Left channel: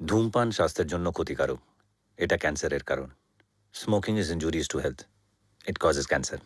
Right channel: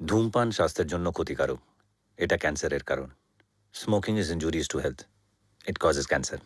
ধূমপান স্বাস্থ্যের জন্য ক্ষতিকারক। এটা ক্যান্সারের কারণ। Smoking is injurious to health. It causes cancer.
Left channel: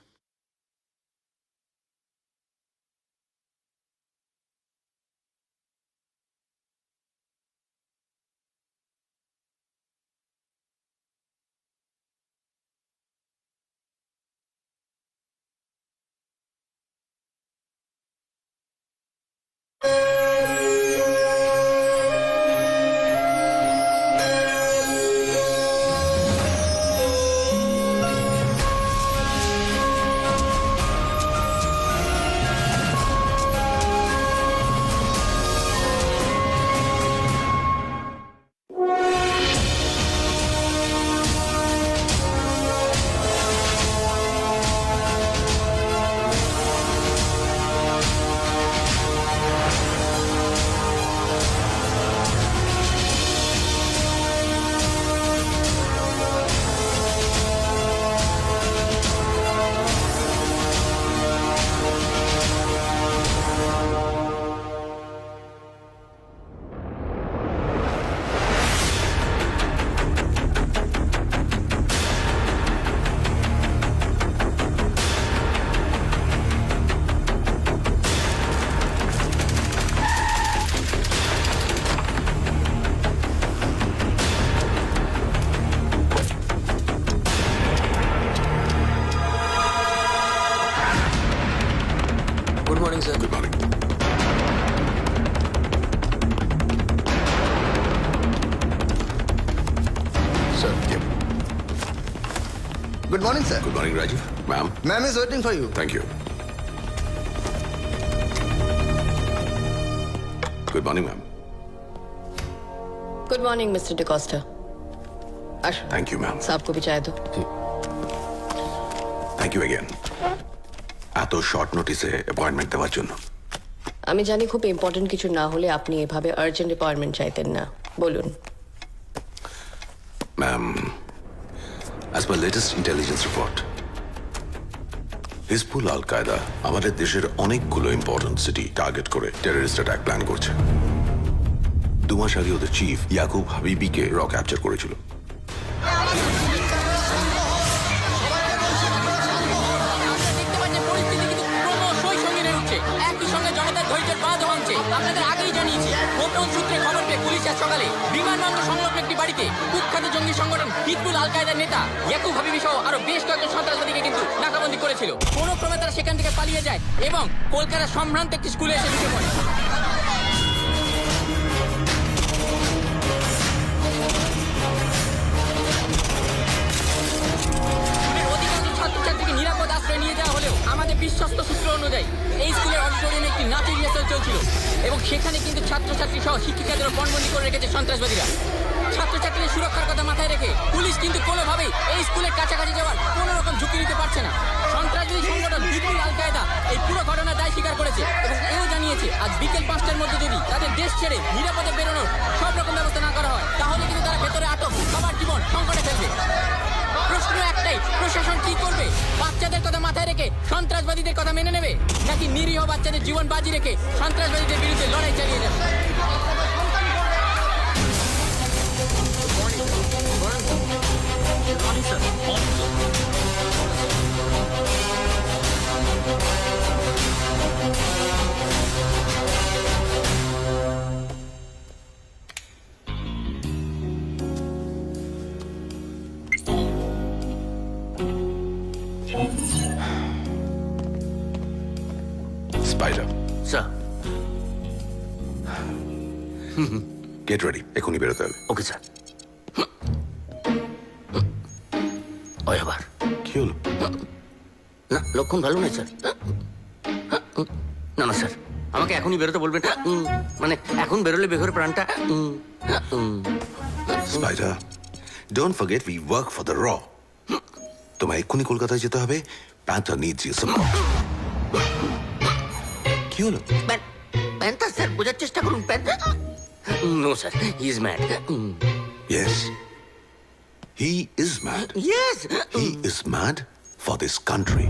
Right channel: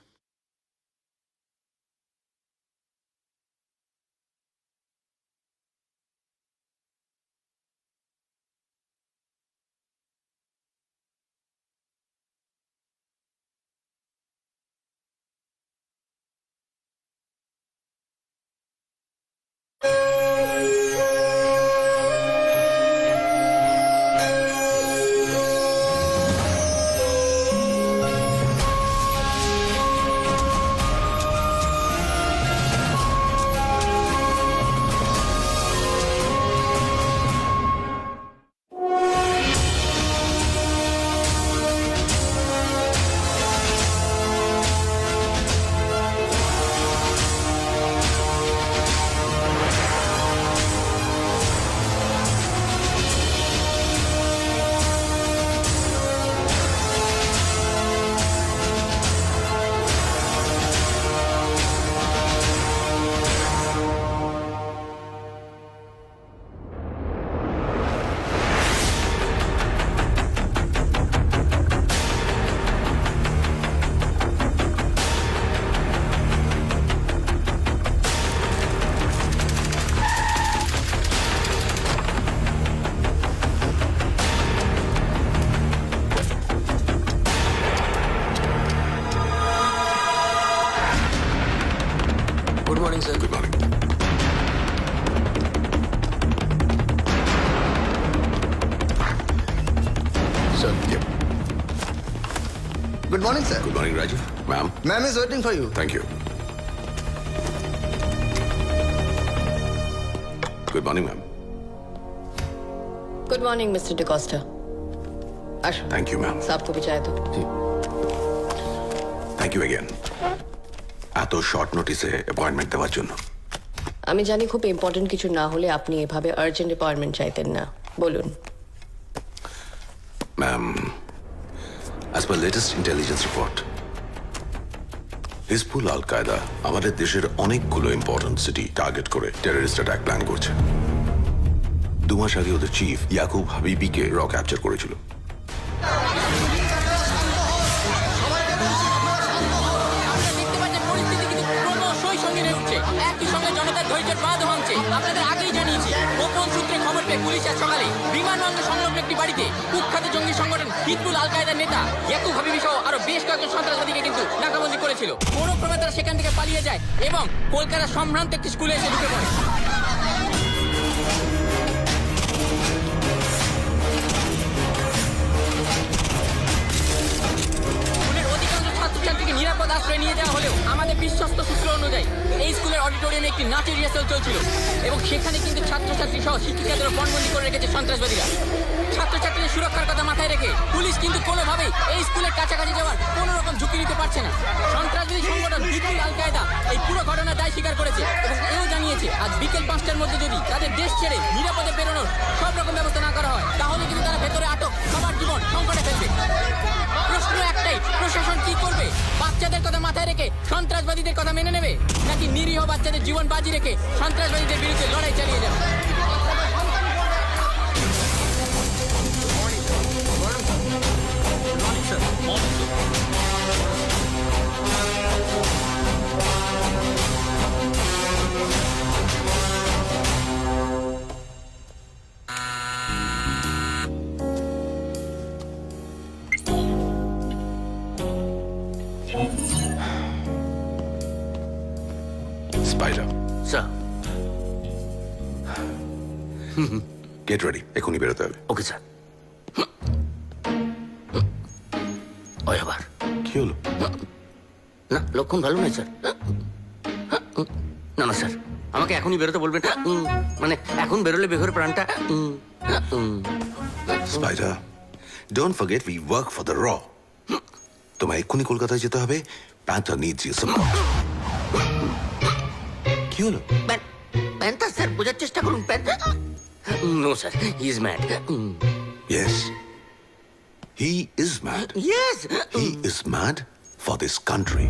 Good morning, sir. Good morning. Sir. Yep. Good morning, sir. Good morning, Rajiv. Ma'am. Ma'am is waiting for you. Thank you. Good morning, ma'am. Good morning mister D'Costa. আসুন, Thank you, ma'am. साहब को भी चाय दो। Thank you again. এত short নোটিসে appointment দেওয়ার জন্য। আমি জানি খুব ইম্পর্টেন্ট কিছু না হলে আপনি এভাবে আর্জেন্ট অ্যাপয়েন্টমেন্ট চাইতেন না। বলুন। Ma'am, as per latest intelligence report, Hizbul আল কায়দা আমাদের দেশের অনেকগুলো ইম্পর্টেন্ট সিটি টার্গেট করে টেররিস্ট অ্যাটাক প্ল্যান করছে। 2 মাস আগে ওদের চিফ ইয়াকুব হাবিবিকে র ক্যাপচার করেছিল। আমরা দেখতে পাচ্ছি পরিস্থিতি কিন্তু ক্রমশই সঙ্গীন হয়ে উঠছে। একই সঙ্গে জনতার ধৈর্যের বাঁধ ভাঙছে। আপনাদের আগেই জানিয়েছি, গোপন সূত্রে খবর পেয়ে পুলিশ আজ সকালে বিমানবন্দর সংলগ্ন একটি বাড়িতে কুখ্যাত জঙ্গি সংগঠন হিজবুল আল কায়দার নেতা ইয়াকুব হাবিবি সহ আরো বেশ কয়েকজন সন্ত্রাসবাদীকে কিন্তু নাকাবন্দি করেছিল। কোনো ক্রমে তারা সেখান থেকে পালিয়ে যায় এবং কলকাতার সম্ভ্রান্ত একটি স্কুলে এসে ঢুকে পড়ে। স্কুলের অধিকাংশ ছাত্রছাত্রীকে নিরাপদ আশ্রয় নিয়ে যাওয়া হলেও আমাদের বিশ্বস্ত সূত্র অনুযায়ী এই স্কুলের অডিটোরিয়ামে একটি নাচের রিহার্সাল চলছিল এবং সেখানে কিন্তু ছাত্রছাত্রী সহ শিক্ষিকাদেরও পণবন্দি করে রেখেছে সন্ত্রাসবাদীরা। ছাত্রছাত্রীদের সুরক্ষার কথা মাথায় রেখে পুলিশ কিন্তু কোনোভাবেই এই স্কুলের কাছাকাছি যাওয়ার কোনো রকম ঝুঁকি নিতে পারছে না। সন্ত্রাসবাদী সংগঠন হিজবুল আল কায়দা এই পুরো ঘটনার দায় স্বীকার করেছে এবং এও জানিয়েছে আজ বিকেল 5টার মধ্যে যদি তাদের দেশ ছেড়ে নিরাপদে বেরোনোর সব রকম ব্যবস্থা না করা হয় তাহলে কিন্তু তারা ভেতরে আটক সবার জীবন সংকটে ফেলবে। প্রশ্ন একটাই, প্রশাসন কি করবে? বাচ্চাদের কথা মাথায় রেখে সন্ত্রাসবাদীদের কথা মেনে নেবে, নাকি নিরীহ বাচ্চাদের জীবন বাজি রেখে সন্ত্রাসবাদীদের বিরুদ্ধে লড়াই চালিয়ে যাবে? Spider, sir. গেট রেডি, এখনই বেরোতে হবে। Okay sir. ওই আবার কি হলো? না, লক্ষণ ভালো নয় স্যার। না না স্যার, আমাকে এখনই বেরোতে বলবেন। মানে এখন বেরোলে বেঘরে প্রাণটা। Spider, don't forget we work for the র। তোমায় এক্ষুনি কলকাতায় যেতে হবে। Panther needs your support. কি হলো? প্যান্থার স্যার, বোঝার চেষ্টা করুন। Panther no sir, he is mad. Yes, he is mad. Yes. He is mad for this country.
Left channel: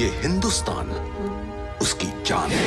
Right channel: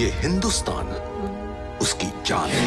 ये हिंदुस्तान उसकी जान है।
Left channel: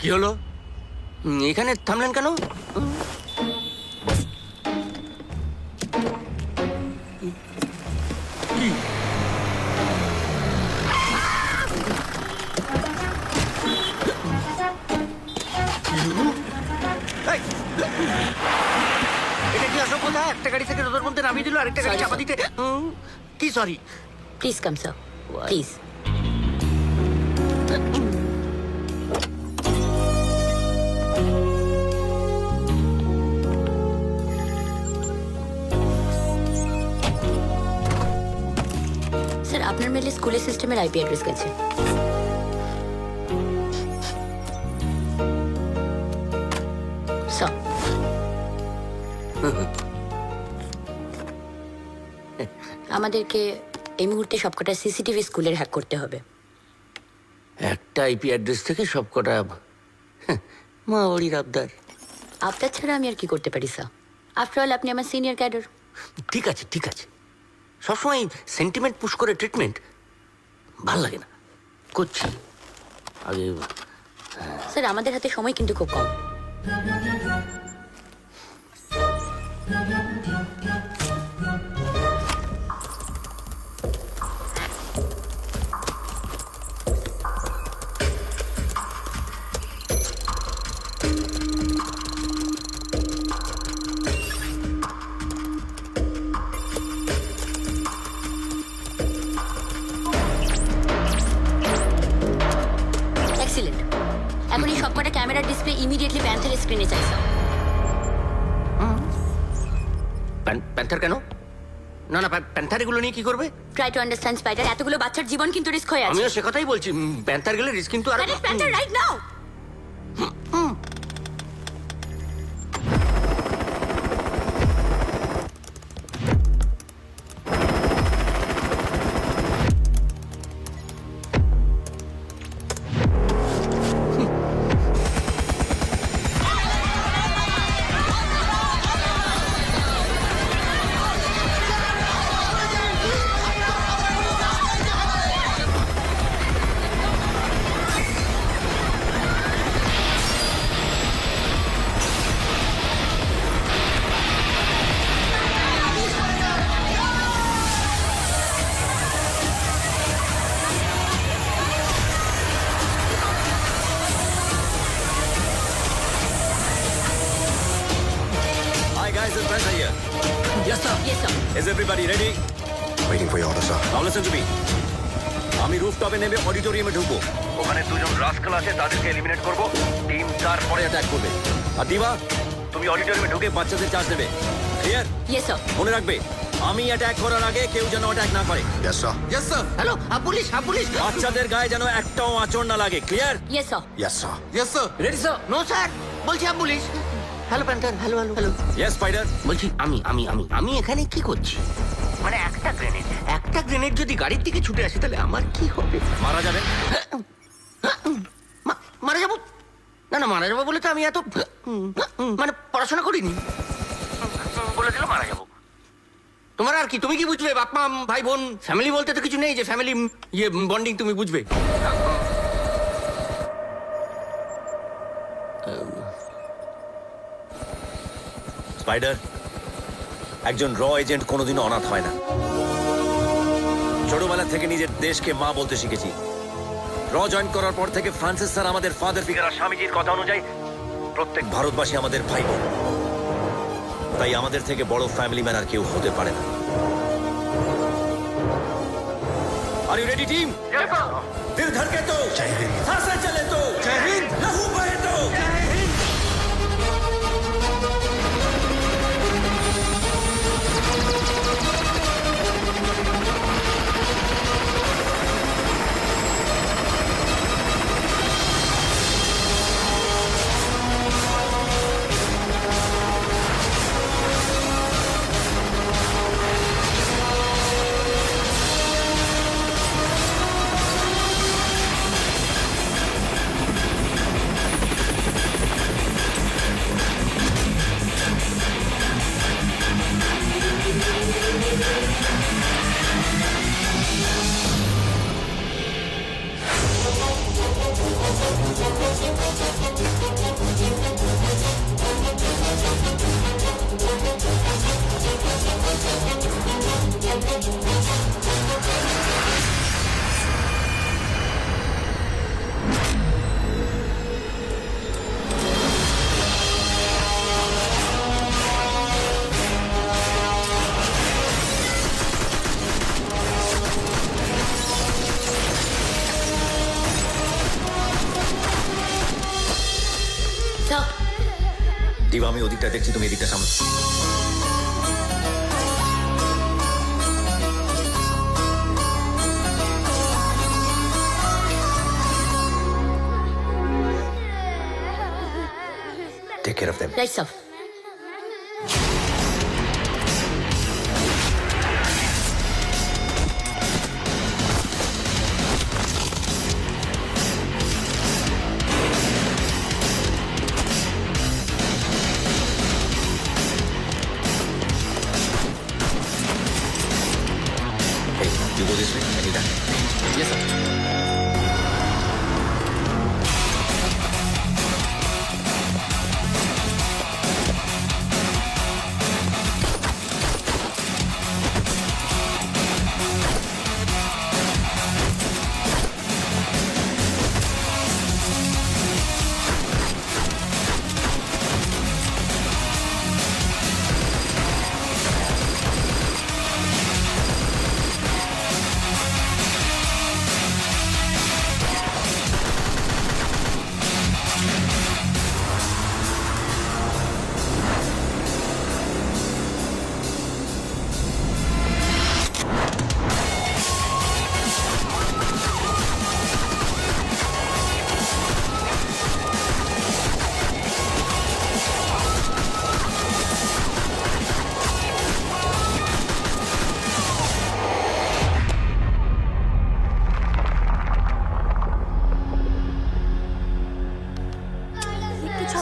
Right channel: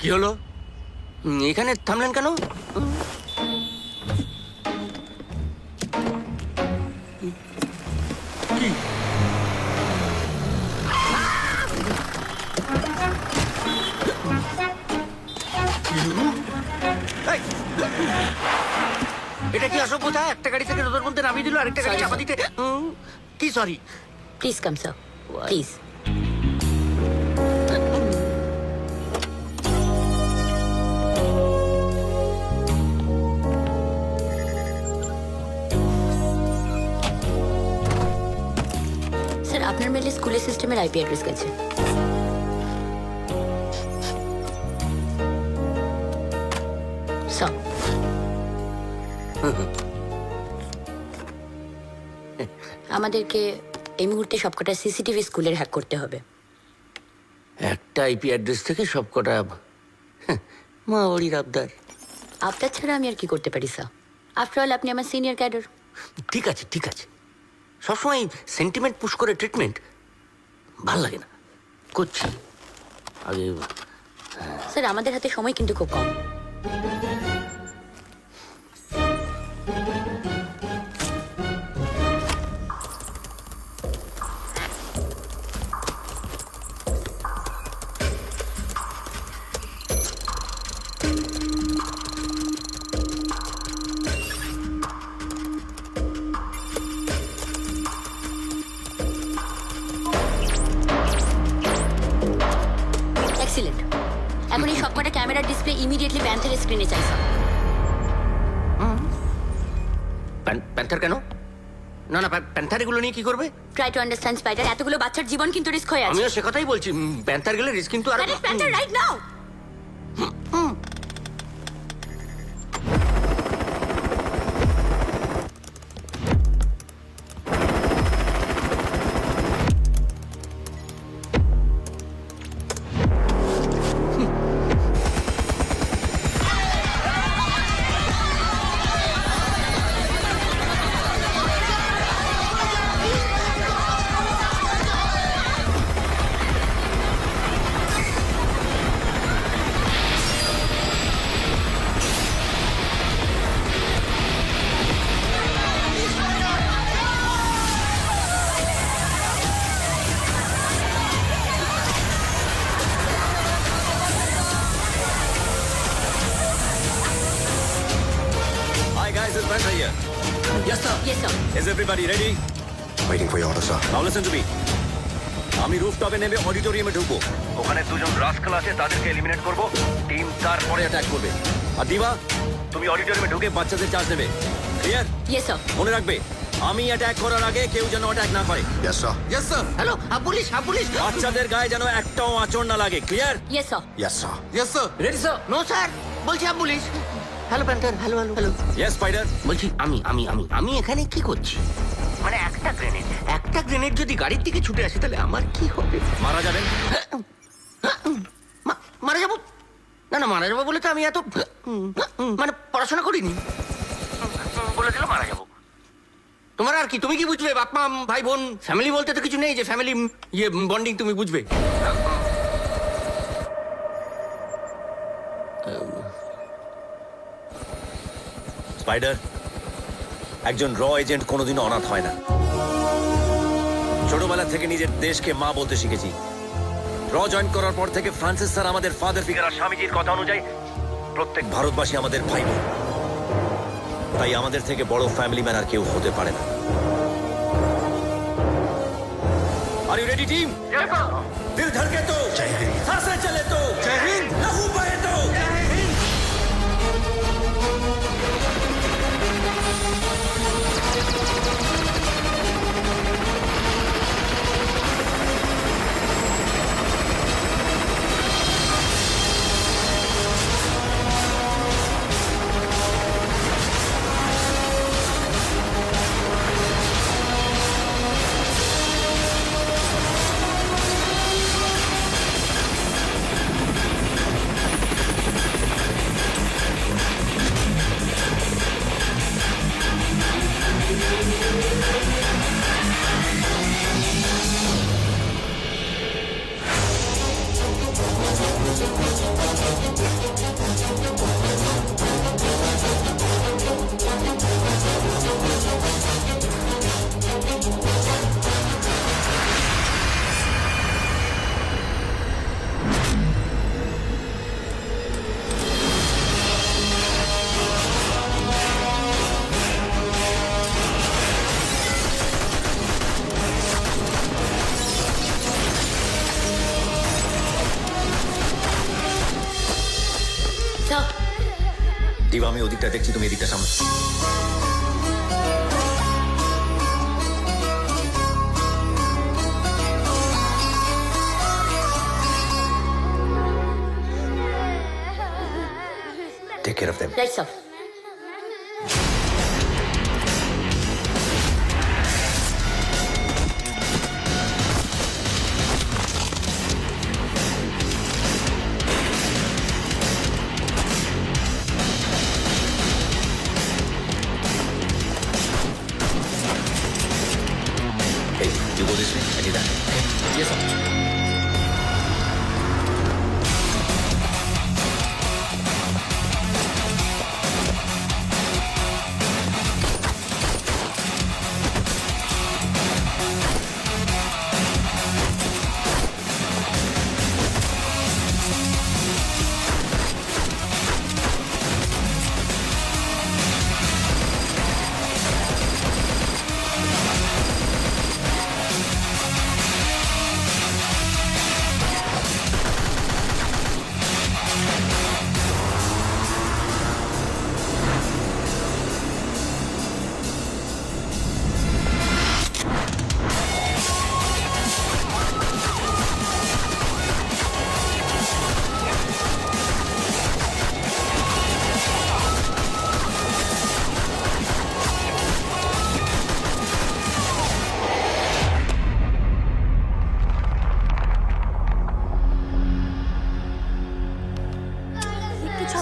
কি হলো? এখানে থামলেন কেন? কি? এই! এটা কি অসভ্যতা? একটা গাড়ি থেকে রোদের মধ্যে নামিয়ে দিল, আরেকটা গাড়ি Sorry, চাপা sir. দিতে। কি sorry? Please come sir please. Sir আপনার মেলে স্কুলের সিস্টেমের আইপি অ্যাড্রেস গেছে। স্যার আমাদেরকে এই মুহূর্তে সবকটা সিসিটিভি স্কুলের হ্যাক করতে হবে। একটা আইপি অ্যাড্রেস থেকে সবকটা মা বাড়ির আবদার। আপনার ছাড়া আমি আর কি করতে পারি স্যার? আফটার অল আপনি আমার সিনিয়র ক্যাডার। ঠিক আছে ঠিক আছে, সবসময় সেন্টিমেন্ট পুশ করে ট্রিটমেন্ট ভাল লাগে না। করছি আগে। স্যার আমাদের হাতে সময় কিন্তু খুব কম। এক্সিলেন্ট। এখন এই সবকটা ক্যামেরার ডিসপ্লে ইমিডিয়েটলি প্যান্থারের স্ক্রিনে চাই স্যার। প্যান্থার কেন? না না, প্যান্থার এগুলো নিয়ে কি করবে? ট্রাই টু আন্ডারস্ট্যান্ড স্পাইডার, এতগুলো বাচ্চার জীবন কিন্তু রিস্ক হয়ে আছে। আমিও সে কথাই বলছি, প্যান্থার গেলে রিস্ক কিন্তু আর। Panther right now. Hi guys, it's Panther here. Yes sir. Yes sir. Is everybody ready? Waiting for your order, sir. Now listen to me. আমি রুফটপে নেমে অডিটোরিয়ামে ঢুকবো। ওখানে দুজন রাস্কাল আছে, তাদেরকে এলিমিনেট করব। টিম তারপরে অ্যাটাক করবে। আর দিবা, তুমি অডিটোরিয়ামে ঢুকে বাচ্চাদের চার্জ নেবে। ক্লিয়ার? Yes sir. মনে রাখবে, আমি অ্যাটাক করার আগে কেউ যেন অ্যাটাক না করে। Yes, sir. Yes sir. Hello, police, police. বাচ্চাদের গায়ে যেন একটাও আঁচড় না লাগে। Clear? Yes sir. Yes, sir. Yes sir. Ready sir? No sir, বলছি police. Hello Panther, hello hello hello. Yes spider. বলছি আমি এখানে কি করছি? মানে একটা গ্রেনেড যদি গাড়ির দিকে ছুটে আসে তাহলে আমার কি হবে? মারা যাবেন। মারা যাবো? না মারা যাবো বলে তো আমি এত মানে পড়াশোনা করিনি। বলে দিল মারা যাবো। তোমার আর কি, তুমি কি বুঝবে? বাপ মা ভাই বোন ফ্যামিলি বলতে তো কিছু নেই যে ফ্যামিলি বন্ডিং তুমি বুঝবে। স্পাইডার, একজন র এজেন্ট কোনোদিনও অনাথ হয় না। ছোটবেলা থেকে নিজের দেশকে মা বলতে শিখেছি। র জয়েন করার পর থেকে ফ্রান্সিস স্যার আমাদের ফাদার ফিগার, আর স্বামীজির কথা অনুযায়ী প্রত্যেক ভারতবাসী আমাদের ভাই বোন। তাই আমাদের থেকে বড় ফ্যামিলি ম্যান আর কেউ হতে পারে না। Are you ready team? দিল ধড়কে তো, জয় হিন্দ। सांसें चले तो, जय हिंद। लहू बहे तो, जय हिंद। দিবা, আমি ওদিকটা দেখছি, তুমি এদিকটা সামনে। Take care of them. Right sir. Hey, you go this way, I need that. Yes sir.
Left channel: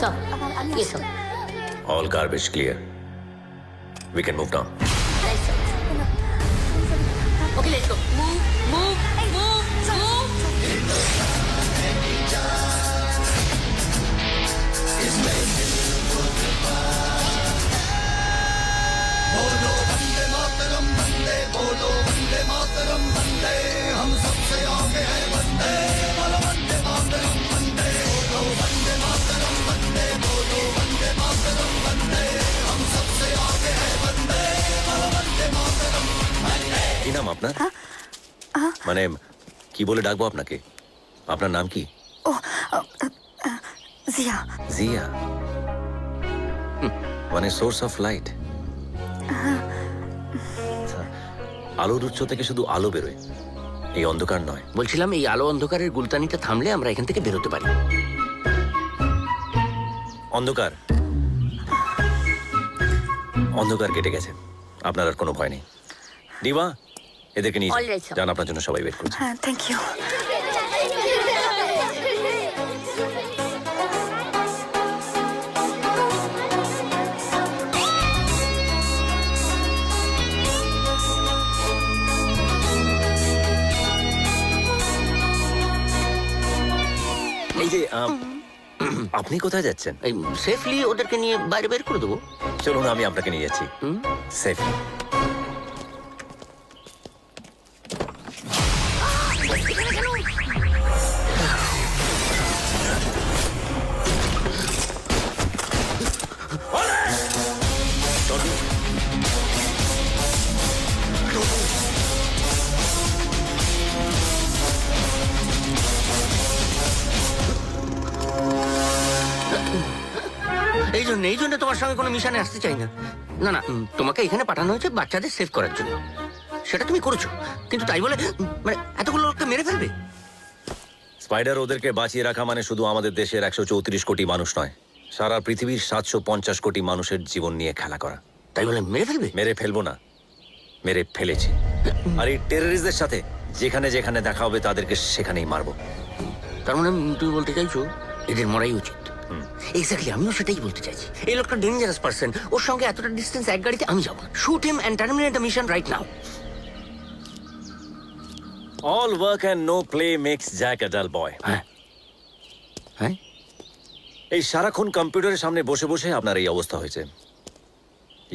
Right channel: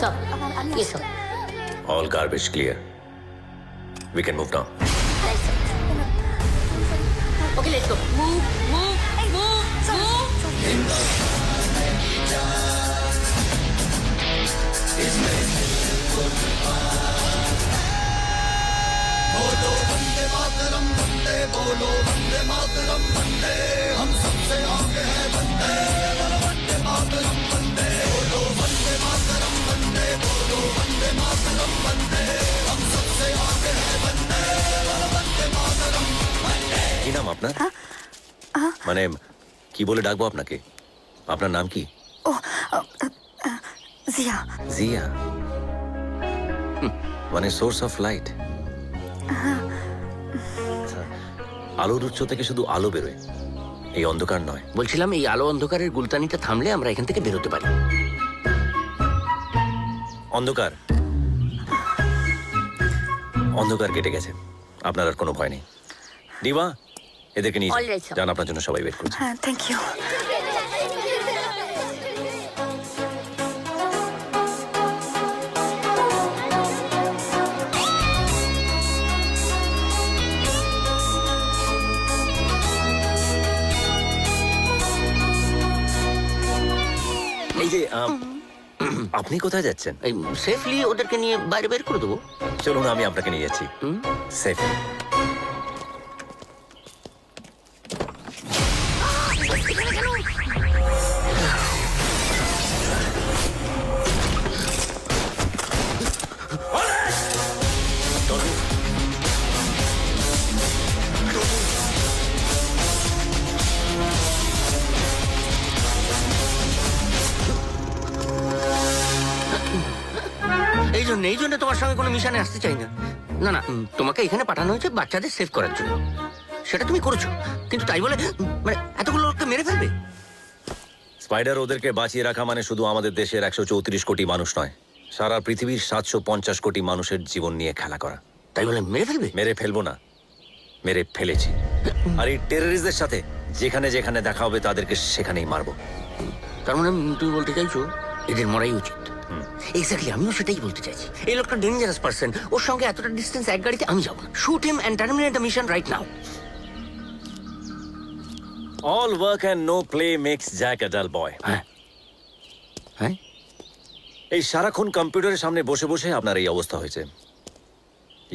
Sir, yes sir. All garbage clear. We can move down. Right sir. Okay, let's go. Move, move, move, move. কি নাম আপনার? মানে কি বলে ডাকবো আপনাকে? আপনার নাম কি? জিয়া। জিয়া? মানে সোর্স অফ লাইট। আলোর উৎস থেকে শুধু আলো বেরোয়, এই অন্ধকার নয়। বলছিলাম এই আলো অন্ধকারের গুলতানিটা থামলে আমরা এখান থেকে বেরোতে পারি। অন্ধকার অন্ধকার কেটে গেছে, আপনার আর কোনো ভয় নেই। দিবা, এদেরকে নিয়ে All right, sir. যান, আপনার জন্য সবাই ওয়েট করছে। হ্যাঁ, থ্যাংক ইউ। এই যে আপনি কোথায় যাচ্ছেন? এই সেফলি ওদেরকে নিয়ে বাইরে বের করে দেবো। চলুন, আমি আপনাকে নিয়ে যাচ্ছি সেফলি। এই জন্য তোমার সঙ্গে কোনো মিশনে আসতে চাই না। না না, তোমাকে এখানে পাঠানো হয়েছে বাচ্চাদের সেভ করার জন্য। সেটা তুমি করেছো, কিন্তু তাই বলে মানে এতগুলো লোককে মেরে ফেলবে? স্পাইডার, ওদেরকে বাঁচিয়ে রাখা মানে শুধু আমাদের দেশের 134 কোটি মানুষ নয়, সারা পৃথিবীর 750 কোটি মানুষের জীবন নিয়ে খেলা করা। তাই বলে মেরে ফেলবে? মেরে ফেলবো না, মেরে ফেলেছি। আর এই টেররিস্টদের সাথে যেখানে যেখানে দেখা হবে তাদেরকে সেখানেই মারবো। তার মানে তুমি বলতে চাইছো এদের মরাই উচিত? এক্স্যাক্টলি, আমিও সেটাই বলতে চাইছি। এই লোকটা ডেঞ্জারাস পারসন, ওর সঙ্গে এতটা ডিস্টেন্স এক গাড়িতে আমি যাবো না। Shoot him and terminate the mission right now. All work and no play makes Jack a dull boy. হ্যাঁ হ্যাঁ, এই সারাক্ষণ কম্পিউটারের সামনে বসে বসে আপনার এই অবস্থা হয়েছে।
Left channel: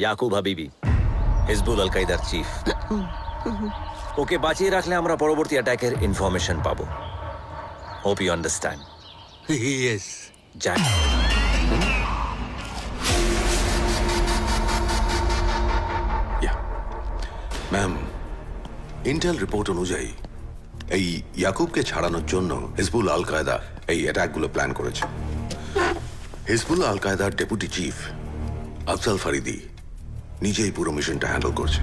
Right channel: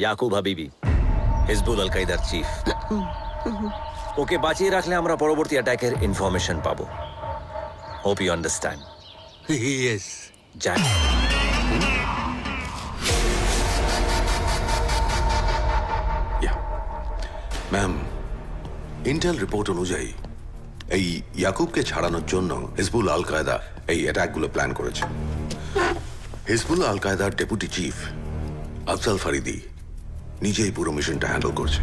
ইয়াকুব হাবিবি, হিজবুল আল কায়দার চিফ, ওকে বাঁচিয়ে রাখলে আমরা পরবর্তী অ্যাটাকের ইনফরমেশন পাবো। Hope you understand. Yes. Jack, ma'am, intel report অনুযায়ী এই ইয়াকুবকে ছাড়ানোর জন্য হিজবুল আল কায়দা এই অ্যাটাকগুলো প্ল্যান করেছে। হিজবুল্লাহ আল কায়দার ডেপুটি চিফ আফজাল ফারিদি নিজেই পুরো মিশনটা হ্যান্ডেল করছে।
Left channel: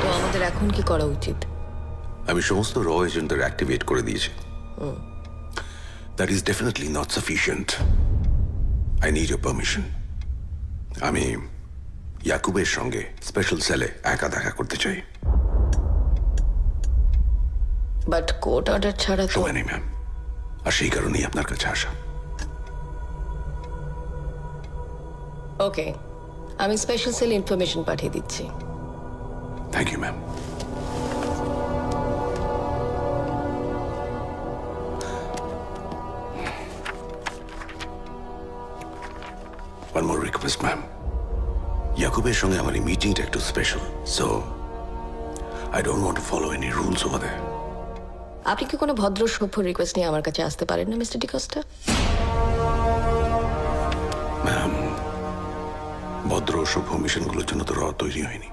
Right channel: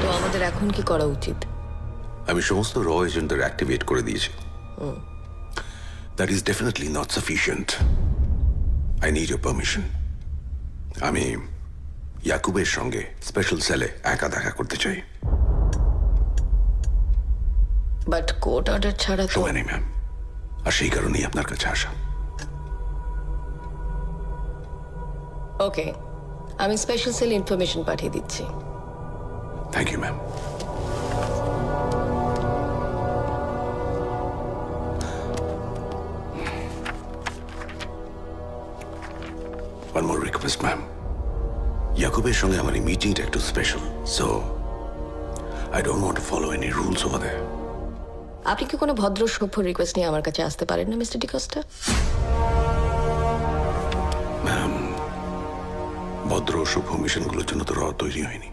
তো আমাদের এখন কি করা উচিত? আমি সমস্ত র এজেন্টদের অ্যাক্টিভেট করে দিয়েছি। That is definitely not sufficient. I need your permission. আমি ইয়াকুবের সঙ্গে স্পেশাল সেলে একা দেখা করতে চাই। বাট কোর্ট অর্ডার ছাড়া তো। সময় নেই ম্যাম, আর সেই কারণেই আপনার কাছে আসা। ওকে, আমি স্পেশাল সেল ইনফরমেশন পাঠিয়ে দিচ্ছি। Thank you ma'am. One more request, ma'am. ইয়াকুবের সঙ্গে আমার এই মিটিংটা একটু special, so I don't want to follow any rules over there. আপনি কি কোনো ভদ্র সভ্য রিকোয়েস্ট নিয়ে আমার কাছে আসতে পারেন না মিস্টার ডিকোস্টা? ম্যাম, ভদ্র সভ্য মিশনগুলোর জন্য তো র তৈরি হয়নি।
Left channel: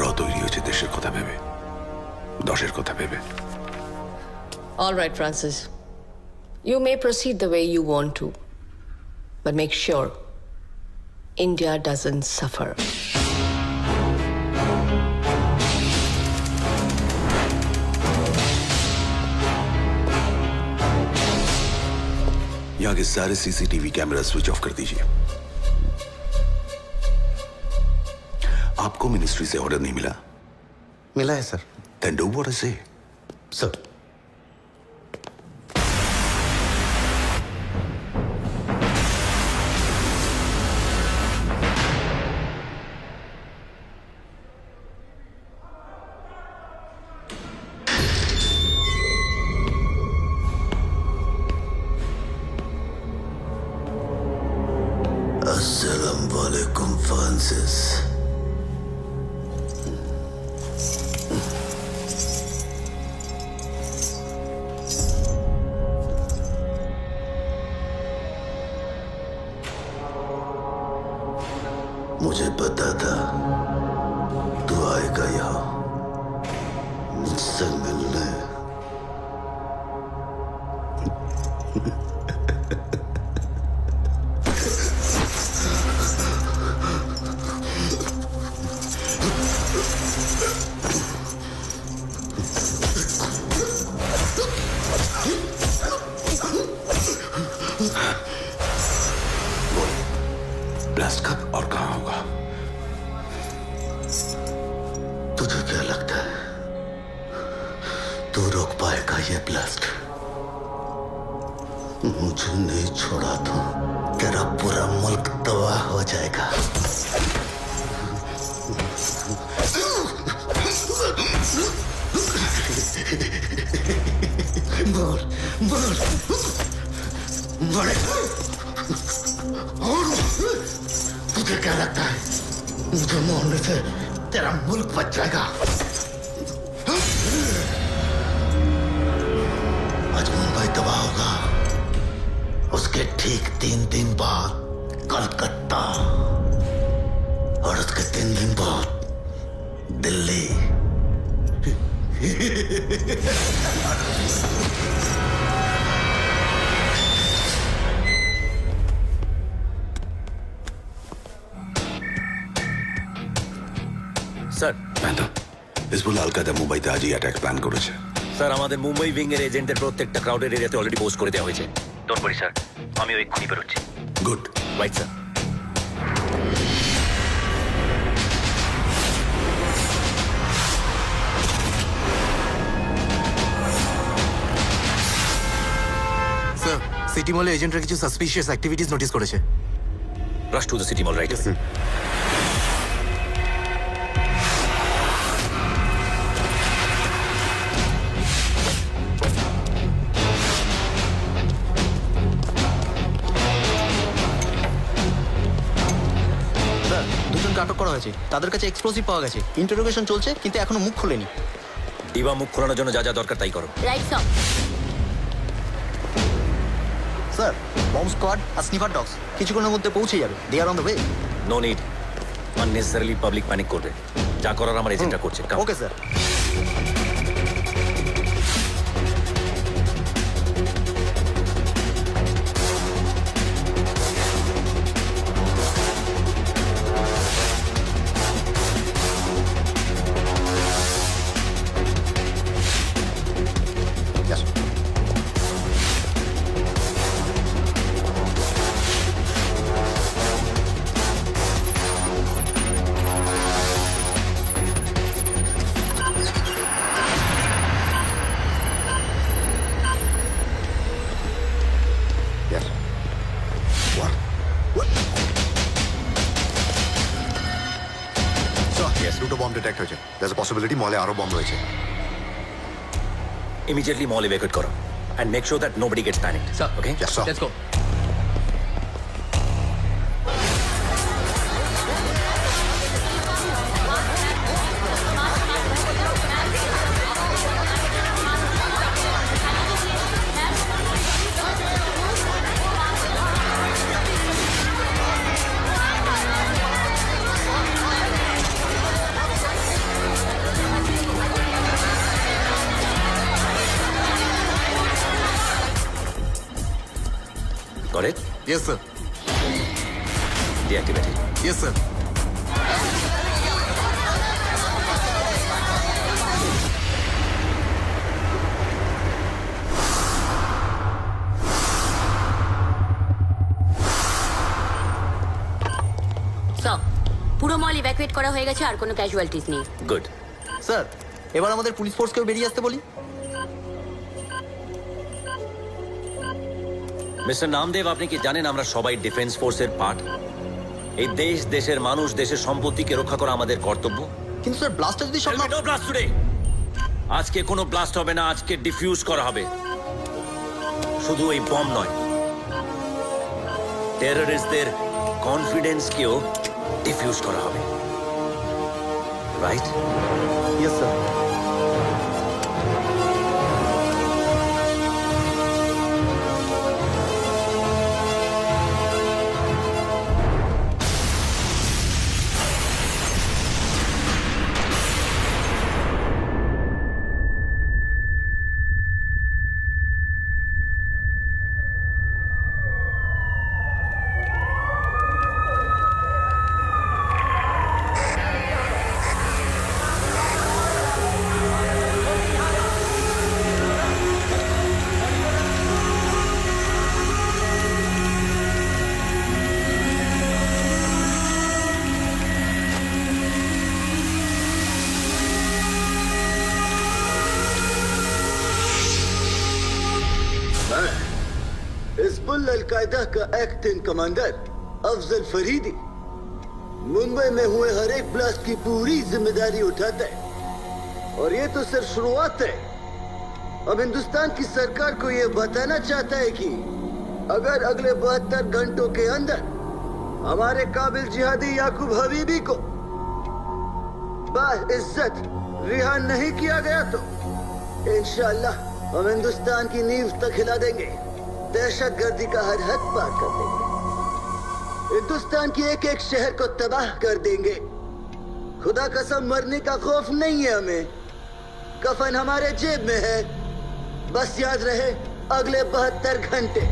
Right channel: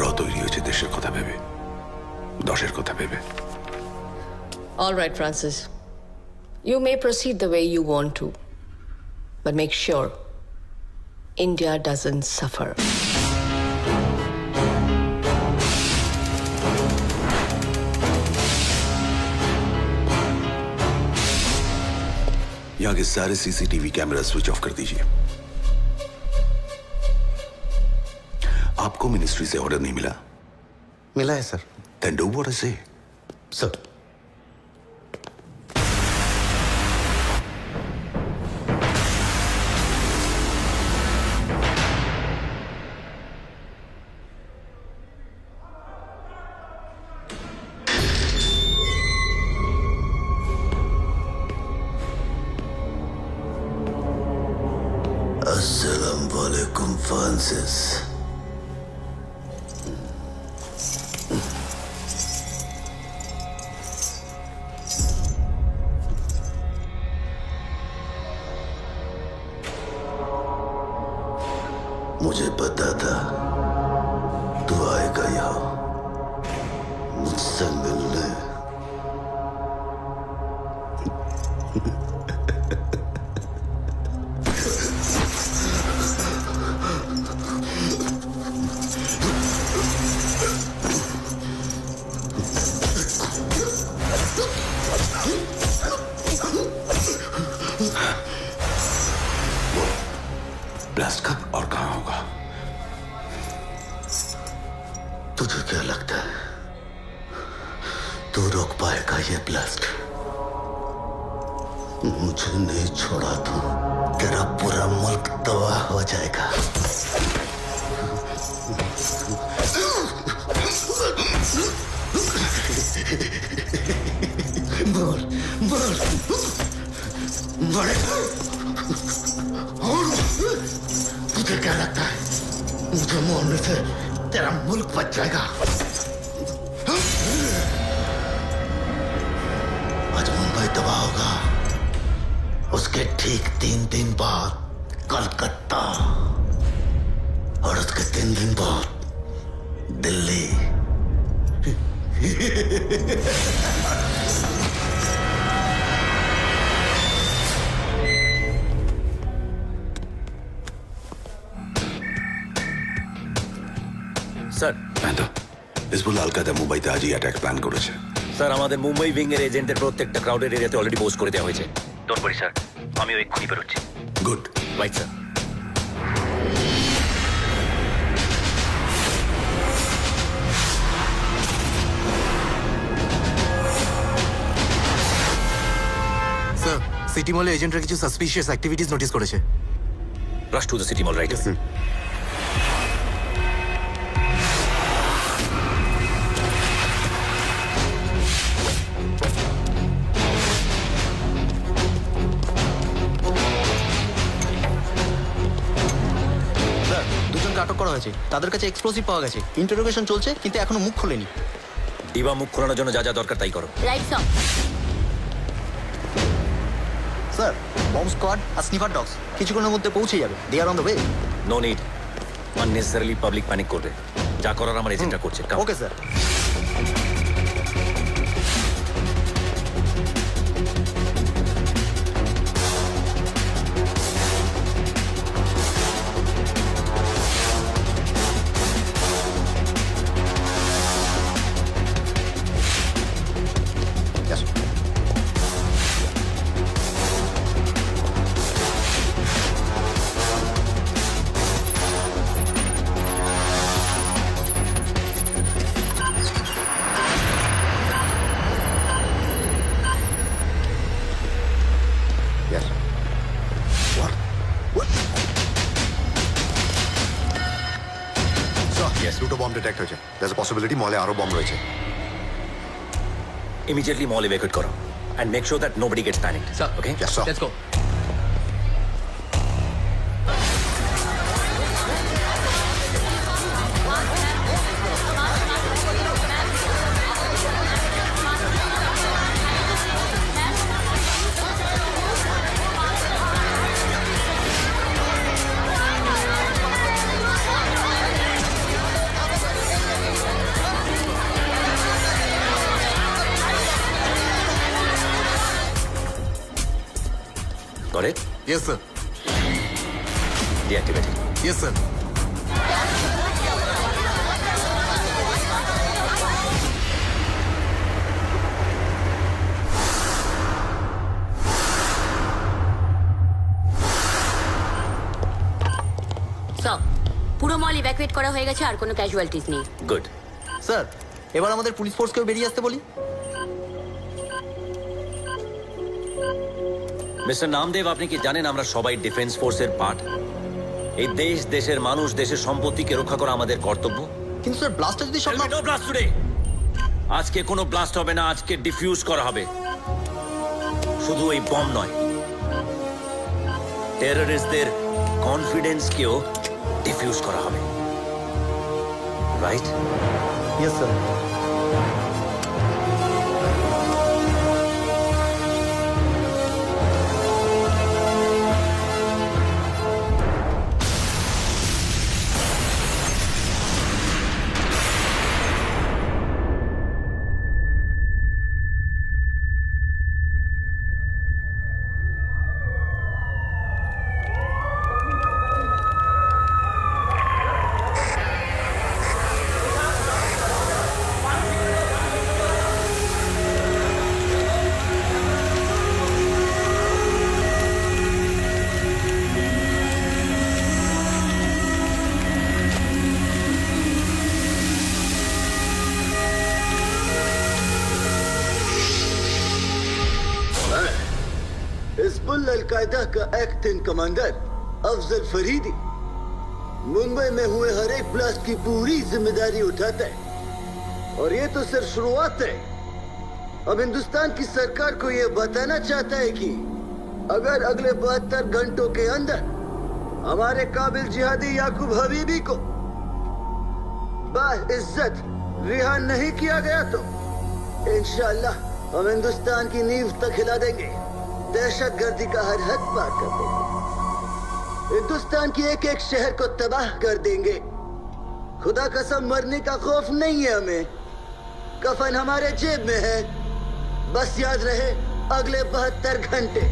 র তৈরি হয়েছে দেশের কথা ভেবে, দশের কথা ভেবে। All right, Francis. You may proceed the way you want to, but make sure India doesn't suffer. यहाँ के सारे सीसीटीवी कैमरा स्विच ऑफ कर दीजिए। आपको मिनिस्ट्री से ऑर्डर नहीं मिला? मिला है sir. Then do what I say. Sir अस्सलाम वालेकुम फ्रांसिस। मुझे पता था तू आएगा यहाँ मुझसे मिलने। बोलो, ब्लास्ट कब और कहाँ होगा? तुझे क्या लगता है तू रोक पाएगा ये ब्लास्ट? मुझे नहीं छोड़ा तो तेरा पूरा मुल्क तबाह हो जाएगा। बोल बोल बड़े और तुझे क्या लगता है मुझे मारने से तेरा मुल्क बच जाएगा? आज मुंबई तबाह होगा, उसके ठीक 3 दिन बाद कलकत्ता, और उसके 3 दिन बाद दिल्ली। স্যার, হিজবুল্লাহ আল কায়দা মুম্বাইতে আজই অ্যাটাক প্ল্যান করেছে। স্যার আমাদের মুম্বাই উইং এর এজেন্টের প্রত্যেকটা ক্রাউডেড এরিয়াতে অলরেডি পোস্ট করে দেওয়া হয়েছে। ডোন্ট ওয়ারি স্যার, আমিও এক্ষুনি বেরোচ্ছি। Good. Right sir. Sir, city মলে এজেন্টরা কিছু সাসপিশিয়াস অ্যাক্টিভিটিস নোটিস করেছে। Rush to the city mall, right? Sir, দুজনকে আটক করা হয়েছে। তাদের কাছে এক্সপ্লোসিভ পাওয়া গেছে। ইন্টারোগেশন চলছে, কিন্তু এখনো মুখ খোলেনি। ডিবা মুখ খোলানোর জন্য যা যা দরকার তাই করো। Right sir. Sir bomb squad আর স্নিফার ডগস কিছুক্ষণের মধ্যে পৌঁছে যাবে। They are on the way. No need unnecessarily public panic করবে। যা করার আমার এজেন্টরা করছে। Come. Okay sir. Yes. What? What? Sir, Yes. দুটো বম্ব ডিটেক্ট হয়েছে। There's a possibility মলে আরো বম্ব রয়েছে। Immediately mall evacuate করো and make sure that nobody gets panicked. Sir. Okay? Yes, sir. Let's go. Got it? Yes sir. Deactivate it. Yes sir. সব পুরো মল evacuate করা হয়ে গেছে, আর কোনো ক্যাজুয়ালিটিস নেই। Good. স্যার এবার আমাদের পুলিশ ফোর্সকেও বেরিয়ে আসতে বলি। মিস্টার নামদেব, আপনি কি জানেন আমরা সবাই ডিফেন্স ফোর্সের পার্ট? এই দেশ, দেশের মানুষ, দেশের সম্পত্তিকে রক্ষা করা আমাদের কর্তব্য। কিন্তু স্যার ব্লাস্টার যদি সব Tell me no blast today. আজকে কোনো ব্লাস্ট হবে না, আজকে ডিফিউজ করা হবে। শুধু এই বম নয়, টেররিস্টদের কনফিডেন্সকেও ডিফিউজ করা হবে। Right? Yes sir. Hizbul al Qaeda का एक्टिंग कमांडर अफजल फरीदी मुंबई में हुए हर एक ब्लास्ट की पूरी जिम्मेदारी उठाता है, और ये तो सिर्फ शुरुआत है। अब हिंदुस्तान की सरकार को ये बताना चाहता है कि अगर अगले 72 घंटों के अंदर हमारे काबिल जिहादी याकूब हबीबी को बाइज्जत रिहा नहीं किया गया तो इंशाअल्लाह हम हिंदुस्तान की नींव तक हिला देंगे, दहशतगर्दी का हर हद पार कर देंगे, हिंदुस्तान की एक एक शहर को तबाह कर देंगे। खुदा कसम मरने का खौफ नहीं है हमें, कफन हमारे जेब में है। बस याद रहे अगले 72 घंटे।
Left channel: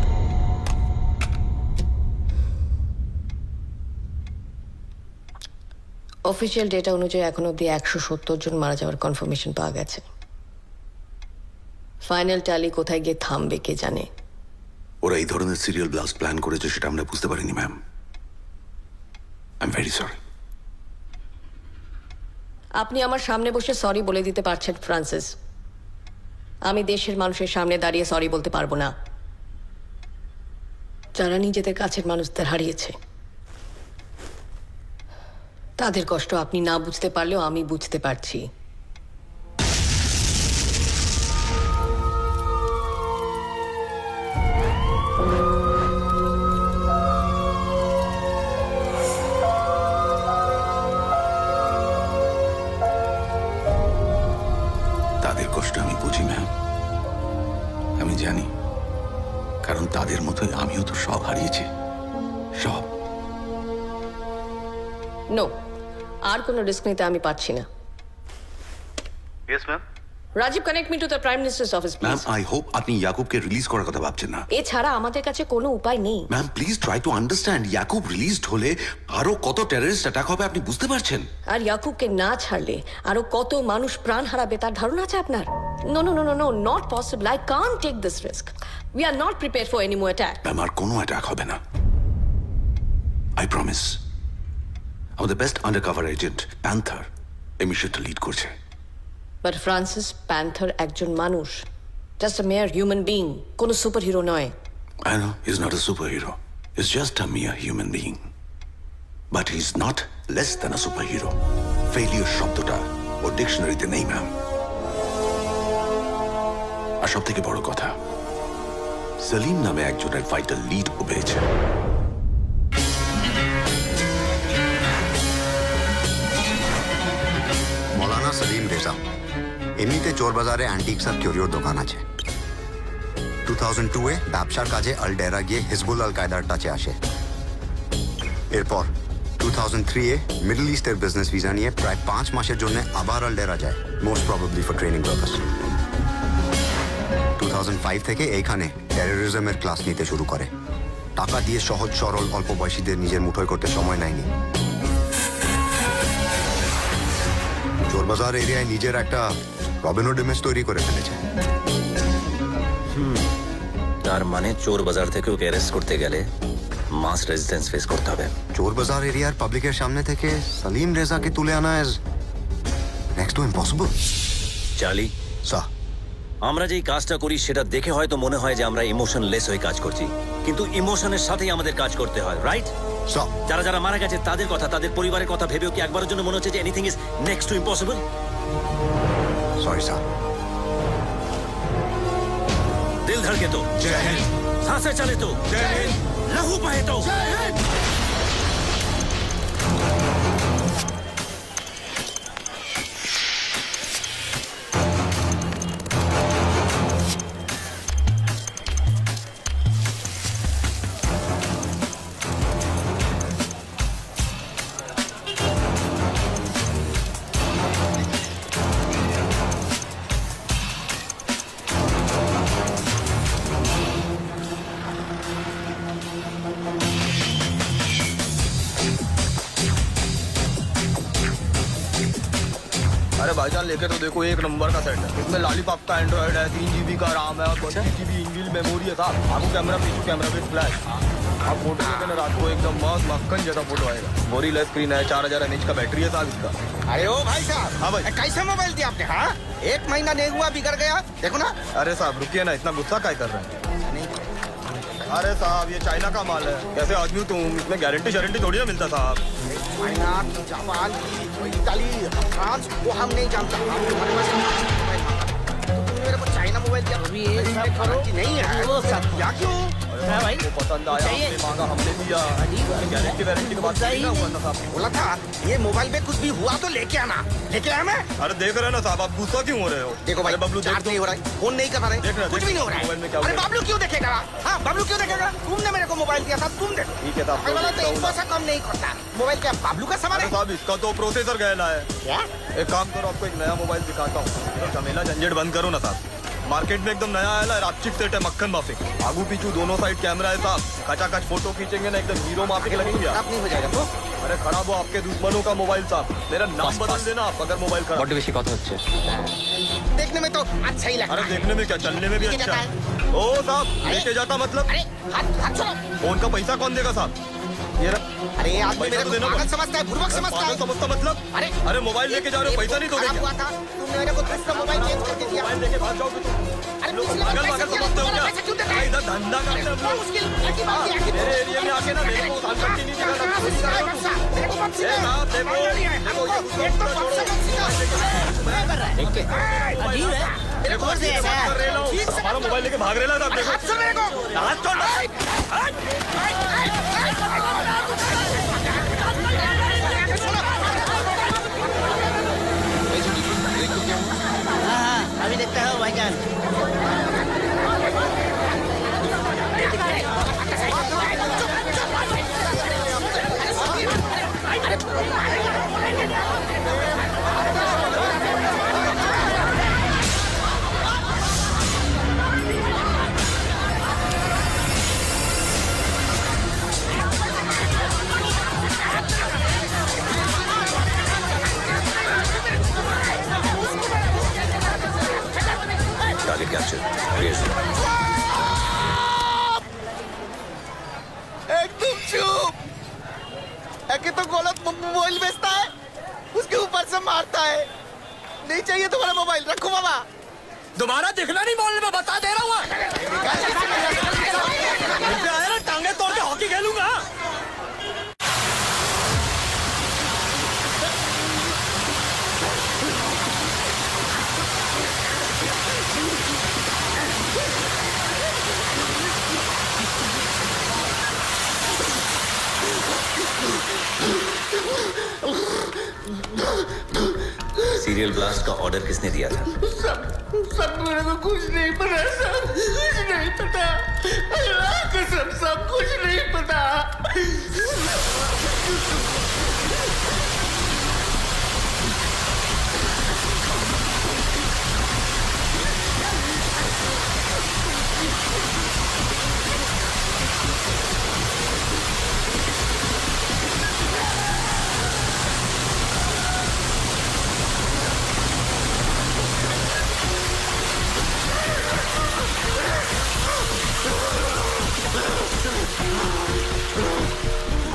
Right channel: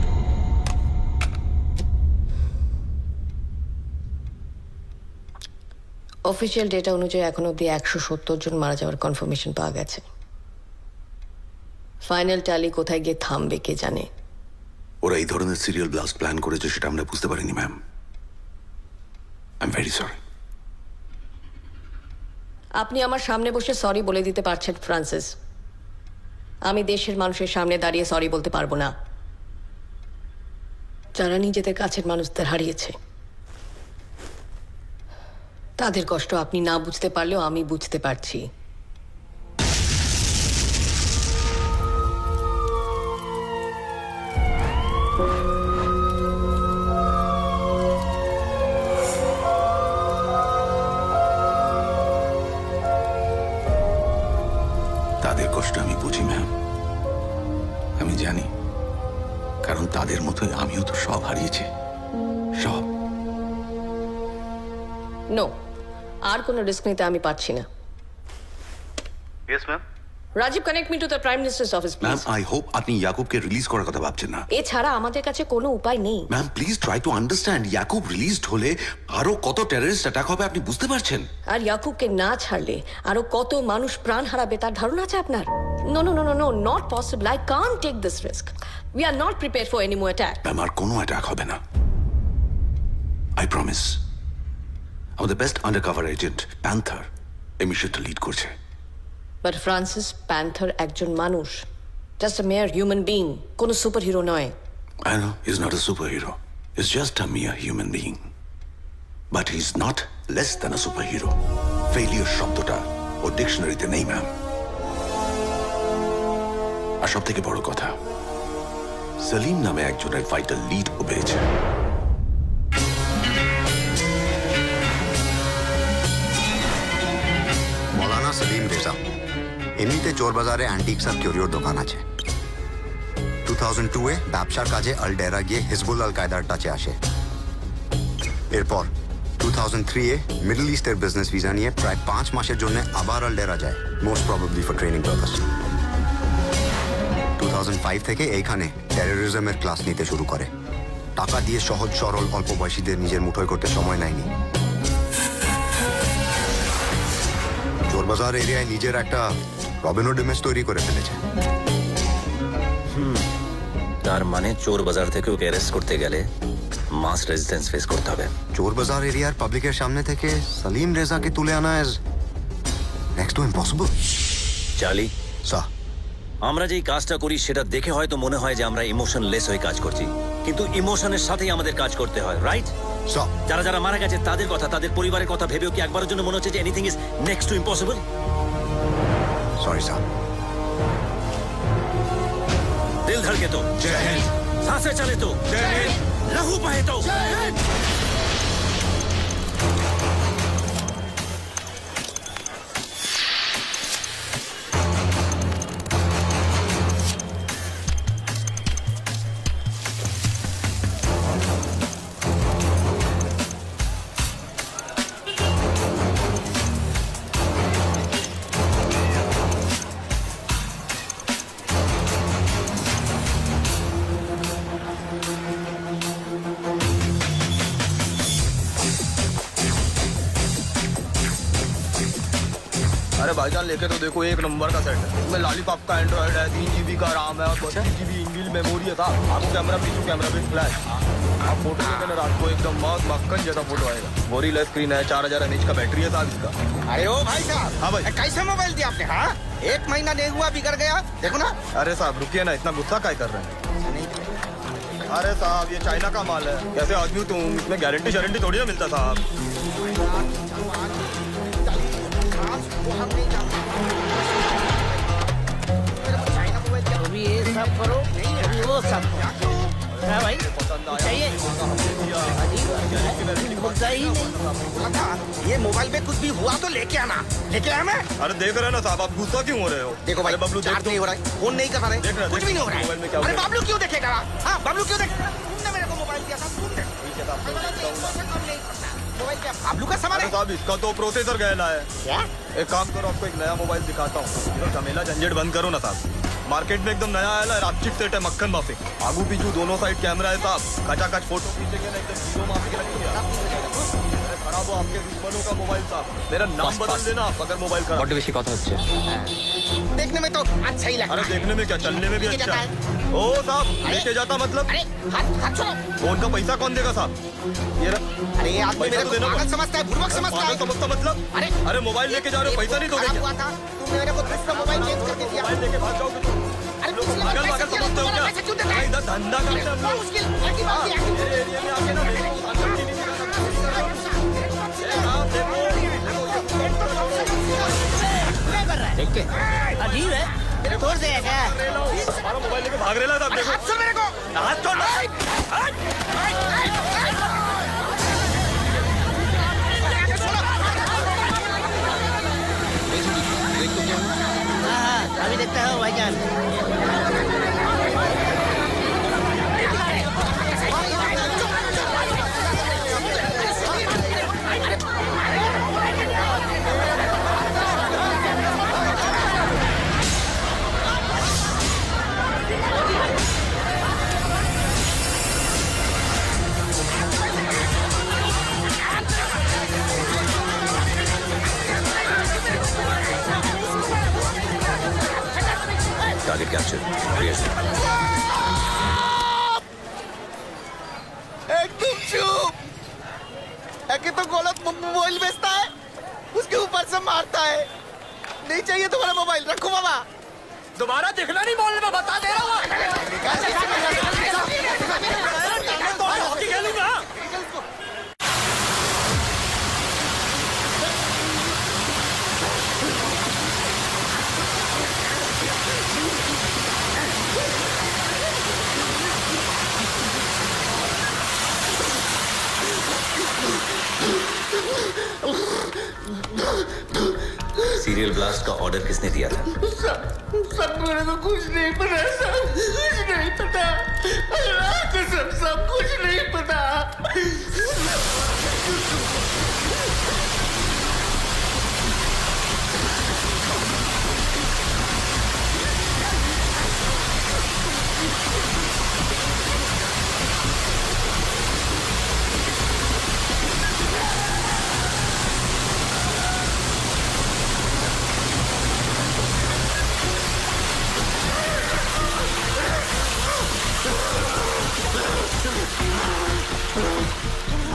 অফিসিয়াল ডেটা অনুযায়ী এখন অব্দি 170 জন মারা যাওয়ার কনফার্মেশন পাওয়া গেছে। ফাইনাল ট্যালি কোথায় গিয়ে থামবে কে জানে। ওরা এই ধরনের সিরিয়াল ব্লাস্ট প্ল্যান করেছে সেটা আমরা বুঝতে পারিনি ma'am. I am very sorry. আপনি আমার সামনে বসে সরি বলে দিতে পারছেন ফ্রান্সিস, আমি দেশের মানুষের সামনে দাঁড়িয়ে সরি বলতে পারবো না, যারা নিজেদের কাছের মানুষদের হারিয়েছে। তাদের কষ্ট আপনি না বুঝতে পারলেও আমি বুঝতে পারছি। তাদের কষ্ট আমি বুঝি ম্যাম, আমি জানি। কারণ তাদের মতোই আমিও তো সব হারিয়েছি, সব। নো, আর কোনো রিস্ক নিতে আমি পারছি না। Yes ma'am. Rajiv, connect me to the prime minister's office ma'am, please. I hope আপনি ইয়াকুবকে রিলিজ করার কথা ভাবছেন না। এছাড়া আমাদের কাছে কোনো উপায় নেই। Ma'am, please try to understand. Yakub released হলে আরো কত টেররিস্ট অ্যাটাক হবে আপনি বুঝতে পারছেন? আর ইয়াকুবকে না ছাড়লে আরো কত মানুষ প্রাণ হারাবে তার ধারণা আছে আপনার? No no no no no, not possible. I can't take this risk. We are not prepare for any more attack. Ma'am, আর কোনো অ্যাটাক হবে না, আই প্রমিস। আমাদের বেস্ট আন্ডারকভার এজেন্ট প্যান্থার এই মিশনটা লিড করছে। বাট ফ্রান্সিস প্যান্থার একজন মানুষ, just a mere human being, কোনো সুপার হিরো নয়। I know he's not a superhero. He's just a mere human being. But he's not less than a superhero. Failure শব্দটা ওর ডিকশনারিতে নেই ma'am. আর সব থেকে বড় কথা, সলিম নামে একজনের ভাইটাল লিড ও পেয়েছে। মৌলানা সলিম রেজা, এমনিতে চোর বাজারে অ্যান্টিক্স আর কিউরিওর দোকান আছে। 2002-এ ব্যবসার কাজে আলডেরা গিয়ে হিজবুল আল কায়দার টাচে আসে। এরপর 2003-এ মিডল ইস্টের বিজনেস ভিসা নিয়ে প্রায় 5 মাসের জন্য আবার আলডেরা যায়, most probably for training purpose. 2005 থেকে এইখানে টেরোরিজমের ক্লাস নিতে শুরু করে। টাকা দিয়ে সহজ সরল অল্প বয়সীদের নিজের মুঠোয় করতে সময় নেয়নি। চোরবাজার এরিয়ায় নিজের একটা রবিনহুড ইমেজ তৈরি করে ফেলেছে। তার মানে চোর বাজার থেকে ওকে অ্যারেস্ট করতে গেলে মাস রেজিস্ট্যান্স ফেস করতে হবে। চোরবাজার এরিয়ার পাবলিকের সামনে থেকে সলিম রেজাকে তুলে আনা is next to impossible. Charlie, sir, আমরা যেই কাজটা করি সেটা দেখে হয়তো মনে হয় যে আমরা ইমোশনলেস হয়ে কাজ করছি, কিন্তু ইমোশনের সাথেই আমাদের কাজ করতে হয়, রাইট? স্যার, যারা যারা মারা গেছে তাদের কথা, তাদের পরিবারের কথা ভেবেও কি একবারের জন্য মনে হচ্ছে যে anything is next to impossible? Sorry sir. दिल धड़के तो जय हिंद, सांसें चले तो जय हिंद, लहू बहे तो जय हिंद। अरे भाईजान लेके तो देखो, एक नंबर का सेट है। इसमें लॉलीपॉप का एंड्रॉइड है, 3 GB का RAM है और 32 GB इनबिल्ट मेमोरी है साहब। आगू कैमरा, पीछू कैमरा विद फ्लैश। आप फोटो लेते ना रात को एकदम मस्त मक्खन जैसा फोटो आएगा। बोरीलेस स्क्रीन है, 4000 mAh का बैटरी है साहब इसका। अरे ओ भाई साहब, हाँ भाई। कैसा मोबाइल दिया आपने? हाँ, 1 महीना नहीं हुआ बिगड़ गया, देखो ना। अरे साहब रुकिए ना, इतना गुस्सा क्या कर रहे हैं? अरे साहब ये चाइना का माल है, कैसे आदमी हो तुम? इसमें गारंटी थोड़ी ना मिलता साहब। चाइना, जापान, इताली, फ्रांस, वो हम नहीं जानते। मेरे को चाइना मोबाइल क्या? अभी ये सब करो नहीं है वो सब। क्या क्यों? भाई पसंद आया, आपने मांगा, हमने दिया। गारंटी के बाद बोला था ये मोबाइल में कुछ भी हुआ तो लेके आना। लेके आया मैं? अरे देख रहे हैं ना साहब, आप गुस्सा क्यों हो रहे हो? देखो भाई, अरे बबलू देख चार्ज नहीं हो रहा है, फोन नहीं कर रहा देख रहा है, है, कुछ भी नहीं हो रहा मोबाइल में है। क्या अरे हुआ? बबलू क्यों देखेगा? हाँ, बबलू क्यों देखेगा? तुमने मेरे को मोबाइल दिया था, तुम देखो। ठीक है साहब, वाला तो 1% कम नहीं करता। मोबाइल क्या बबलू का सामान अरे है? साहब इसका तो प्रोसेसर गहला है। क्या? एक काम करो, आपको एक नया मोबाइल दिखाता हूँ। ये झमेला झंझट बंद करो ना साहब। मार्केट में एकदम नया आया है, रात चिपसेट है, मक्खन माफिक। आगू पीछू दोनों साइड कैमरा है साहब। कचाकच फोटो खींचेंगे ना, एकदम हीरो माफिक लगेंगे आप। खराब नहीं हो जाएगा ब्रो? अरे खराब हो आपके दुश्मनों का मोबाइल साहब। मेरा नाम बदल देना आप अगर मोबाइल खराब। বড্ড বেশি কথা হচ্ছে। देखने में तो अच्छा ही लगता अरे है। देखने में क्या, चलने में भी लेके अच्छा जाता है। ओ साहब, लेके जाता मतलब? अरे हाथ छोड़ो। फोन का पैसा कौन देगा साहब? ये अरे ये आदमी पैसा मेरे तो को देना पागल पड़ेगा। समझता है, बुड़बक समझता पागल है। समझता मतलब? अरे अरे मोबाइल लेके जा रहे हो, पैसा नहीं दोगे खराब क्या? हुआ था, तुम मेरे को दूसरा मोबाइल चेंज करके दिया। मोबाइल लेके भाग जाओगे तुम? अरे लोग पिछले बार पागल पैसा पागल दिया, समझते हो तुम्हारा क्या? पैसा क्यों देता अरे है? इधर धंधा करते हैं हम बहुत लोग। मुश्किल, एक ही बात है, मेरे एरिया में आके ना मेरे को उधार नहीं दिखाना। मेरे को मत ए साहब देखो, देखो ये गुस्सा छोड़ो। देख के अजीब है, मेरे को दे हमारा मोबाइल लेके भाग रहे साहब, देखो। हाथ छोड़ मेरे को। हाथ छोड़। हाँ हाँ, अभी देखते हो भाईजान। ক্যাপচার एकदम चुप एके तो गलत मोबाइल बेचता है उसके ऊपर से मारता है नहीं चाहिए तुम्हारा मोबाइल रखो बाबा दोबारा दिखना नहीं बोलने में बता दे रहा हूँ टांगे तोड़ के हॉकी खेलूंगा सीरियल ब्लास्ट का ऑर्डर किसने दिया था? सब मेरे को कुछ नहीं पता, सब कुछ नहीं पता, अल्लाह कसम सब कुछ नहीं पता।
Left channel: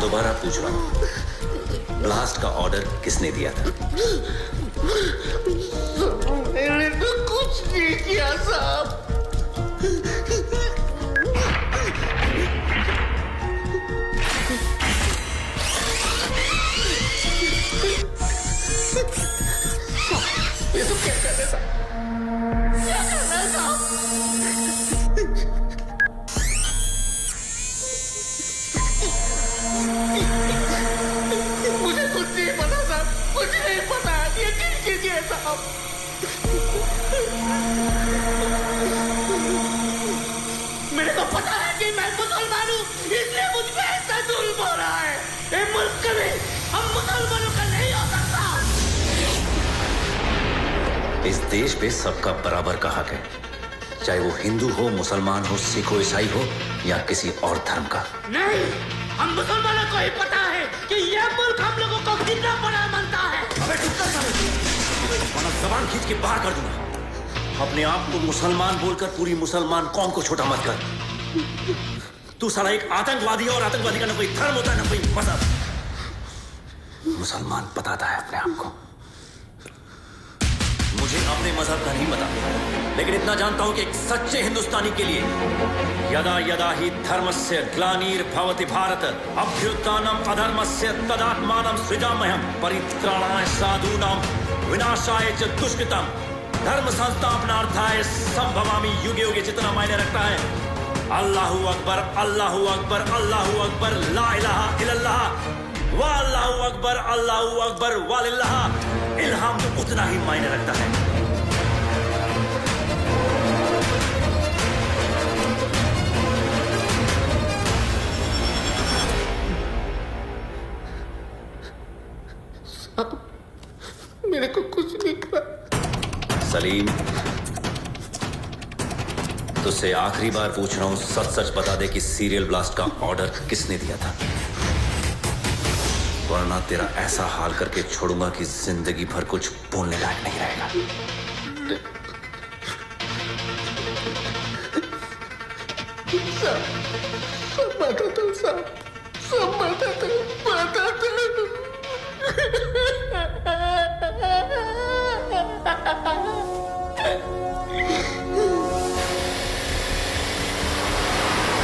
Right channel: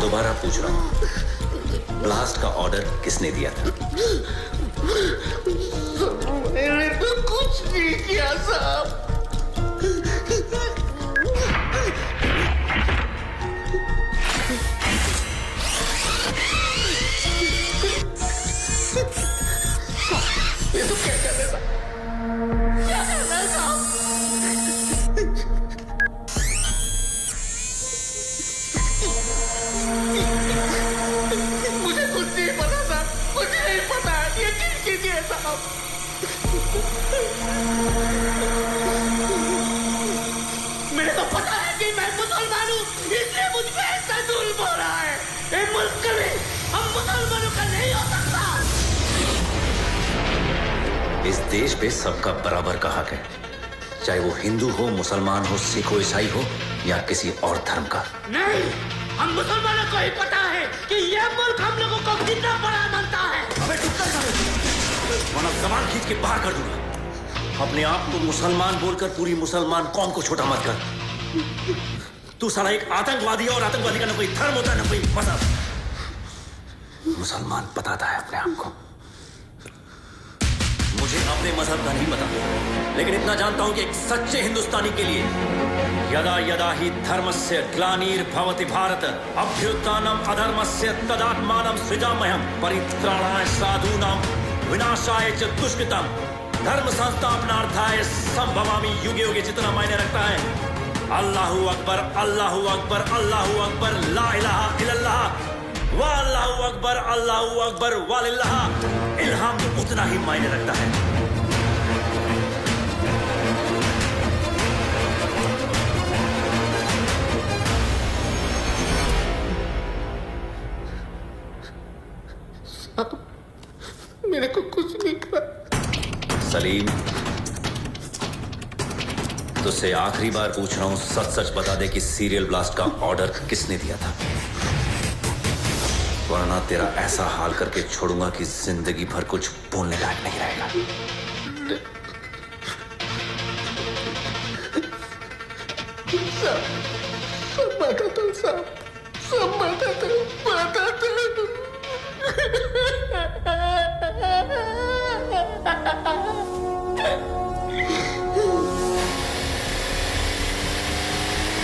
दोबारा पूछ रहा हूँ, ब्लास्ट का ऑर्डर किसने दिया था? मैंने तो कुछ नहीं किया साहब। ये तो क्या कर रहे साहब? क्या कर रहे हैं साहब? मुझे कुछ नहीं पता साहब, कुछ नहीं पता, यकीन कीजिए साहब। मेरे को पता है कि मैं मुसलमान हूँ, इसलिए मुझ पे ऐसा जुल्म हो रहा है। ये मुल्क कभी हम मुसलमानों का नहीं हो सकता। इस देश पे सबका बराबर का हक है, चाहे वो हिंदू हो, मुसलमान हो, सिख हो, ईसाई हो या किसी और धर्म का। नहीं, हम मुसलमानों को ही पता है कि ये मुल्क हम लोगों को कितना बड़ा मानता है। अबे चुप कर साले, वरना जबान खींच के बाहर कर दूंगा। अपने आप को मुसलमान बोलकर पूरी मुसलमान कौम को छोटा मत कर। तू साला एक आतंकवादी है और आतंकवादी का ना कोई धर्म होता है ना कोई मजहब। मुसलमान बताता है अपने आप को। मुझे अपने मजहब का नहीं पता, लेकिन इतना जानता हूं कि एक सच्चे हिंदुस्तानी के लिए यदा यदा ही धर्मस्य ग्लानिर्भवति भारत अभ्युत्थानम अधर्मस्य तदात्मानं सृजाम्यहं परित्राणाय साधूनां विनाशाय च दुष्कृतम् धर्म संस्थापनार्थाय संभवामि। युगे युगे जितना मायने रखता है अल्लाहू अकबर, अल्लाहू अकबर, अल्लाहू अकबर, ला इलाहा इल्लल्लाह वा अल्लाहू अकबर, अल्लाहू अकबर वालिल्लाह इल्हाम तो उतना ही मायने रखता है। मेरे को कुछ नहीं कहा। सलीम, तुझसे आखिरी बार पूछ रहा हूं, सच सच बता दे कि सीरियल ब्लास्ट का ऑर्डर किसने दिया था, वरना तेरा ऐसा हाल करके छोड़ूंगा कि जिंदगी भर कुछ बोलने लायक नहीं रहेगा। सब बताता हूँ साहब, सब बताता हूँ।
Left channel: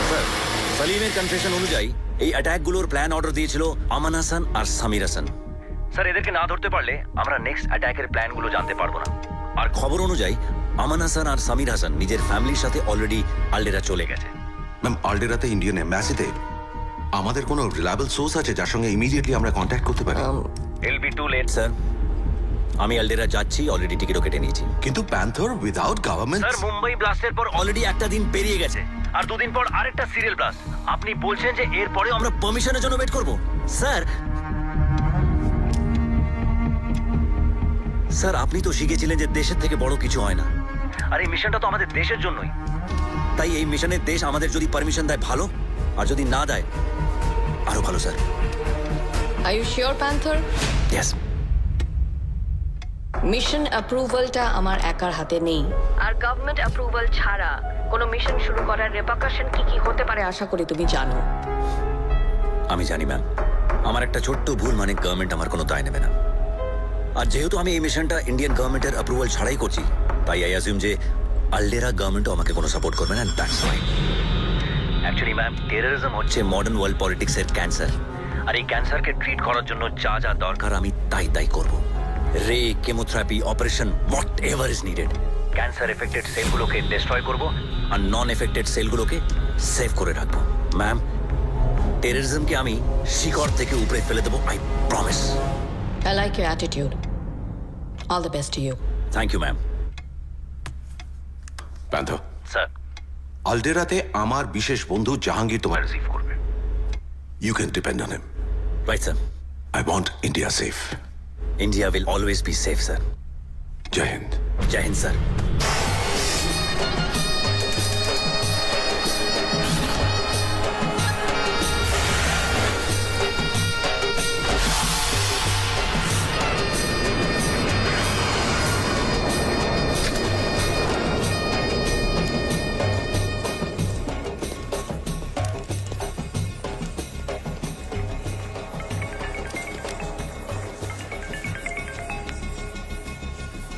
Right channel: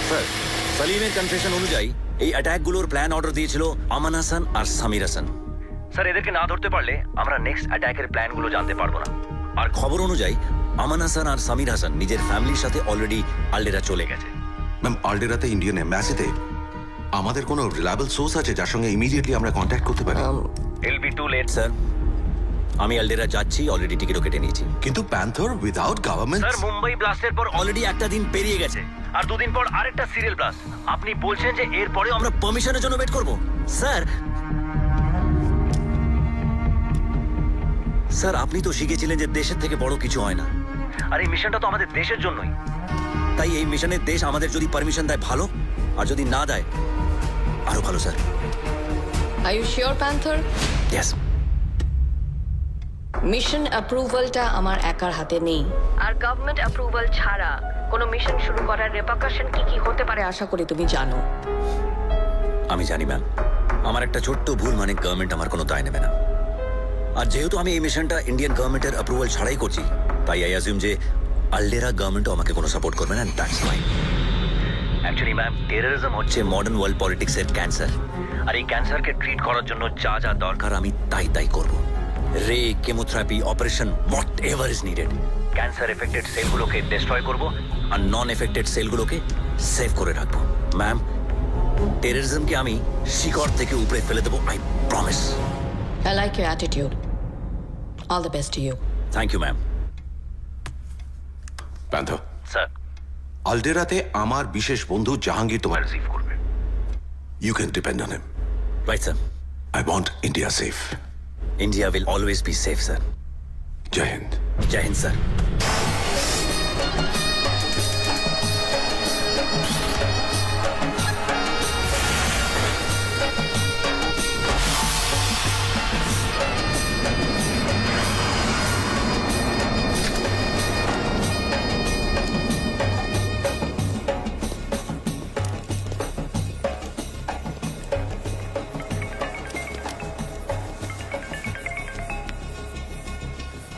স্যার, সালিমের কনফেশন অনুযায়ী এই অ্যাটাকগুলোর প্ল্যান অর্ডার দিয়েছিল আমান হাসান আর সামির হাসান। স্যার, এদেরকে না ধরতে পারলে আমরা নেক্সট অ্যাটাকের প্ল্যানগুলো জানতে পারবো না। আর খবর অনুযায়ী আমান হাসান আর সামির হাসান নিজের ফ্যামিলির সাথে অলরেডি আলডেরা চলে গেছে। ম্যাম, আলডেরাতে ইন্ডিয়ান এম্বাসিতে আমাদের কোনো রিলায়েবল সোর্স আছে যার সঙ্গে ইমিডিয়েটলি আমরা কন্ট্যাক্ট করতে পারি? ইল বি টু লেট স্যার। আমি আলডেরা যাচ্ছি, অলরেডি টিকিটও কেটে নিয়েছি। কিন্তু panther without government. Sir, Mumbai ব্লাস্টের পর অলরেডি একটা দিন পেরিয়ে গেছে, আর দুদিন পর আরেকটা সিরিয়াল ব্লাস্ট। আপনি বলছেন যে এরপরে আমরা পারমিশনের জন্য ওয়েট করব? স্যার, স্যার আপনি তো শিখেছিলেন যে দেশের থেকে বড় কিছু হয় না, আর এই মিশনটা তো আমাদের দেশের জন্যই। তাই এই মিশনের দেশ আমাদের যদি পারমিশন দেয় ভালো, আর যদি না দেয় আরো ভালো। Sir, Are you sure, Panther? Yes. Mission অ্যাপ্রুভালটা আমার একার হাতে নেই, আর গভর্নমেন্ট অ্যাপ্রুভাল ছাড়া কোনো মিশন শুরু করার রেপারকাশন কি কি হতে পারে আশা করি তুমি জানো। আমি জানি ম্যাম, আমার একটা ছোট্ট ভুল মানে গভর্নমেন্ট আমার কোনো দায় নেবে না। আর যেহেতু আমি এই মিশনটা ইন্ডিয়ান গভর্নমেন্টের অ্যাপ্রুভাল ছাড়াই করছি, তাই আই অ্যাজিউম যে আলডেরা গভর্নমেন্টও আমাকে কোনো সাপোর্ট করবে না, that's fine. Actually ma'am, terrorism হচ্ছে মডার্ন ওয়ার্ল্ড পলিটিক্সের ক্যান্সার, আর এই ক্যান্সারকে ট্রিট করার জন্য যা যা দরকার আমি তাই করব। Ray, chemotherapy, operation, whatever is needed. Cancer affected সেলগুলোকে ডিস্ট্রয় করব, আর নন এফেক্টেড সেলগুলোকে সেভ করে রাখবো। ম্যাম, টেররিজমকে আমি শিকড় থেকে উপরে ফেলে দেবো, I promise. I like your attitude. All the best to you. Thank you ma'am. Panther, sir, আলডেরাতে আমার বিশেষ বন্ধু জাহাঙ্গীর তোমার রিসিভ করবে। You can depend on him. Right sir. I want India safe. India will always be safe sir. Jai Hind. Jai Hind sir.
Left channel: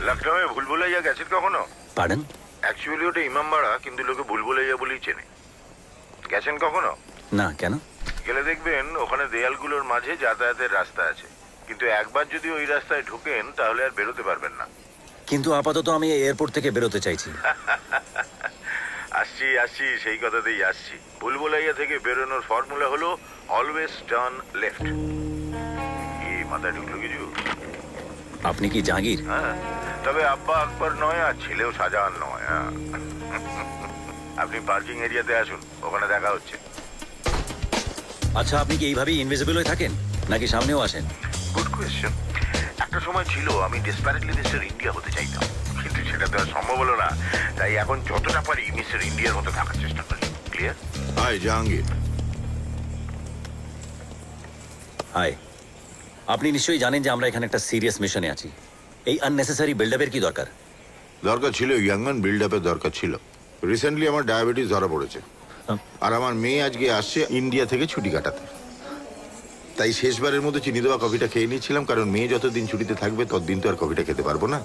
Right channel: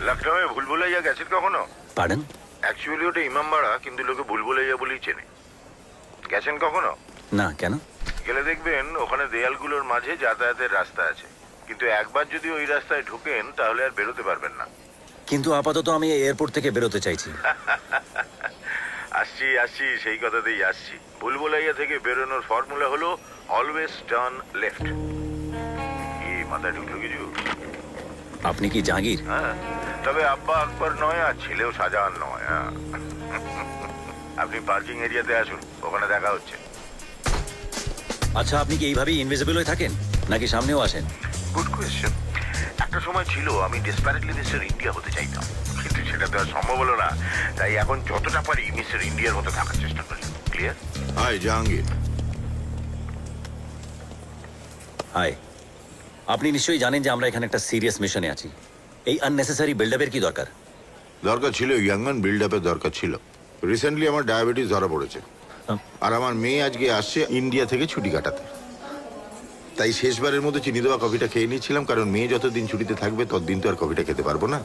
লখনৌয়ে ভুলভুলাইয়া গেছেন কখনো? Pardon? Actually ওটা ইমামবাড়া, কিন্তু লোকে ভুলভুলাইয়া বলেই চেনে। গেছেন কখনো? না, কেন? গেলে দেখবেন ওখানে দেয়ালগুলোর মাঝে যাতায়াতের রাস্তা আছে, কিন্তু একবার যদি ওই রাস্তায় ঢোকেন তাহলে আর বেরোতে পারবেন না। কিন্তু আপাতত আমি এয়ারপোর্ট থেকে বেরোতে চাইছি। আসছি সেই কথাতেই আসছি। ভুলভুলাইয়া থেকে বেরোনোর ফর্মুলা হলো অলওয়েজ টার্ন লেফট। কি মাথায় ঢুকলো কিছু? আপনি কি জাহাঙ্গীর? হ্যাঁ, তবে আব্বা আকবর নয় আর ছেলেও শাহজাহান নয়। হ্যাঁ। আপনি পার্কিং এরিয়াতে আসুন, ওখানে দেখা হচ্ছে। আচ্ছা, আপনি কি এইভাবেই ইনভিজিবল হয়ে থাকেন, নাকি সামনেও আসেন? Good question. একটা সময় ছিল আমি ডেসপারেটলি মিস্টার ইন্ডিয়া হতে চাইতাম, কিন্তু সেটা তো আর সম্ভব হলো না। তাই এখন যতটা পারি মিস্টার ইন্ডিয়ার মতো থাকার চেষ্টা করি। ক্লিয়ার? হাই জাহাঙ্গীর। হাই। আপনি নিশ্চয়ই জানেন যে আমরা এখানে একটা সিরিয়াস মিশনে আছি। এই আননেসেসারি বিল্ডআপের কি দরকার? দরকার ছিল ইয়াংম্যান বিল্ড আপের দরকার ছিল। রিসেন্টলি আমার ডায়াবেটিস ধরা পড়েছে, আর আমার মেয়ে আজকে আসছে ইন্ডিয়া থেকে ছুটি কাটাতে। তাই শেষবারের মতো চিনি দেওয়া কফিটা খেয়ে নিচ্ছিলাম, কারণ মেয়ে যতদিন ছুটিতে থাকবে ততদিন তো আর কফিটা খেতে পারবো না।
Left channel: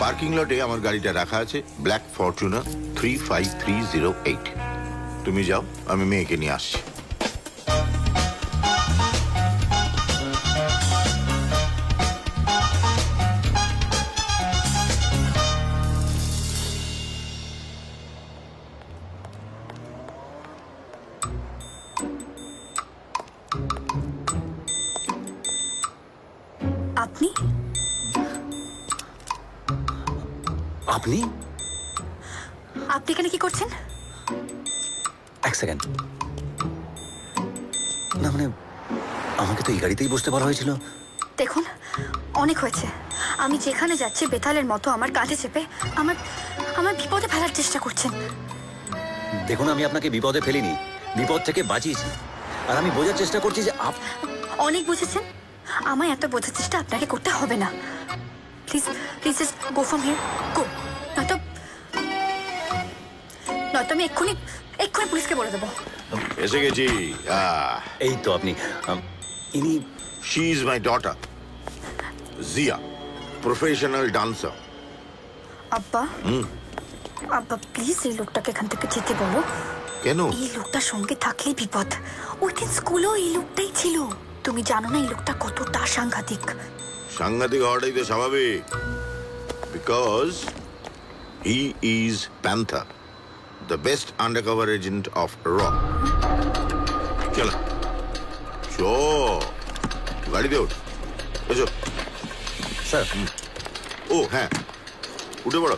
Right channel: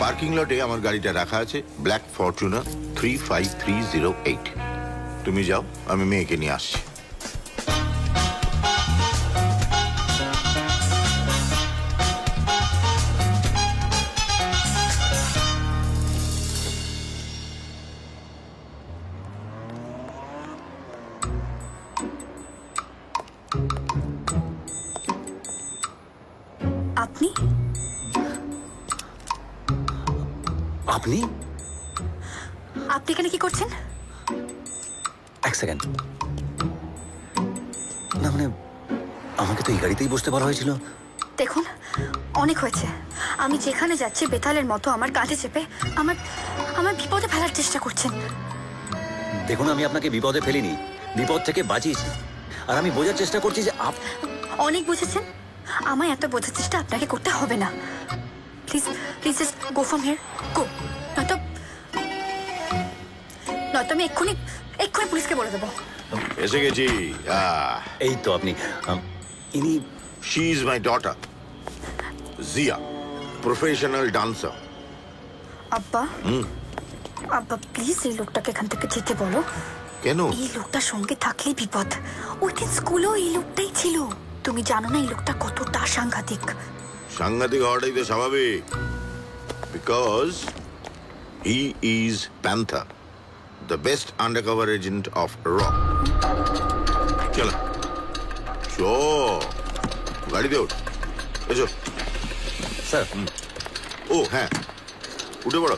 পার্কিং লটে আমার গাড়িটা রাখা আছে, ব্ল্যাক ফরচুনার 35308। তুমি যাও, আমি মেয়েকে নিয়ে আসছি। আপনি আপনি আপনি এখানে কি করছেন? এক সেকেন্ড। না মানে, আমাকে তো এই গাড়িতেই বসতে বলা হয়েছিল। দেখুন, অনেক হয়েছে। আমি যেখানে যাচ্ছি বেতালের মতো আমার কাঁধে চেপে আমার আমার বিপদে ফেলার চেষ্টা করছেন। দেখুন, আমি আপনাকে বিপদে ফেলিনি, বিপদ থেকে বাঁচিয়েছি। আর আমি বোঝার চেষ্টা করছি যে অনেক বুঝেছেন। আমায় এত বোঝার চেষ্টা আপনাকে করতে হবে না। Please please just go from here, go. নয়তো আমি এক্ষুনি পুলিশকে বলে দেবো। এসে গেছি। এই তো আপনি। ইনি she is my daughter Zia, professional dancer. আব্বা, আব্বা প্লিজ এই লোকটাকে এখান থেকে যেতে বলো। কেন? এই লোকটার সঙ্গে থাকলেই বিপদ। ওই দিন স্কুলেও এই লোকটাই ছিল। তুমি জানো না এই লোকটা কতটা সাংঘাতিক। সাংঘাতিক হওয়াটাই তো স্বাভাবিক, because he is panther, the best undercover agent of র। চলো গাড়িতে ওঠ, এসো। স্যার। ও হ্যাঁ, উঠে পড়ো।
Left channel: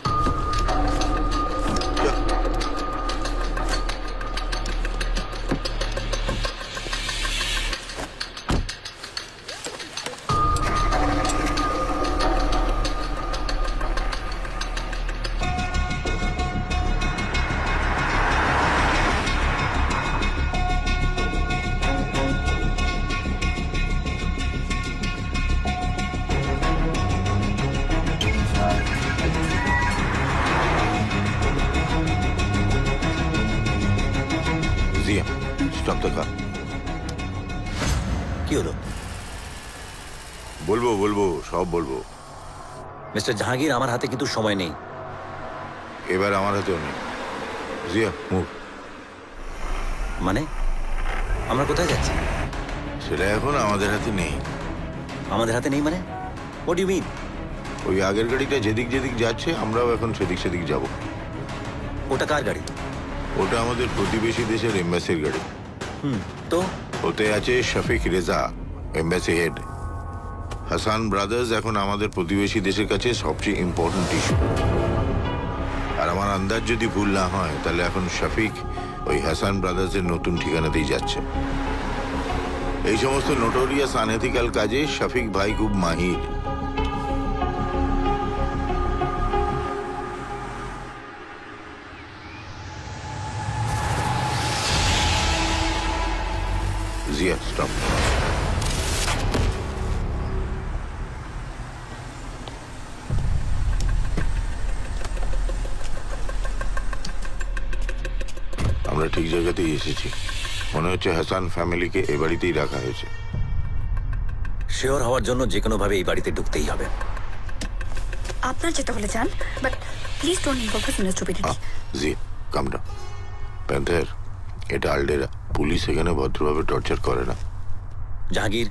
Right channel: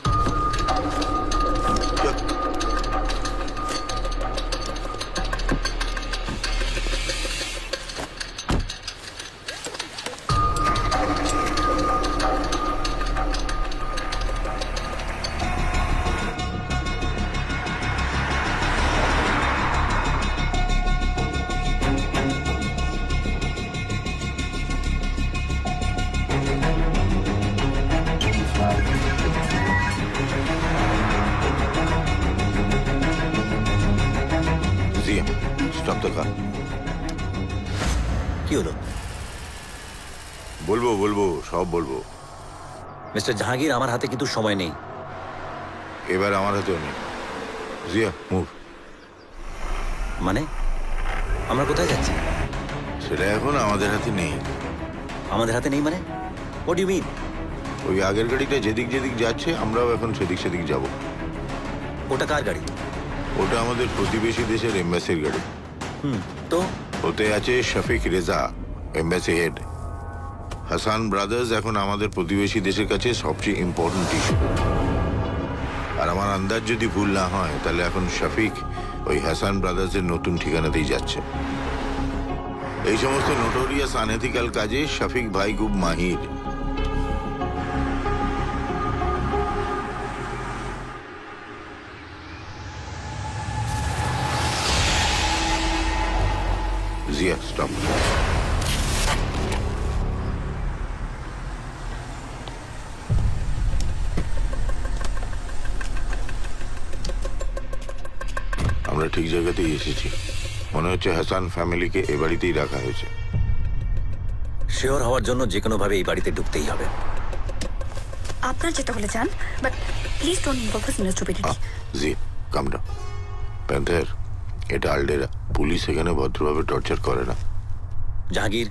জিয়া স্টপ দ্য কার। কি হলো? বলবো বলবো সব বলবো। মিস্টার জাহাঙ্গীর, আমার হাতে কিন্তু সময় নেই। এবার আমার হাতেও নেই। জিয়া মুভ। মানে আমরা কোথায় যাচ্ছি? সেটা এখন আমাদের হাতে নেই। আমাদের হাতে নেই মানে? What you mean? ওই আগের গাড়িটা যেদিক যেদিক যাচ্ছে আমরাও এখন সেদিক সেদিক যাব। ওটা কার গাড়ি? ওটা আমাদের প্রতিবেশী দেশের এম্বাসির গাড়ি। তো ওতে আছে Shafiq Reza, embassy head. Hasan brothers এখন আমাদের প্রতিবেশী দেশের কাছে সবচেয়ে ইম্পর্টেন্ট ইস্যু। আর আমার আন্দাজ যদি ভুল না হয় তাহলে এখন শফিক ওই হাসান ব্রাদার্সের নতুন ঠিকানাতেই যাচ্ছে। এই সমস্ত নোটোরিয়াস আনএথিক্যাল কাজে শফিক ভাই খুব মাহির। জিয়া স্টপ। আমরা ঠিক জায়গাতেই এসেছি। মনে হচ্ছে হাসান ফ্যামিলিকে এ বাড়িতেই রাখা হয়েছে। শিওর হওয়ার জন্য যে কোনো ভাবে এই বাড়িতে ঢুকতেই হবে। আপনার যেতে হলে যান, but please don't involve his in stupidity. জি কাম ডাউন। প্যান্থার, এটা আলডেরা। পুলিশ এখানে ভদ্রভাবে টর্চার করে না। জাহাঙ্গীর,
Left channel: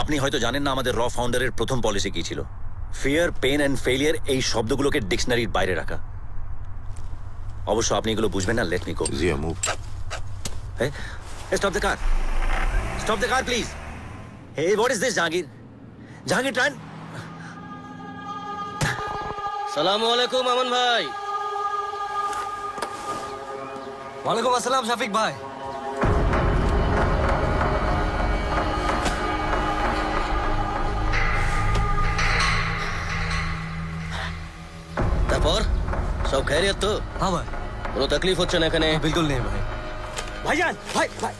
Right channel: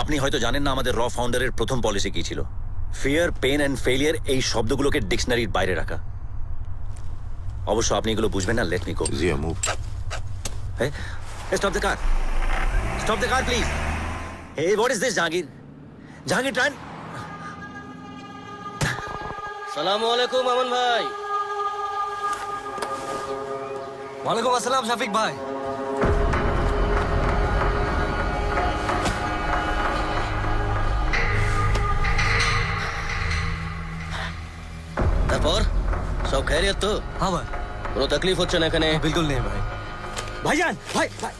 আপনি হয়তো জানেন না আমাদের র ফাউন্ডারের প্রথম পলিসি কি ছিল। ফিয়ার, পেন অ্যান্ড ফেলিয়ার এই শব্দগুলোকে ডিকশনারির বাইরে রাখা। অবশ্য আপনি এগুলো বুঝবেন না। Let me go. Zia move. Stop the car, stop the car please. Hey, what is this Jahangir? Jahangir turn. সালামু আলাইকুম আমান ভাই। ওয়ালাইকুম আসসালাম শফিক ভাই। তারপর সব খাইরিয়াত তো? হ্যাঁ ভাই, কোনো তকলিফ হচ্ছে না এখানে? বিলকুল নেই ভাই। ভাইজান, ভাই ভাই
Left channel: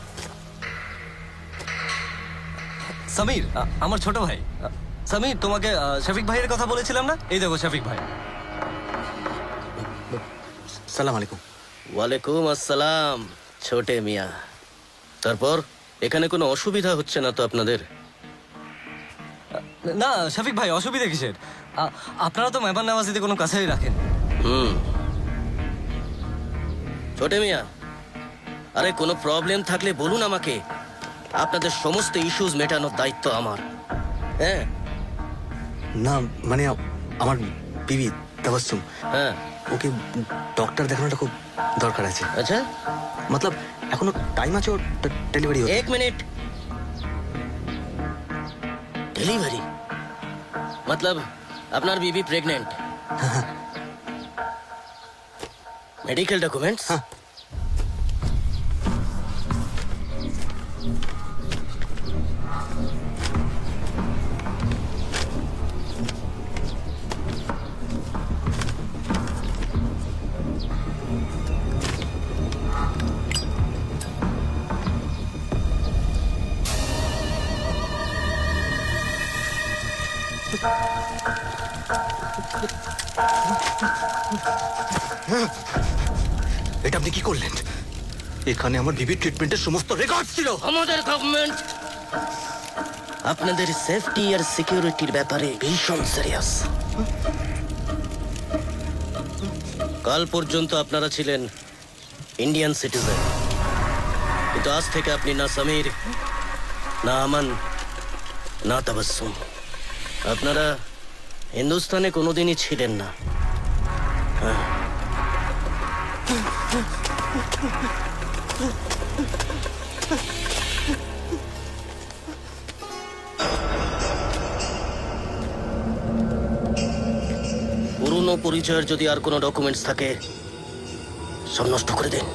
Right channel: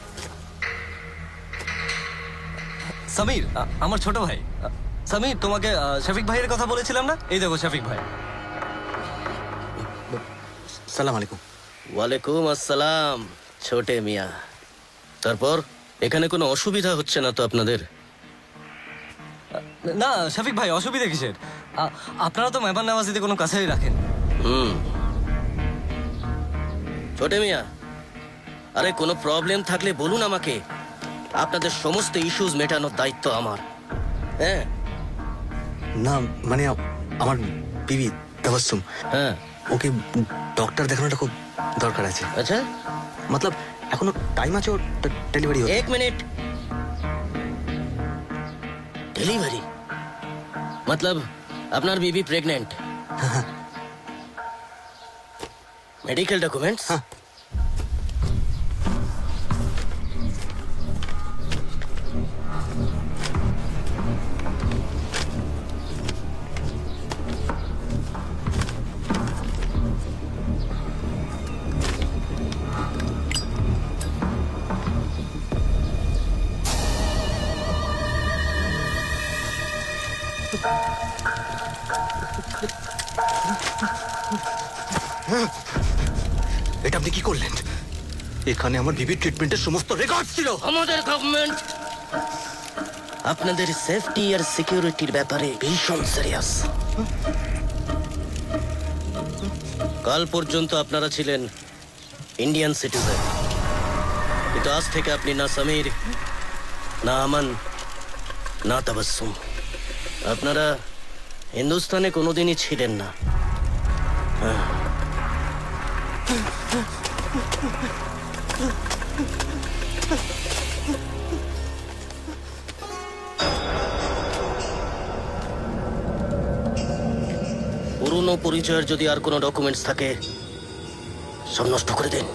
সমীর, আমার ছোট ভাই। সমীর, তোমাকে শফিক ভাইয়ের কথা বলেছিলাম না? এই দেখো শফিক ভাই। সালাম আলাইকুম। ওয়ালাইকুম আসসালাম ছোটে মিয়া। তারপর এখানে কোনো অসুবিধা হচ্ছে না তো আপনাদের? না শফিক ভাই, অসুবিধা কিসের? আপনারা তো মেহমান নামাজিতে কোনো কাছারি রাখেন। ছোটে মিয়া, আরে কোনো প্রবলেম থাকলে বলুন আমাকে। আপনাদের সমস্ত ইস্যুজ মেটানোর দায়িত্ব আমার। হ্যাঁ না মানে আমার বিবি তাবাসসুম, হ্যাঁ। ওকে ডক্টর দেখানোটা খুব দরকার আছে। আচ্ছা, মতলব এখনো টাইম আছে ওর ডেলিভারি হতে। এক মিনিট। ডেলিভারি মতলব আপনার বিবি প্রেগনেন্ট? Medical documents? এটা আপনি কি করলেন? এখানে আমার বিবির ট্রিটমেন্টের সমস্ত রেকর্ড ছিল। আমাদের গভর্নমেন্ট আপনাদের সেফটি আর সিকিউরিটির ব্যাপারে ভীষণ সিরিয়াস। কাল পর্যন্ত আপনারা ছিলেন ইন্ডিয়ান সিটিজেন, কিন্তু আজ থেকে আপনি না সমীর, না আমান, না তাবাসসুম। আপনারা হিন্দুস্তানে কোনোদিনই ছিলেন না। পুরনো পরিচয়ের যদি আর কোনো ডকুমেন্টস থাকে সব নষ্ট করে দিন।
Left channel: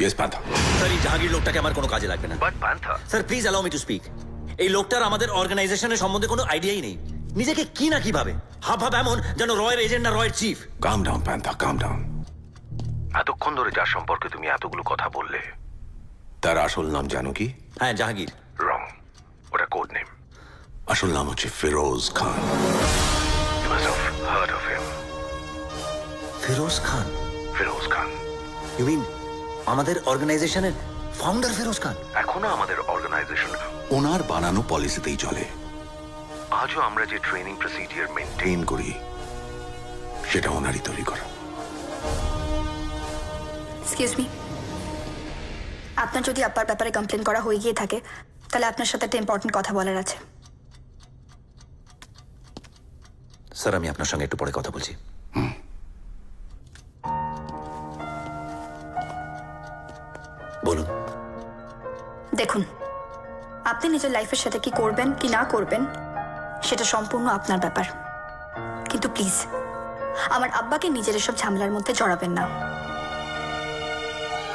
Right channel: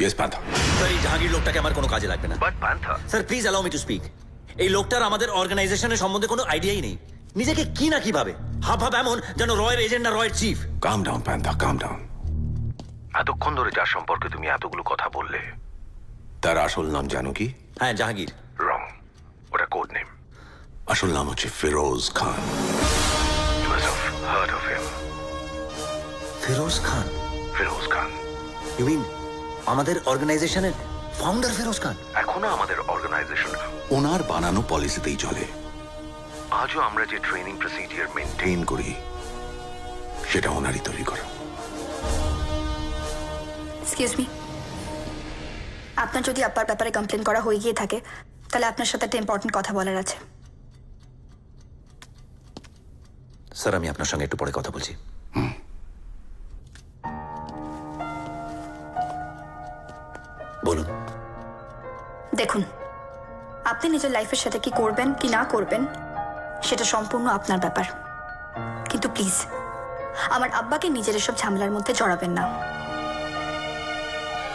ইয়েস পান্থা। স্যার, এই জাহাঙ্গীর লোকটাকে আমার কোনো কাজে লাগবে না। But Panther, sir please allow me to speak. এই লোকটার আমাদের অর্গানাইজেশনের সম্বন্ধে কোনো আইডিয়াই নেই। নিজেকে কি না কিভাবে হাব এমন যেন রয়ের এজেন্ট না রয়ের চিফ। কাম ডাউন পান্থা, কাম ডাউন। এতক্ষণ ধরে যার সম্পর্কে তুমি এতগুলো কথা বললে, তার আসল নাম জানো কি? হ্যাঁ, জাহাঙ্গীর। রং, ওটা কোড নেম। আসল নাম হচ্ছে Firoz Khan. You must have heard of him. Firoz Khan? Firoz Khan you mean আমাদের অর্গানাইজেশনের ফাউন্ডার ফিরোজ খান? এখনো আমাদের অর্গানাইজেশন, ওনার বানানো পলিসিতেই চলে। আজও আমরা যে ট্রেনিং প্রসিডিওর মেনটেন ট্রেন করি, সেটা ওনারই তৈরি করা। এক্সকিউজ মি, আপনার যদি আব্বার ব্যাপারে কমপ্লেন করা হয়ে গিয়ে থাকে তাহলে আপনার সাথে একটা ইম্পর্টেন্ট কথা বলার আছে। স্যার, আমি আপনার সঙ্গে একটু পরে কথা বলছি। বলুন। দেখুন, আপনি নিজের লাইফের সাথে কি করবেন কি না করবেন সেটা সম্পূর্ণ আপনার ব্যাপার, কিন্তু প্লিজ আমার আব্বাকে নিজের এসব ঝামেলার মধ্যে জড়াবেন না।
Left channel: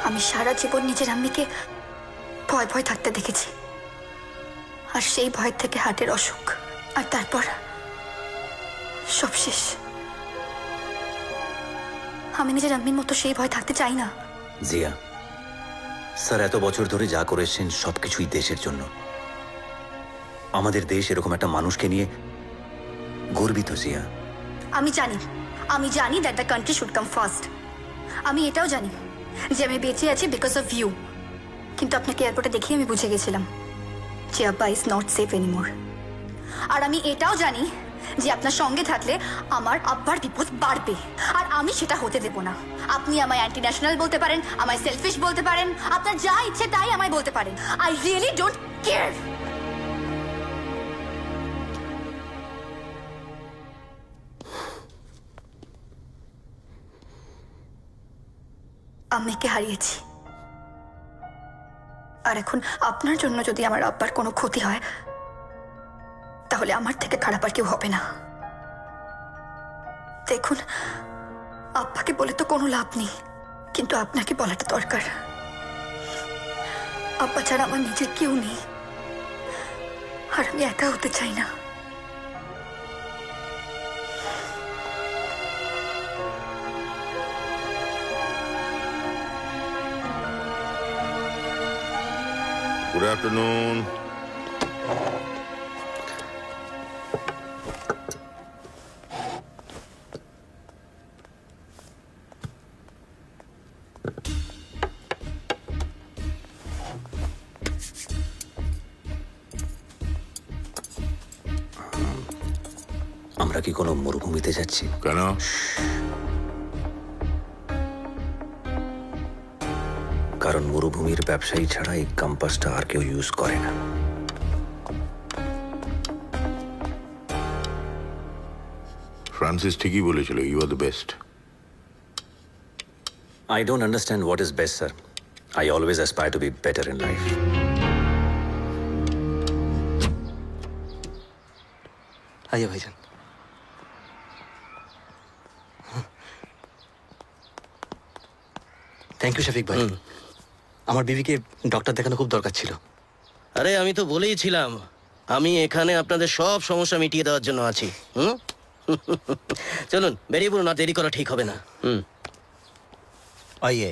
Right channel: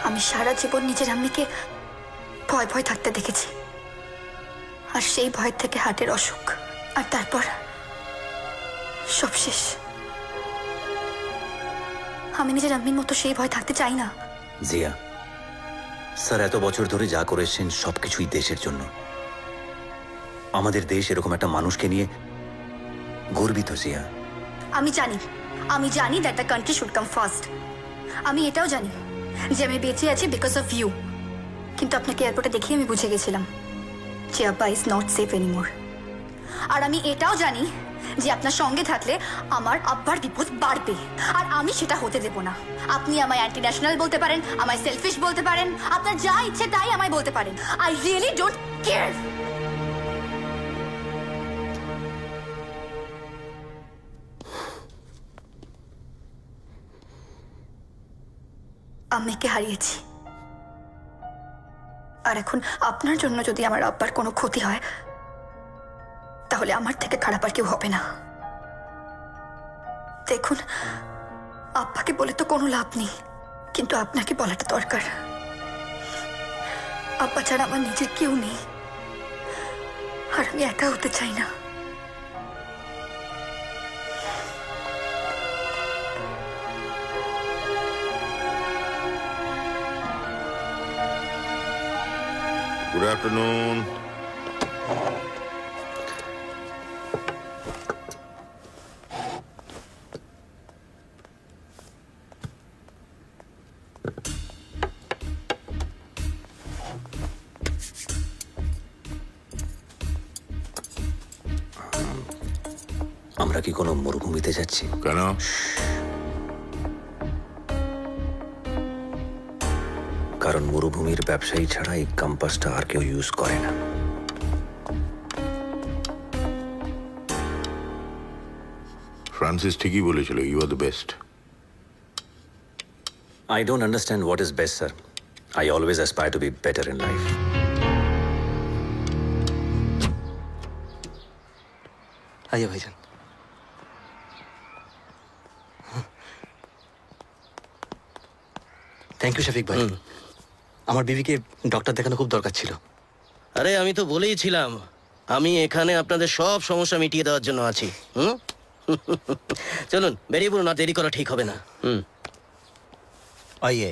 আমি সারা জীবন নিজের আম্মিকে ভয় ভয় থাকতে দেখেছি, আর সেই ভয় থেকে হার্টের অসুখ, আর তারপর সব শেষ। আমি নিজের আম্মির মতো সেই ভয় থাকতে চাই না। জিয়া, স্যার এত বছর ধরে যা করেছেন সবকিছুই দেশের জন্য। আমাদের দেশ এরকম একটা মানুষকে নিয়ে গর্বিত। জিয়া, আমি জানি that the country should come first. আমি এটাও জানি যে আমি বেঁচে আছি বিকজ অফ ইউ। কিন্তু আপনাকে এয়ারপোর্টে দেখে আমি বুঝে গেছিলাম যে আব্বা ইজ নট সেফ এনিমোর। আর আমি এটাও জানি যে আপনার সঙ্গে থাকলে আমার আব্বার বিপদ বাড়বে, আর আমি সেটা হতে দেব না। আপনি আমায় অ্যান্টি ন্যাশনাল বলতে পারেন, আমায় সেলফিশ বলতে পারেন, আপনার যা ইচ্ছে তাই আমায় বলতে পারেন। I really don't care. আম্মিকে হারিয়েছি, আর এখন আপনার জন্য যদি আমার আব্বার কোনো ক্ষতি হয় তাহলে আমার থেকে খারাপ আর কেউ হবে না। দেখুন, আব্বাকে বলে তো কোনো লাভ নেই, কিন্তু আপনাকে বলাটা দরকার। আব্বা ছাড়া আমার নিজের কেউ নেই, আর আমি একা হতে চাই না। Good afternoon. আমরা কি কোনো মরুভূমিতে যাচ্ছি? কেন? কারণ মরুভূমির ব্যবসায়ী ছাড়া এই কম্পাসটা আর কেউ ইউজ করে না। ফ্রান্সিস ঠিকই বলেছিল, you are the best. I don't understand what is best, sir. I always aspire to be better in life. आइए भाईजान। থ্যাংক ইউ শফিক ভাই। আমার বিবিকে ডক্টর দেখানো খুব দরকার ছিল। আরে আমি তো বলেইছিলাম আমি এখানে আপনাদের সব সমস্যা মিটিয়ে দেওয়ার জন্য আছি। চলুন বেরিয়ে পড়ুন, না দেরি করা ঠিক হবে না। আইয়ে।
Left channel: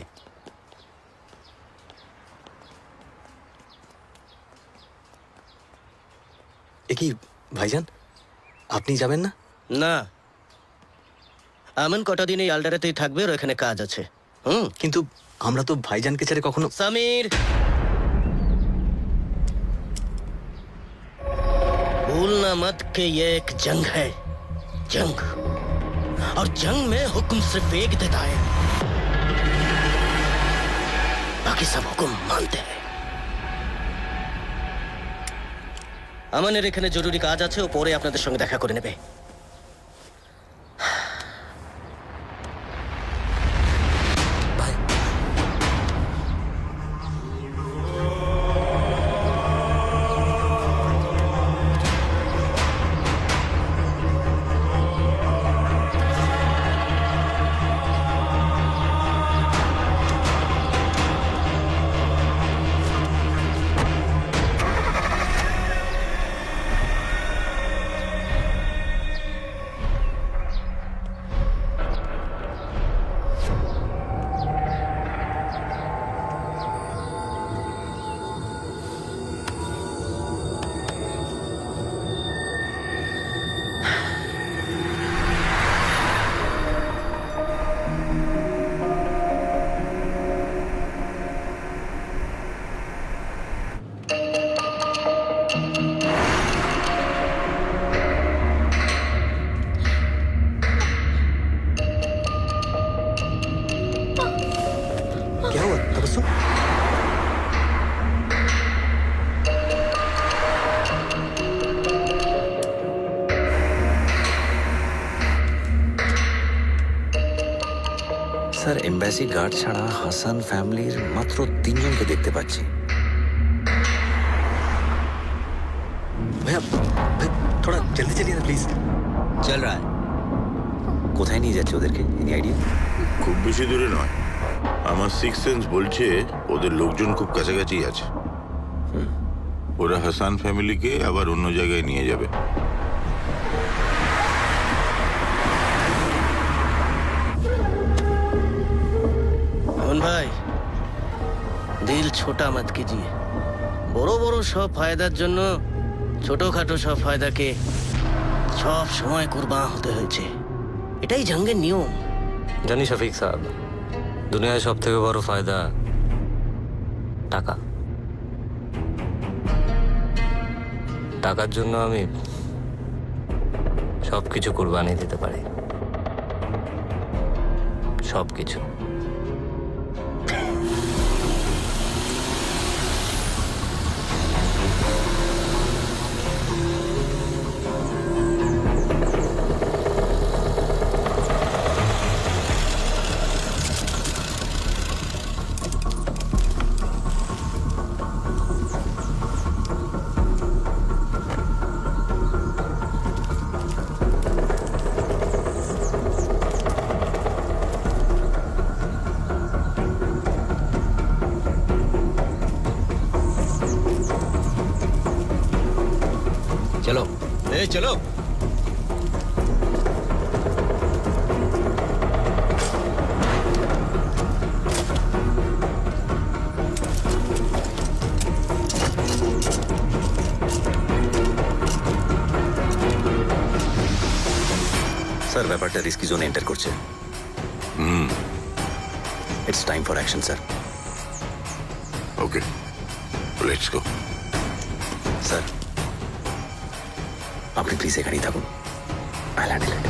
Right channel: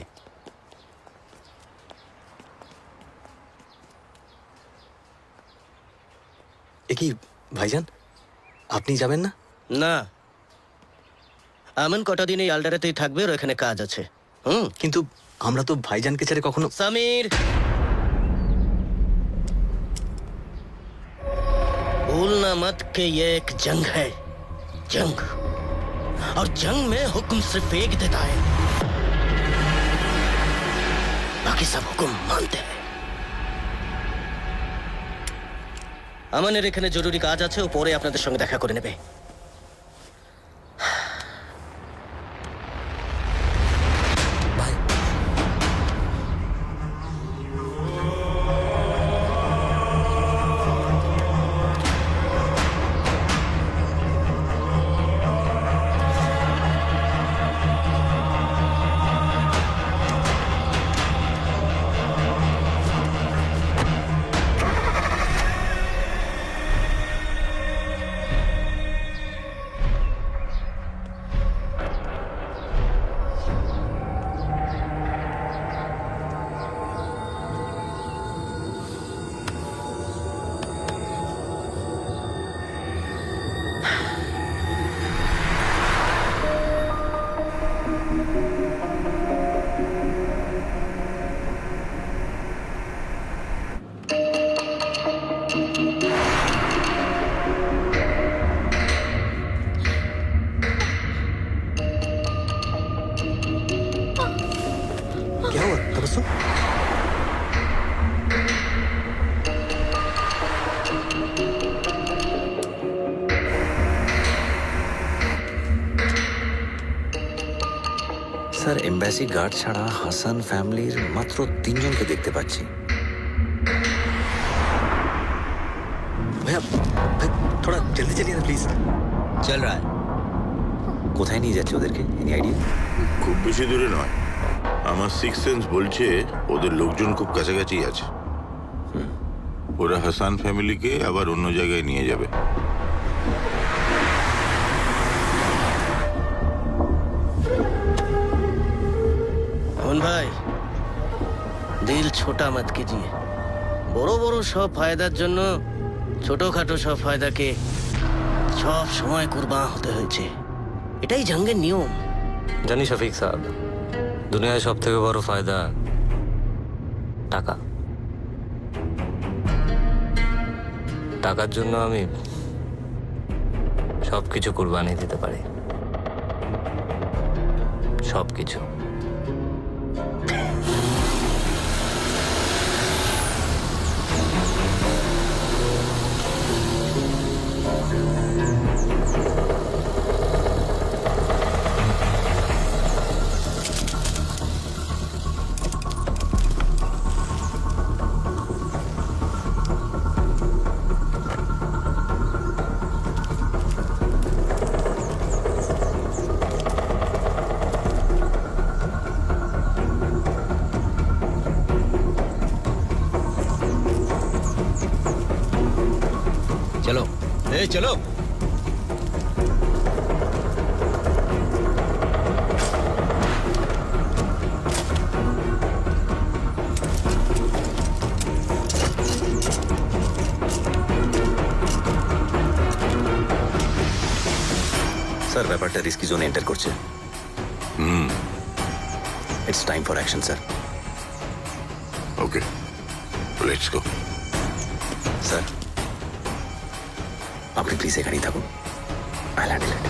এ কি ভাইজান, আপনি যাবেন না? না, এমন কটা দিন এই আলডারেতেই থাকবে, আর এখানে কাজ আছে। কিন্তু আমরা তো ভাইজানকে ছেড়ে কখনো। समीर, भूलना मत कि ये एक जंग है, जंग, और जंग में हुक्म सिर्फ एक देता है, बाकी सब हुक्म मानते हैं। আমানের এখানে জরুরি কাজ আছে, ও পরে আপনাদের সঙ্গে দেখা করে নেবে। तबस्सुम স্যার এম্বাসি গার্ড ছাড়া হাসান ফ্যামিলির মাত্র 3 জনকে দেখতে পাচ্ছি। भैया भाई थोड़ा जल्दी चलिए ना प्लीज। চল রা কোথায় নিয়ে যাচ্ছে ওদেরকে? Any idea? খুব বেশি দূরে নয়, আমার সিক্স সেন্স বলছে ওদের লোকজন খুব কাছাকাছি আছে। ওরা হাসান ফ্যামিলিকে আবার অন্য জায়গায় নিয়ে যাবে। अमन भाई दिल छोटा मत कीजिए বড় বড় সব ফায়দার জন্য ছোটখাটো সব ফায়দাকে সব সময় কুরবান হতে হয়েছে এটাই জঙ্গের নিয়ম জানি শফিক সাহেব, দুনিয়ায় সব থেকে বড় ফায়দা টাকা। টাকার জন্য আমি সবকিছু কুরবানি দিতে পারি, সবকিছু। চলো চলো। স্যার ব্যাপারটা রিস্কি জোনে এন্টার করছে। It's time for action sir. Okay, let's go. Sir আপনি প্লিজ এখানেই থাকুন, আই হ্যান্ডেল ইট।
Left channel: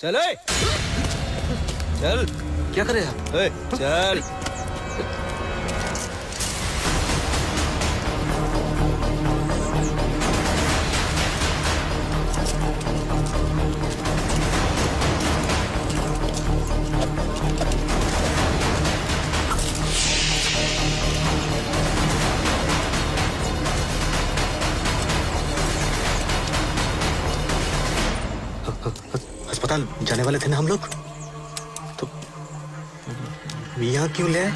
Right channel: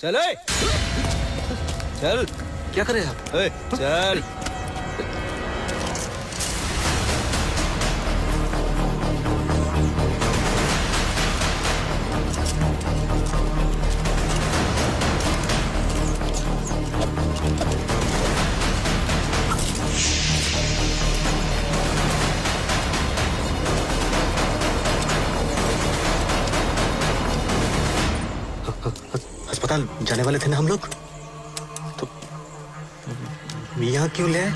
चल चल क्या कर रहे हैं आप? चल अस्पताल जाने वाले थे ना हम लोग, तो यहाँ क्यों ले आए?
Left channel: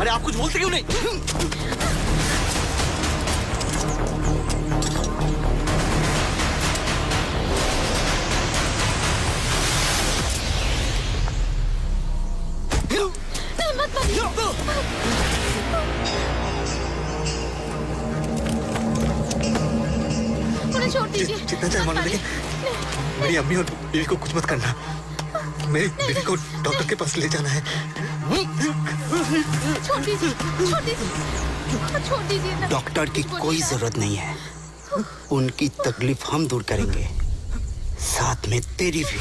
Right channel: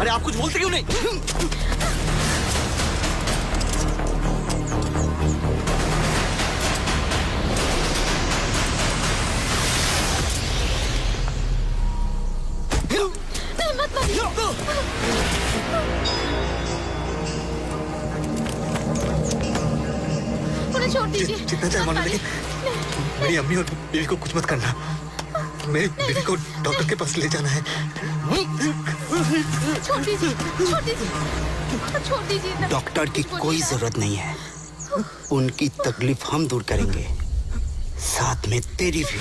अरे आप कुछ बोलते क्यों नहीं? उन्हें छोड़ दीजिए। जितना चाहे मानो, लेकिन मेरी अम्मी और बीवी को कुछ मत करना। मेरी बीवी को डॉक्टर के पास ले जाना है। छोड़ दीजिए, छोड़ दीजिए, छोड़ दीजिए ना। डॉक्टर की कोई जरूरत नहीं है, उनकी तकलीफ हम दूर करेंगे, साथ में तेरी भी।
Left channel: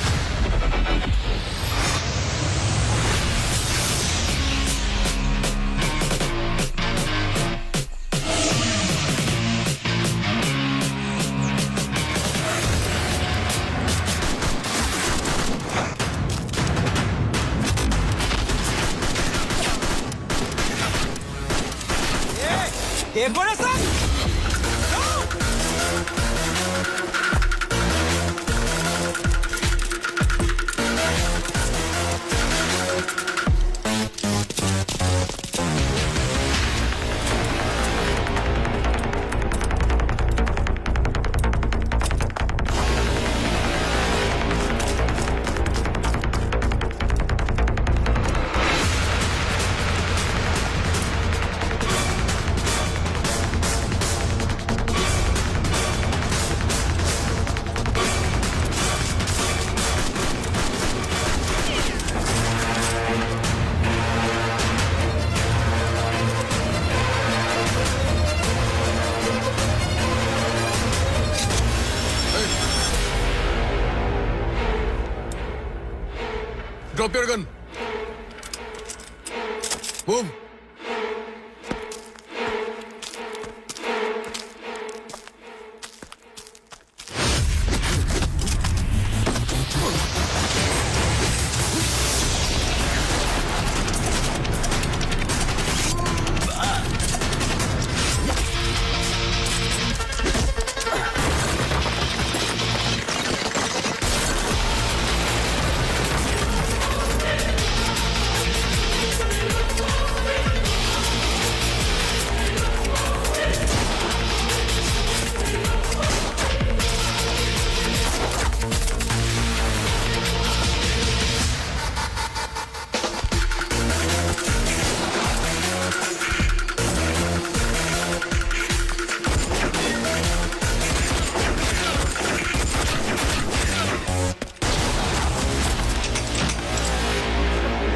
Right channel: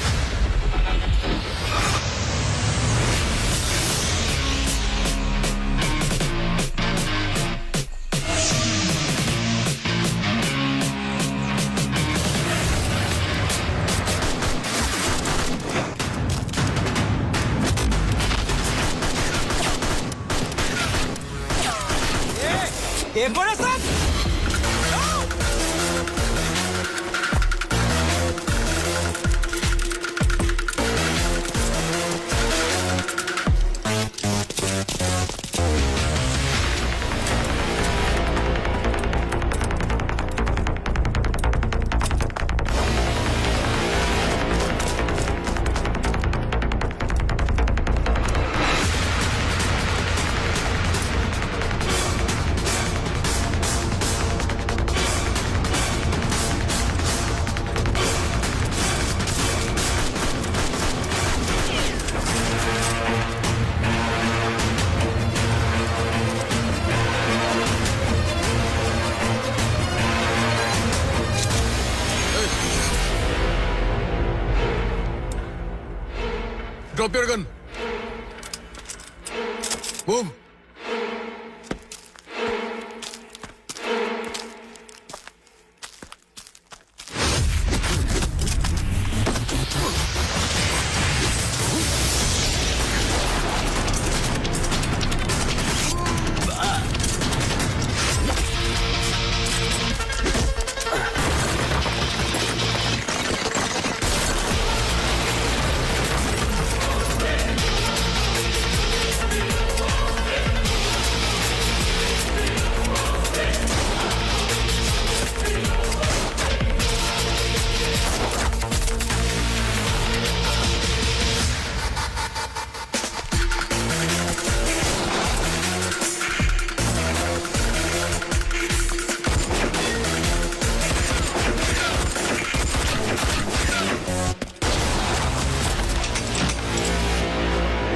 देखो ना सब Drop your gun. Move.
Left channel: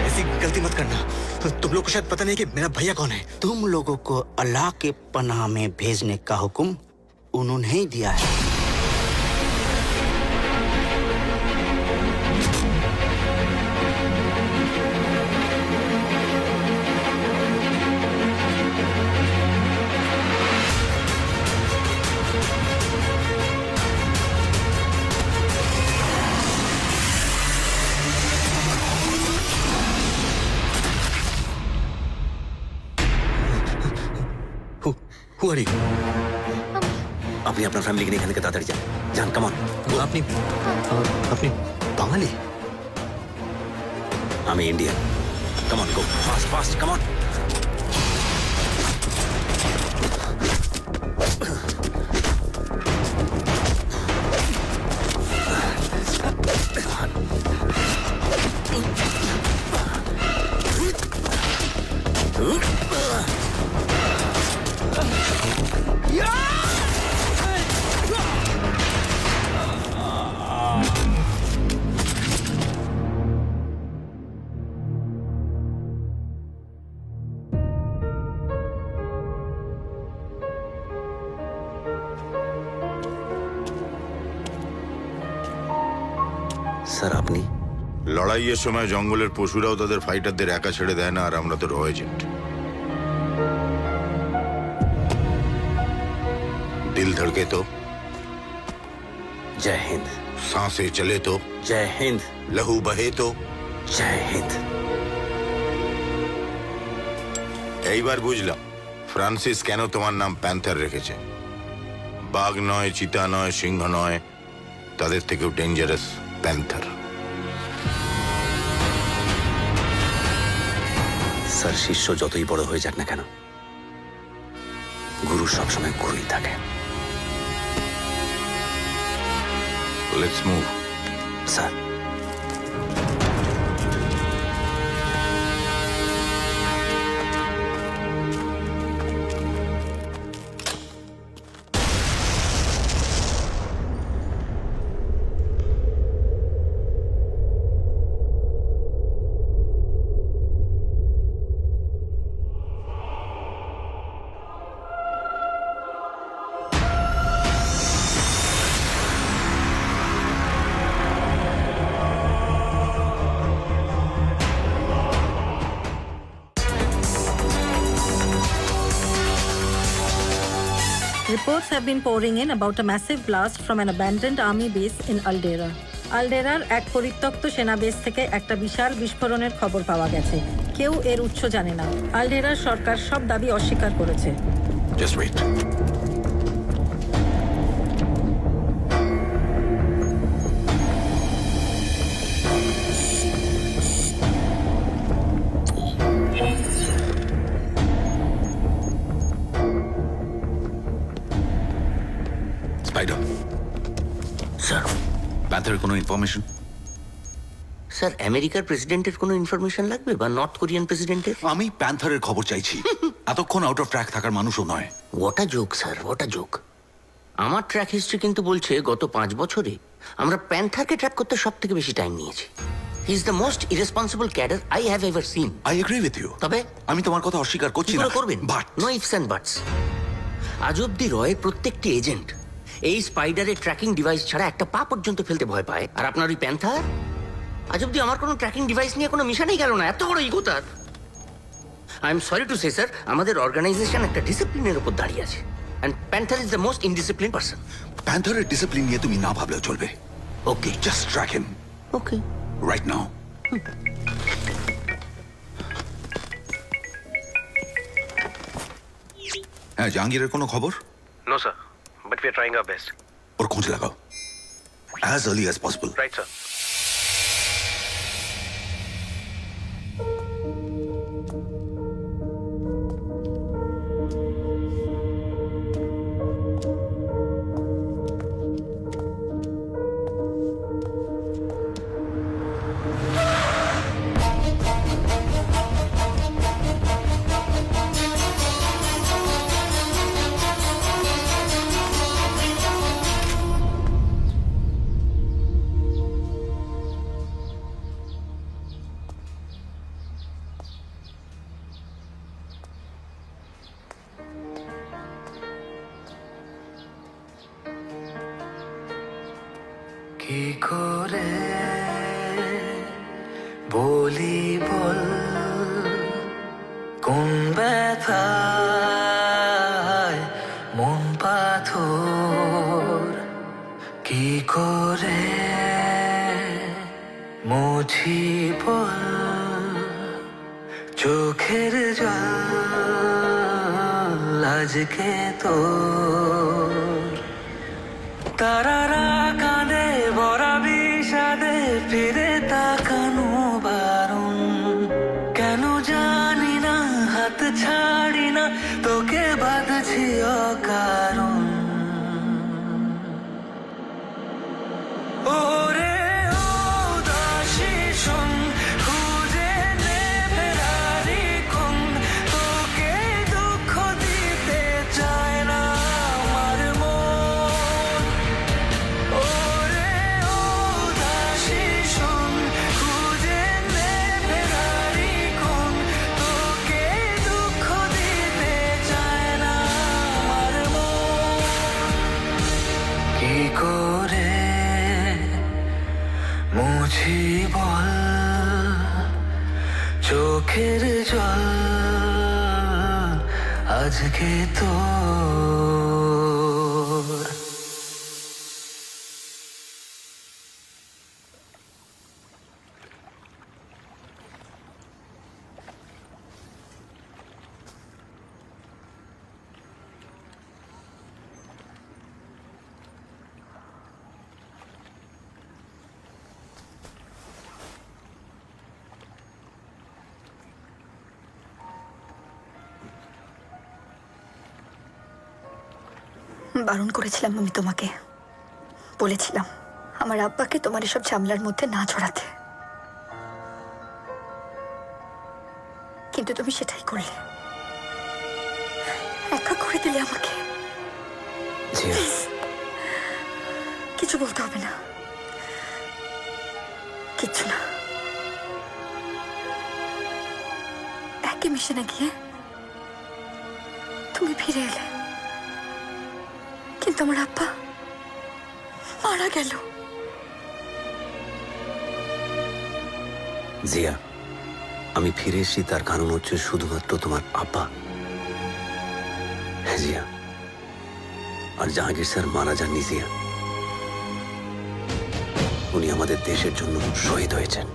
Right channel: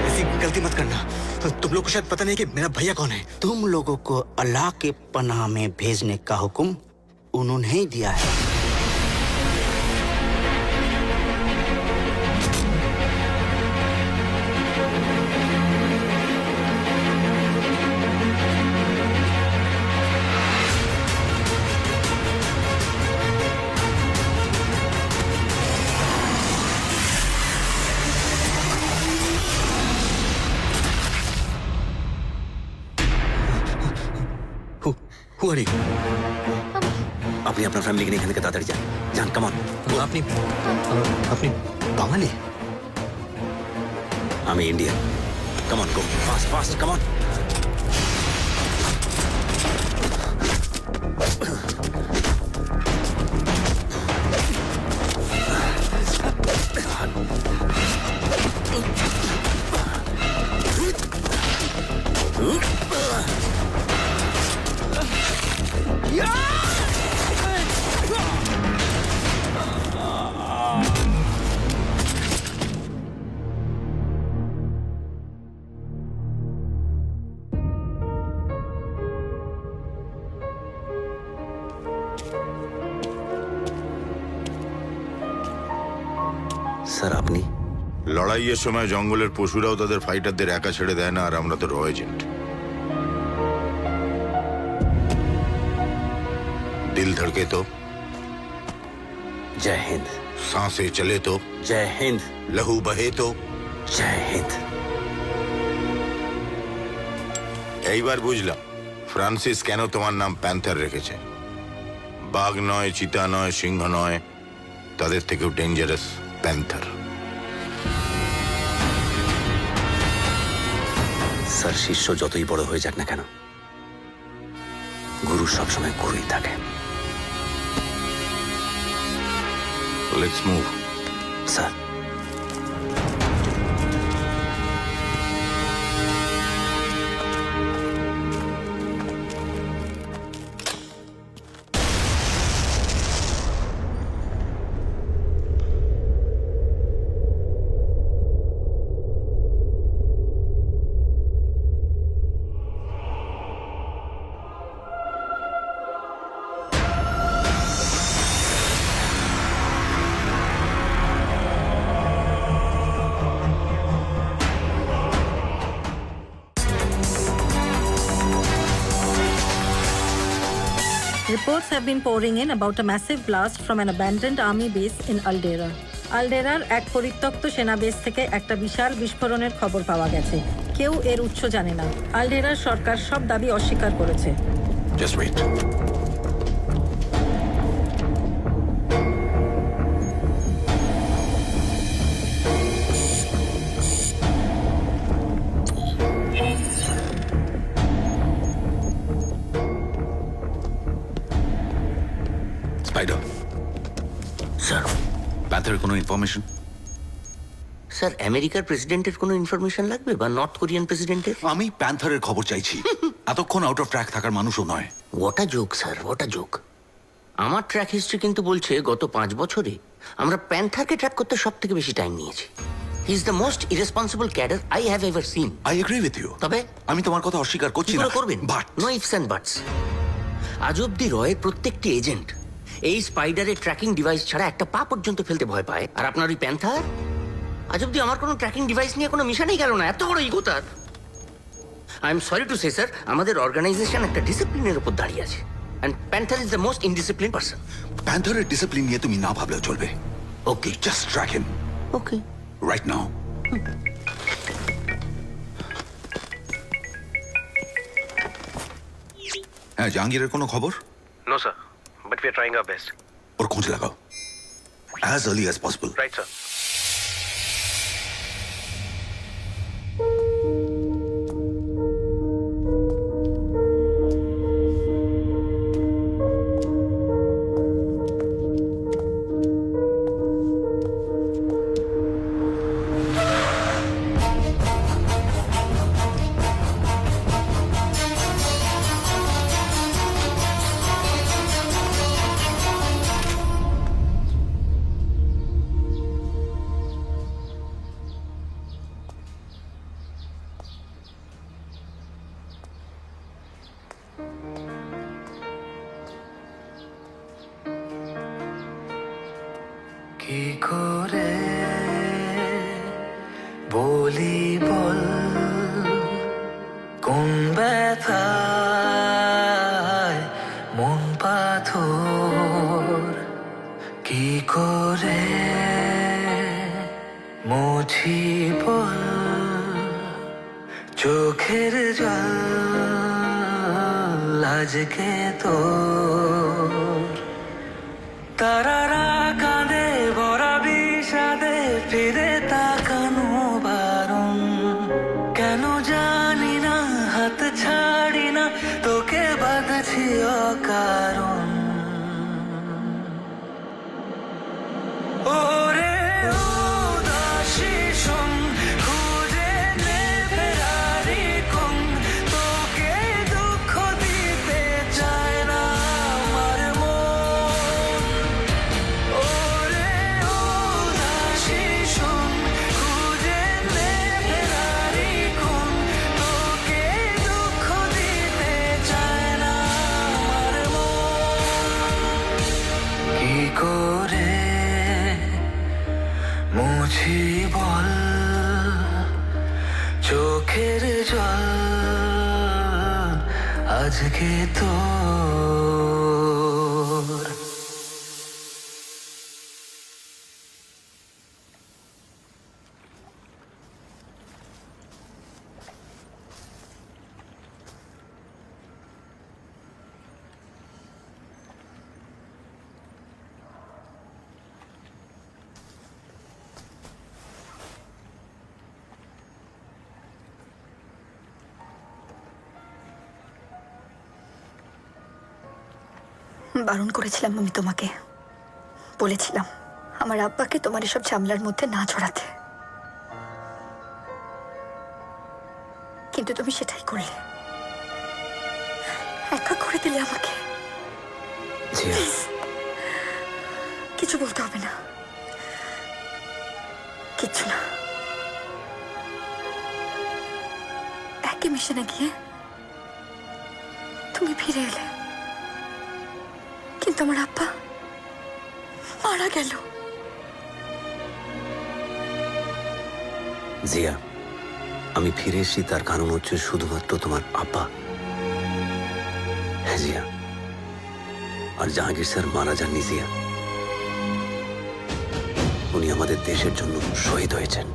ऐसी गलती मत करना। तुम लोग को शायद पता नहीं कि मेरा भैया कौन है। तुम लोगों को अल्लाह के पनाह में भेजने का हुक्म उन्होंने ही दिया है। Who are you? আপনি আপনার ফ্যামিলিকে নিয়ে এখান থেকে তাড়াতাড়ি যান। যান, কামন। আপনি বাঙালি? আমি ইন্ডিয়ান। কামন, গো ফাস্ট ফাস্ট, কামন। স্যার, আপনি? লড়াইয়ের সময় জঙ্গলের পশুরাও তাদের ফাইটারদের একা ছেড়ে দেয় না, আর আমরা তো র এজেন্ট। दिल धड़के तो, জয় হিন্দ। सांसें चले तो, জয় হিন্দ। लहू बहे तो। জয় হিন্দ। এইবার বুঝলাম ফ্রান্সিস কেন তোমার নাম প্যান্থার রেখেছে। বাঘ নয়, চিতা নয়, সিংহ নয়, তাদের থেকেও ডেঞ্জারাস প্যান্থার। স্যার, শিষ্য যতই বড় হয়ে যাক না কেন, গুরু সবসময় গুরুই থাকে। Let's move. Sir. Reports have been pouring in about a massive blast from an abandoned army base in Aldera. আলডেরার এক পরিত্যক্ত সেনা বেস থেকে একটা বিশাল বিস্ফোরণের খবর পাওয়া গেছে। কেউ এর উৎস জানে না। আলডেরার সরকার সব দাবি অস্বীকার করেছে। Just wait. স্পাইডার। স্যার। প্যান্থারের কোনো ইনফরমেশন? স্যার, আমেরিকার প্রেসিডেন্টের কোনো ইনফরমেশন লাগবে বা নর্থ কোরিয়ান প্রেসিডেন্টের? আমি প্যান্থারের খবর চাইছি। এতক্ষণ আউট অফ ট্র্যাক থাকার মানুষও নয়। ওটা জোক স্যার, ওটা জোক। আমার ট্র্যাক হিস্ট্রি কিন্তু বলছে গত 5 বছরে আমরা প্যান্থারকে ট্র্যাক করতে সব থেকে বেশি টাইম নিয়েছি। He is the most irresponsible cadre I have ever seen. I agree with you. তবে আমি তোমার কথা অস্বীকার করছি না। করবেন, but no ifs and buts. আজ অব্দি রয়ের প্রত্যেকটি এজেন্ট এই স্পাইডারের ট্র্যাকিং ডিভাইস ছাড়া একটা পা পর্যন্ত ফেলতে ভয় পায়, আর আপনার ওই প্যান্থার আজ অব্দি আমার কোনো ট্র্যাকিং ডিভাইস নিয়ে কোনো মিশনেই গেল না, এত বড় ইগো তার। I am sorry to say sir, আমাদের অর্গানাইজেশন একটা ডিসিপ্লিনের উপর দাঁড়িয়ে আছে, and Panther is the most indiscipline person. প্যান্থারের ডিসিপ্লিন নিয়ে তুমি না ভাবলেও চলবে। Okay just track him okay. Right now. হ্যাঁ, জাহাঙ্গীরের কোনো খবর? No sir, but we are trying our best. ওর খোঁজ লাগাও as early as possible. Right sir. কি করে বলি বল কোন ব্যথায় মন পাথর, কি করে মুছি বল চোখের জল আজকে তোর। তারারা কাঁদে ভরা বিষাদে ফিরে তাকানো বারণ, কেন জানি না হাত ছাড়ি না তোকে বাঁধছি অকারণ। ওরে উদাসী শোন, খুঁজে নে ফেরারি কোন, তোকে দুঃখ দিতে চায় না আমার মন। ওরে উদাসী শোন, খুঁজে নে ফেরারি কোন, তোকে দুঃখ দিতে চায় না আমার মন। কি করে মুছি বল চোখের জল আজকে তোর। বারণ করেছিলাম আমি তোমাকে, বলেছিলাম আমার আব্বাকে তোমার এসব ঝামেলার মধ্যে না জড়াতে, কিন্তু তুমি সেটাই করলে, একা করে দিলে আমাকে। Please, কিছু বলতে হবে না, কিচ্ছু না। একই মিশনে গিয়ে তুমি ফিরে এলে, কিন্তু আমার আব্বা মারা গেল। জিয়া, আমি ফিরে এসেছি তার কারণ হচ্ছে শুধুমাত্র তোমার আব্বা। হ্যাঁ জিয়া, আর জাহাঙ্গীর স্যার মারা যাননি জিয়া, উনি আমাদের দেশের জন্য শহীদ হয়েছেন।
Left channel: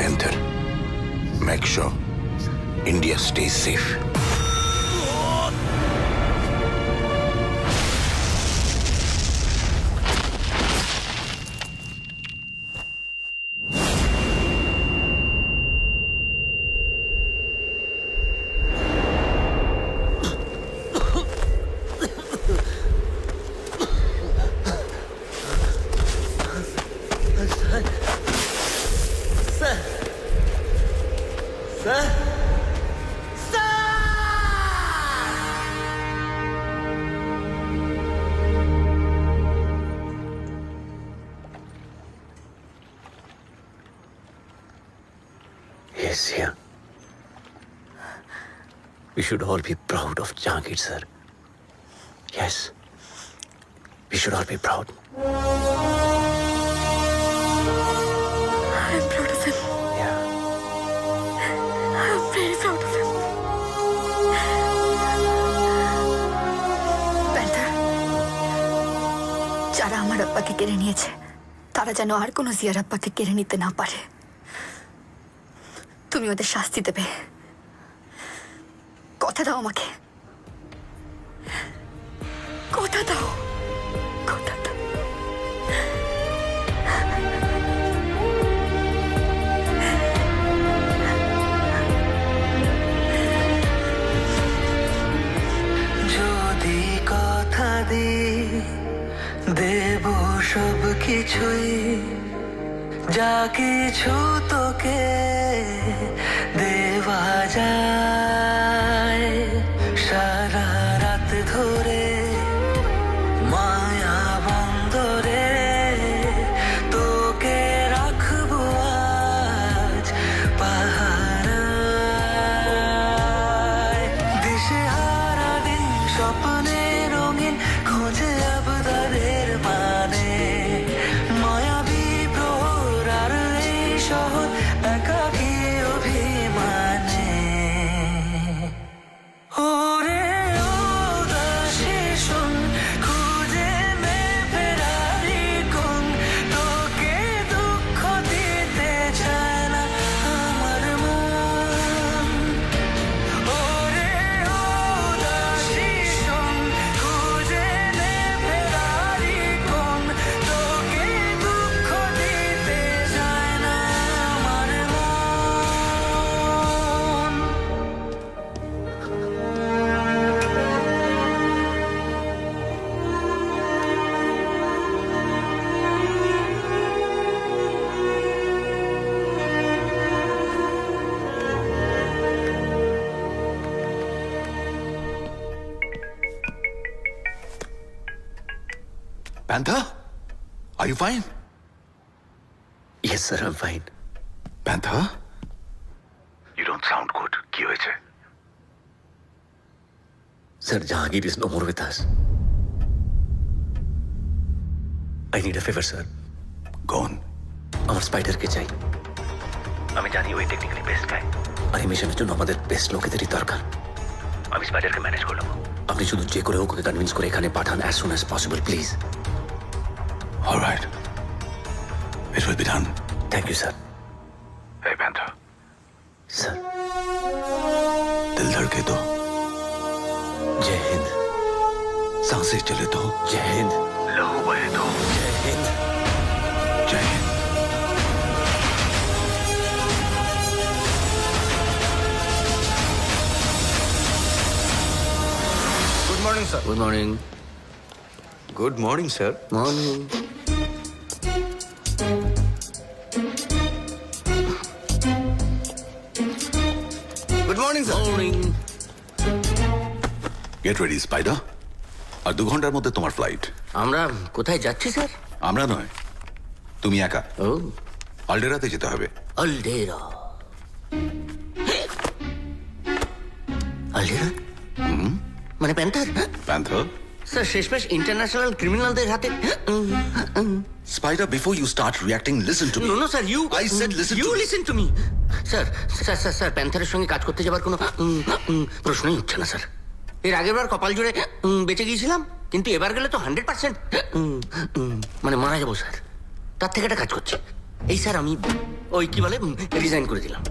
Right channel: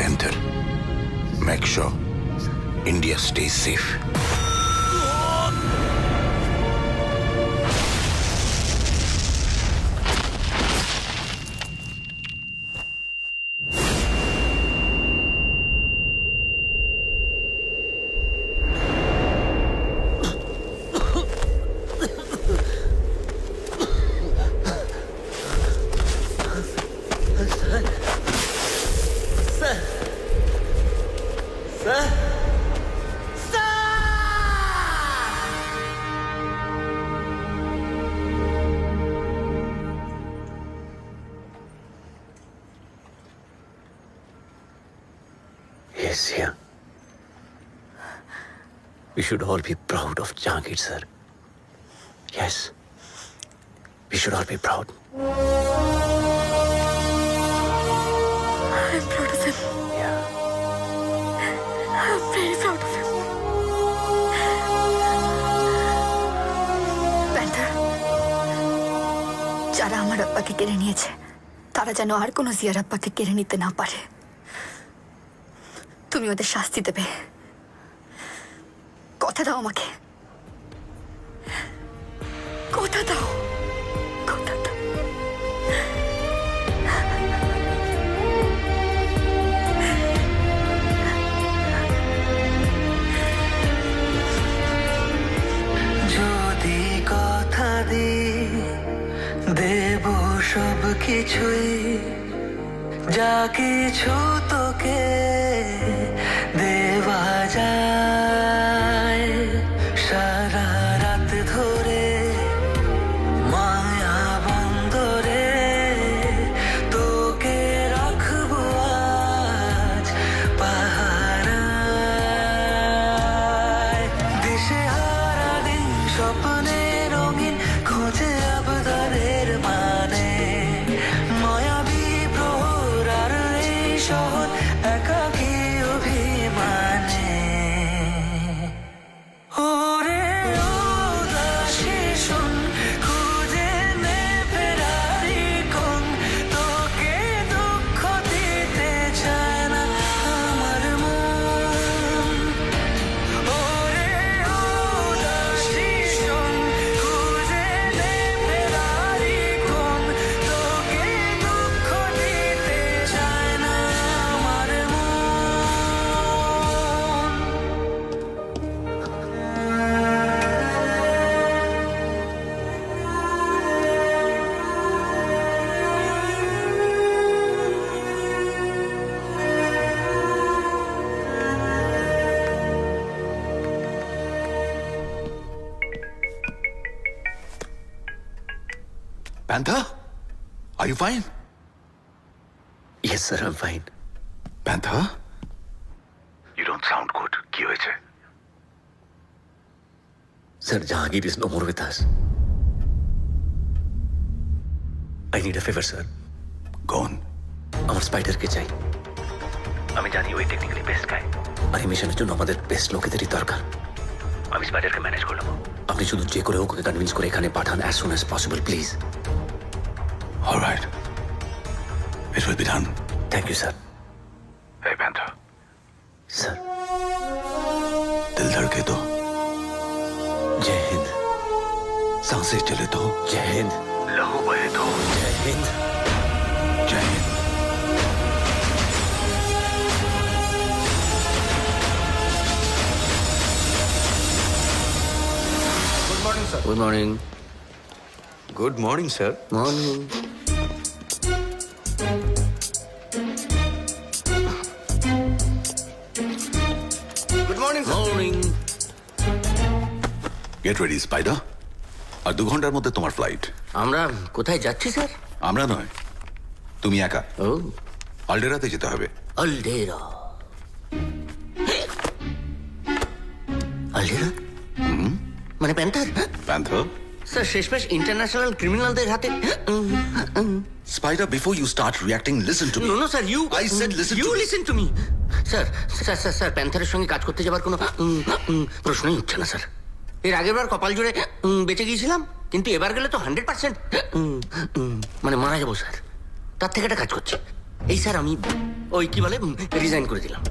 Panther, make sure India stays safe. Yes, yeah. We should all be proud of Jahangir, sir. Yes. We should all be proud. I'm proud of him. Yeah. I'm very proud of him. Panther, যারা আমার আব্বাকে কেড়ে নিয়েছে তারা যেন আর কোনো জিয়ার আব্বাকে কেড়ে নিতে না পারে। তুমি ওদের শাস্তি দেবে, কথা দাও আমাকে, কথা দাও, কথা দাও। যদি কথা দি দেব সব কিছুই, যা কিছু তোকে দেওয়া যায়, সারা রাত ধরে মায়া বন্দরে তোকে রাখবো আজ পাহারায়। দিশেহারা দিন স্বপ্নে রঙিন খোঁজে আবদারের মানে, মায়াবী প্রহর আর এই শহর একাকী অভিমানে। ওরে ও দাসী শোন, খুঁজে নে ফেরারি কোন, তোকে দুঃখ দিতে চায় না আমার মন। ওরে ও দাসী শোন, খুঁজে নে ফেরারি কোন, তোকে দুঃখ দিতে চায় না আমার মন। Panther? Are you fine? Yes, sir, I'm fine. Panther? You don't sound good. কি হয়েছে? Sir, Jahangir is no more with us. I need a favor, sir. Gone. আমার স্পাইডারকে চাই। আমি জানি ওই টেকনিক্যালি বেস্ট গাই, আর এই মিশনের জন্য আমাদের বেস্ট লোকেদেরই দরকার। আমি স্পাইডারকে ম্যানেজ করে নেবো। আপনি শুধু যে করে হোক ওকে কনভিন্স করে এখানে পাঠান as soon as possible, please. All right. It will be done. Thank you, sir. Hey, Panther. Sir, दिल धड़के तो, জয় হিন্দ। सांसें चले तो, জয় হিন্দ। লহু বহে তো। জয় হিন্দ। जय Hind. Good morning sir. Good morning. Good morning sir. Morning. Good morning sir. Morning. Get ready, Spider. আর 2 ঘন্টার মধ্যে তোমার ফ্লাইট। আমরা কোথায় যাচ্ছি স্যার? আমরা নয়, তুমি একা। ও, আলডেরাতে যেতে হবে। আলডেরা। আলডেরা মানে প্যান্থার? Panther? স্যার শেষমেশ ইন্টারন্যাশনাল ক্রিমিনালদের হাতে। Spider, before you start reacting, listen to me. No no sir, you I said listen you to me. Listen to me. Sir sir sir sir প্যান্থারের সঙ্গে কাজ করতে যাবার কোনো প্রশ্নই উঠছে না স্যার। এর আগের বার কপাল জুড়ে বেঁচে গিয়েছিলাম, কিন্তু এবার গেলে তো 100% মানে মারা যাবো স্যার। তার থেকে একটা কাজ করছে এই স্যার, আমি ওই কি বলে রিজাইন করে দিলাম।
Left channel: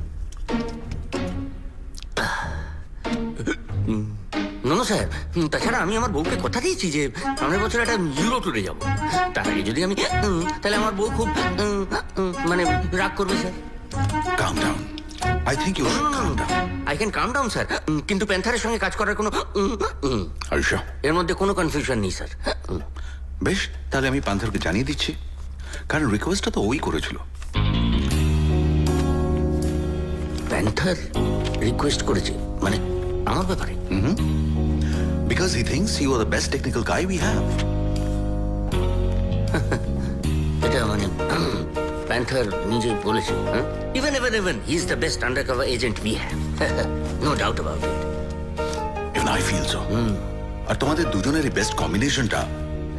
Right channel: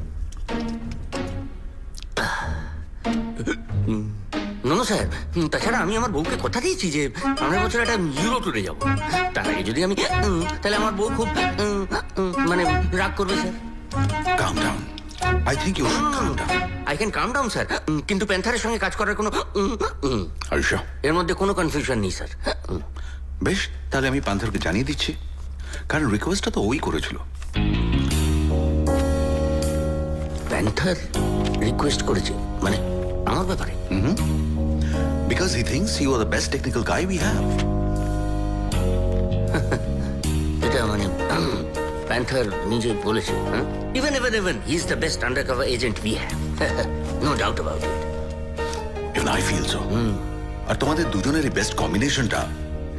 নো স্যার, তাছাড়া আমি আমার বউকে কথা দিয়েছি যে সামনের বছর একটা ইউরো ট্যুরে যাবো। তার আগে যদি আমি তাহলে আমার বউ খুব মানে রাগ করবে sir. Calm down. I think you should calm down. I can calm down sir, কিন্তু প্যান্থারের সঙ্গে কাজ করার কোনো Are you sure? এর মধ্যে কোনো কনফিউশন নেই স্যার। বেশ, তাহলে আমি পান্থারকে জানিয়ে দিচ্ছি, কারণ রিকোয়েস্টটা তো ওই করেছিল। প্যান্থার রিকোয়েস্ট করেছে মানে আমার ব্যাপারে? Because he thinks you are the best technical guy we have. এটা মানে প্যান্থার নিজে বলেছে, হ্যাঁ? Even, he is the best undercover agent we have. No doubt about it. Even I feel so. আর তোমাদের দুজনের বেস্ট কম্বিনেশনটা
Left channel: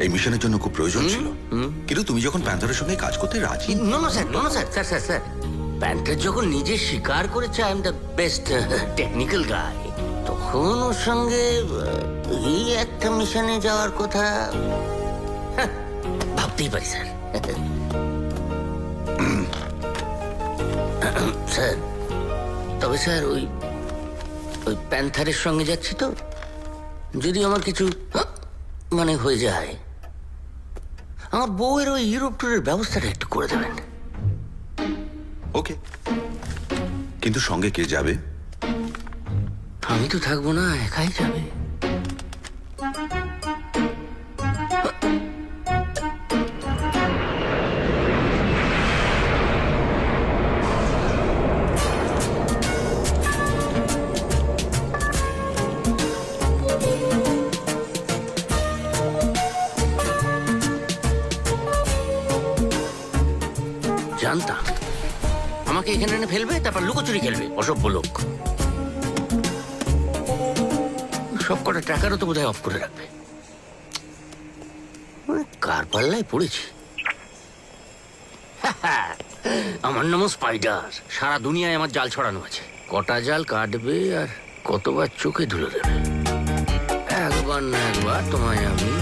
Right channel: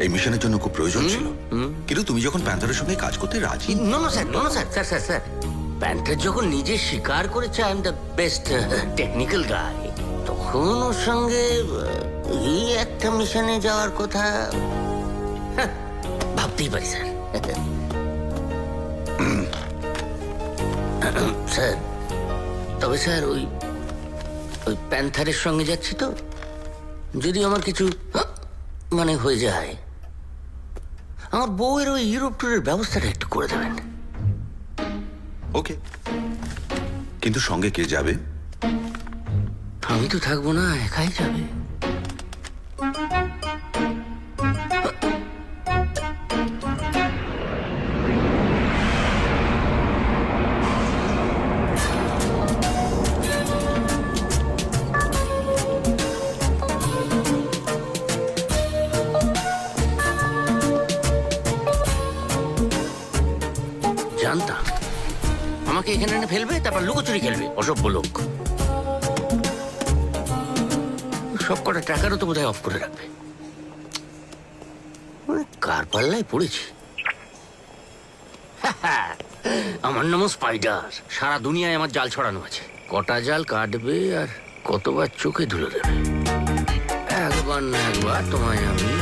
এই মিশনের জন্য খুব প্রয়োজন ছিল। কিন্তু তুমি যখন প্যান্থারের সঙ্গে কাজ করতে রাজি, No, স্যার। প্যান্থার যখন নিজে স্বীকার করেছে I am the best technical guy, তখন ওর সঙ্গে এই একটা মিশনে যাওয়ার কথা ভাবতেই পারি স্যার। স্যার, তবে স্যার ওই প্যান্থারের সঙ্গে যাচ্ছি তো, যদি আমার কিছু মানে হয়ে যায়, আমার বউয়ের ওই ইউরোপ ট্যুরের ব্যবস্থাটা একটু করে দেবেন। ওকে, কিন্তু সঙ্গে কে যাবে? আমি তো থাকবো না, একাই যাবে। জানতাম আমাকে এখানে এনে ফেলবে, তারপর লুকোচুরি খেলবে, অসভ্য লোক। সব কটা টাকারও তো বোধহয় অফ করে রাখবে। কার পাল্লায় পড়েছি। আমার নাম স্পাইডার, সারা দুনিয়ায় আমার জাল ছড়ানো আছে। কটা জাল কাটবে আর কতবার চোখে ধুলে দেবে। একবার না একবার তোমায় আমি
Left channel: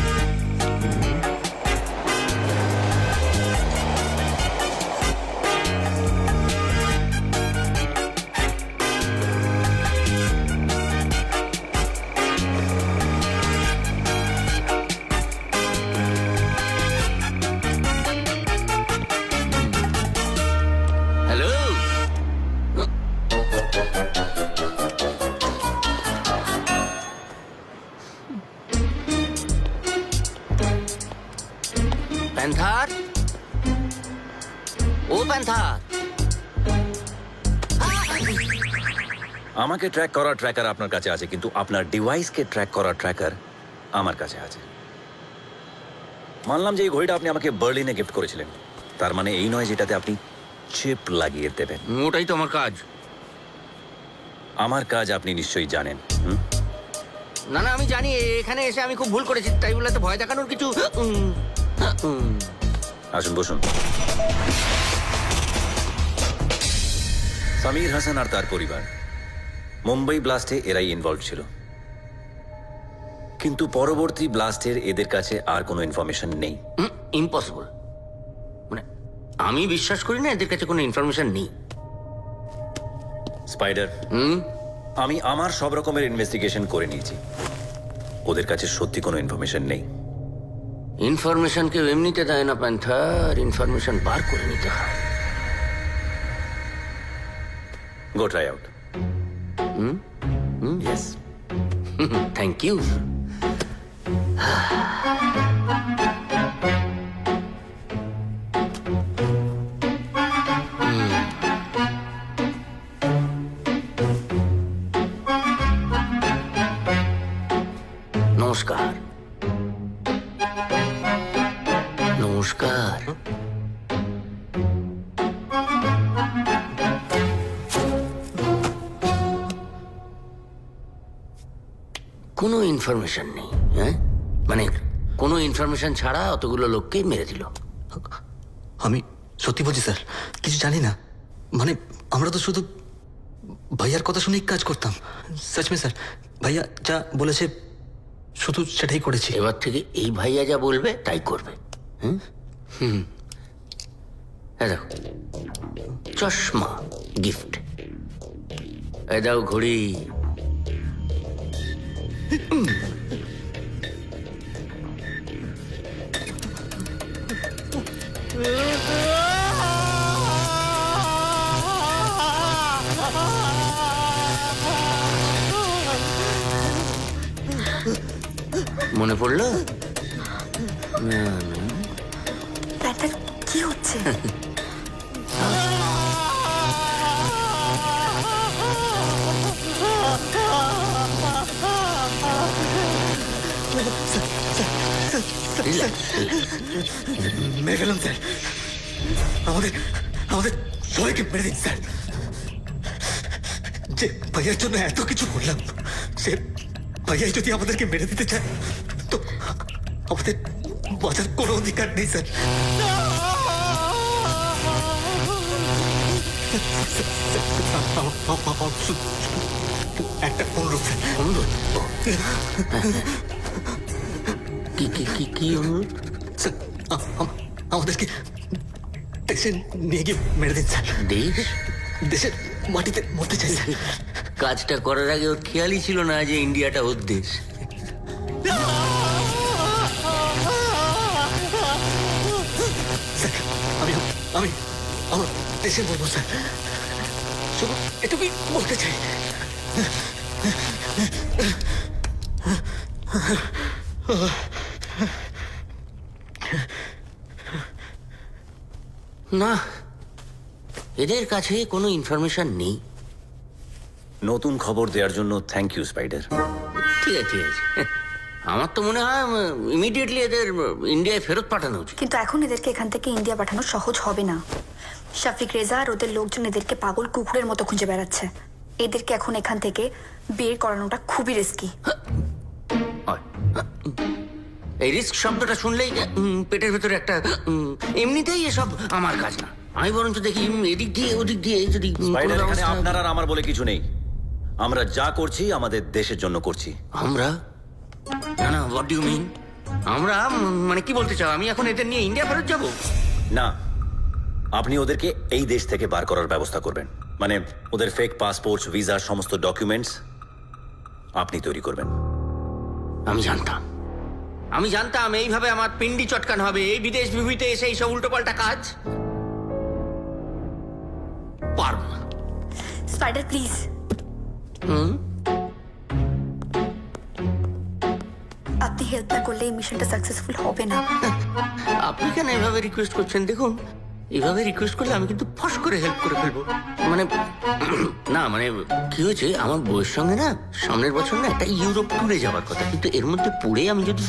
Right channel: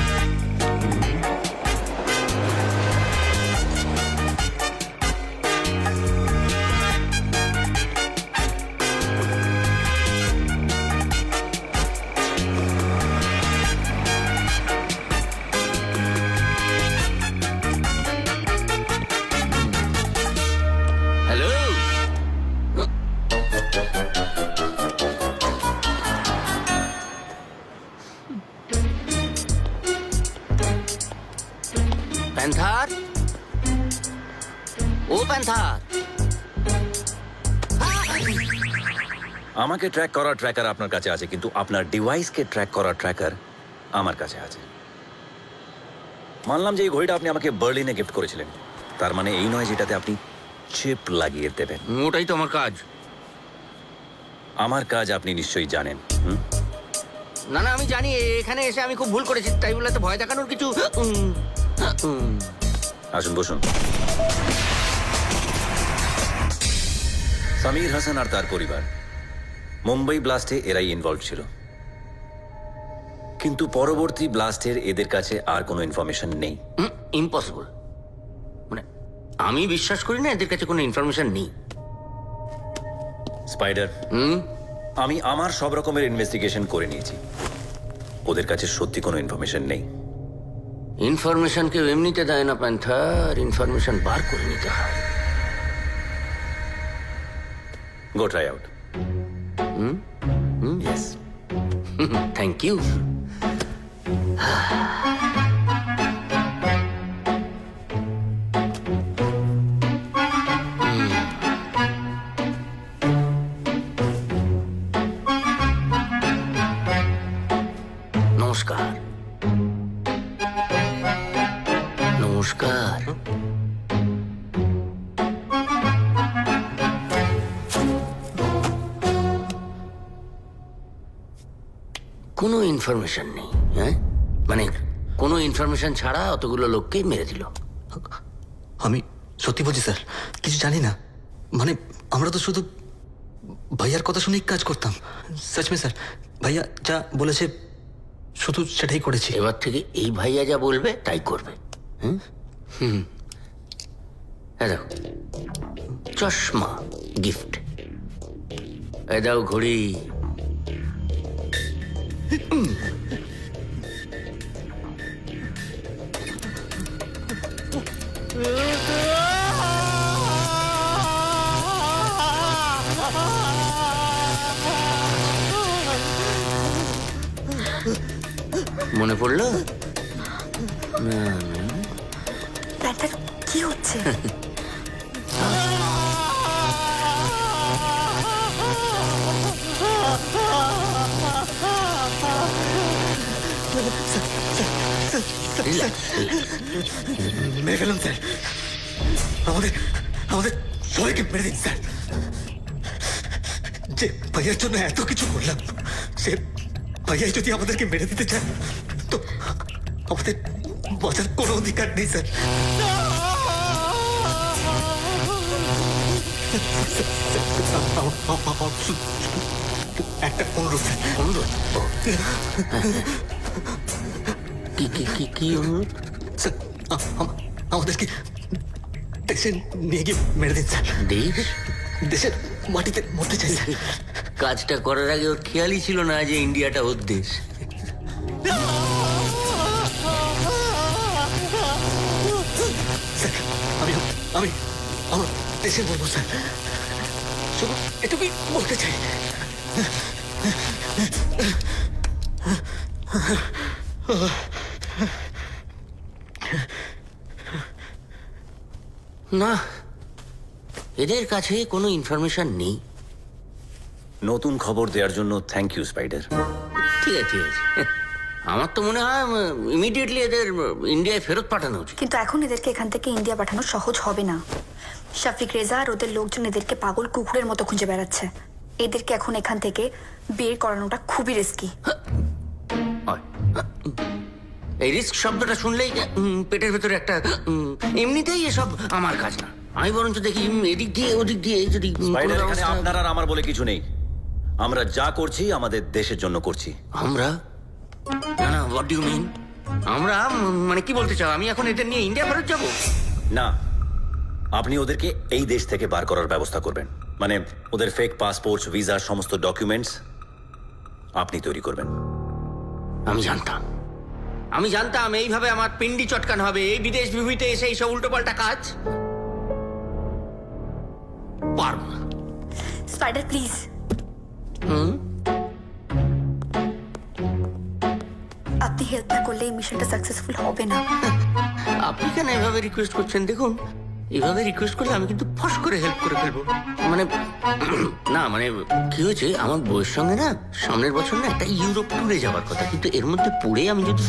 হ্যালো। প্যান্থার, ও প্যান্থার। আমাকে ট্র্যাক করার ট্র্যাকার আপনার কাছে আছে, কিন্তু আপনার ডিভাইসকে ট্র্যাক করার ট্র্যাকার আমার কাছে আছে। মানলাম যে এই ঘড়িটা আপনি আমাকে বার্লিনে গিফট করেছিলেন, তার মানে এই নয় যেটাতে আপনি চিপ লাগিয়ে দেবেন। ওটাই তো আমার কাজ। আমার কাজ আপনি নিশ্চয়ই জানেন। না, আমি জানি। এখানে এসে আমি খুব ভুল করেছি, তাই বলে তো ভয় দেখানোর কিছু। আসুন, বসুন। সামির হাসান আর তার পরিবার মুম্বাই ব্লাস্টে এরাই ইনভলভ ছিল, কিন্তু পরবর্তী ব্লাস্টের এদের কাছে আর কোনো ইনফরমেশন নেই। ইম্পসিবল। মানে আমি বিশ্বাস করি না এদের কাছে কোনো ইনফরমেশন নেই। স্পাইডার, আমি আমার সব রকমের ইনভেস্টিগেশন করে নিয়েছি, ওদের কাছে সত্যি কোনো ইনফরমেশন নেই। ইনফরমেশন কেউ এমনিতে দেয় না প্যান্থার, ইনফরমেশন বার করে নিতে হয়। Go try out. Yes, thank you. নমস্কার। নমস্কার। কোনো ইনফরমেশন নেই, হ্যাঁ? মানে কোনো ইনফরমেশন ছাড়া অতগুলো লোককে মেরে দিল। আমি সত্যি বলছি স্যার, কিছু জানি না। মানে আমরা তো শুধু ভাইয়ার কথা শুনেই কাজ করতাম। সচমে স্যার, ভাইয়া যা বলেছে শুধু সেটাই করেছি। এবার থেকে এই ভাইয়া যা বলবে তাই করবে। দেখো, চশমা গিফট। এ দাও ঘড়ি। মনে পড়লো? না না, প্যান্থার কি হচ্ছে? মেরে ফেলুন স্যার। আমাদের আমাদের সবাইকে মেরে দিন স্যার। যে ভাইয়ার জন্য এত কিছু করলাম, সে ভাইয়াই যদি আমাদেরকে মেরে দিতে চায় তো আমাদের বাঁচার কোনো অধিকার নেই স্যার। একটা অনুরোধ স্যার। অনুরোধ? কি কি কি কি অনুরোধ? স্যার আমাদেরকে দেশে নিয়ে গিয়ে মেরে দিন স্যার। দেশ? দেশের মাটিতে মরতে চাই স্যার। কাজটা করার আগে ওর খেয়ালই ছিল না যে ইন্ডিয়াটা ওর দেশ। স্যার আমি আমি আমার দেশে বলবো স্যার, শুধু এটুকুই বলতে চাই। না, এদের কাছে কোনো ইনফরমেশন নেই। নতুন খবর দেওয়ার জন্য থ্যাংক ইউ স্পাইডার। ঠিক আছে, ঠিক আছে। আমার তো মনে হয় ইমিডিয়েটলি এদের ইন্ডিয়ায় ফেরত পাঠানো উচিত। কিন্তু এখন এদেরকে এখান থেকে ইন্ডিয়া পাঠানো সহজ হবে না। শফিক রেজা আর ওদের লোকজন এদেরকে পাগল কুকুরের মতো খুঁজে বেড়াচ্ছে। এদেরকে এখন এখান থেকে বের করানোটা খুবই রিস্কি। এই রিস্ক শব্দটা শুনলেই পেটের ভেতরে একটা এমনিতেই এসব আমার কাজ না। আমি বরঞ্চ দেখি এদিক দিয়ে ওদিক দিয়ে যদি কোনো স্পাইডার, এখানে ব্যবস্থা- আপনার আর আমার বলে কিছু নেই। আমরা যা করছি আমাদের দেশের জন্য করছি। আমরা? না না, হোয়াট ডু ইউ মিন? আমরা মানে কি বলতে চাও? আমি এখন এদের নিয়ে ইন্ডিয়া ফেরত যাব? না, আপনি ওদেরকে এই দেশ থেকে বার করার ব্যবস্থা করবেন। মানে ওদের ফেক পাসপোর্ট, ভিসা, সমস্ত ডকুমেন্টস আপনি তৈরি করবেন। আমি জানতাম এইভাবে আমার পিন্ডি চটকান হবে। এই বিদেশ বিভূতিতে এসে এইসব উল্টোপাল্টা কাজ পারব না। স্পাইডার প্লিজ, আপনি হেল্প না করলে এই মিশনটা সাকসেসফুল হবে না। আপনি কেন এভাবে রিকোয়েস্ট করছেন? দেখুন, এভাবে রিকোয়েস্ট করলে আমি কিন্তু ফস করে হেল্প করে ফেলবো। মানে না, মানে কি হয়েছে, আমার বউয়ের সঙ্গে না সামনের বছর না একটা ইউরোপ ট্যুরে যাওয়ার কথা, কিন্তু এর মধ্যে পড়ে আমি যদি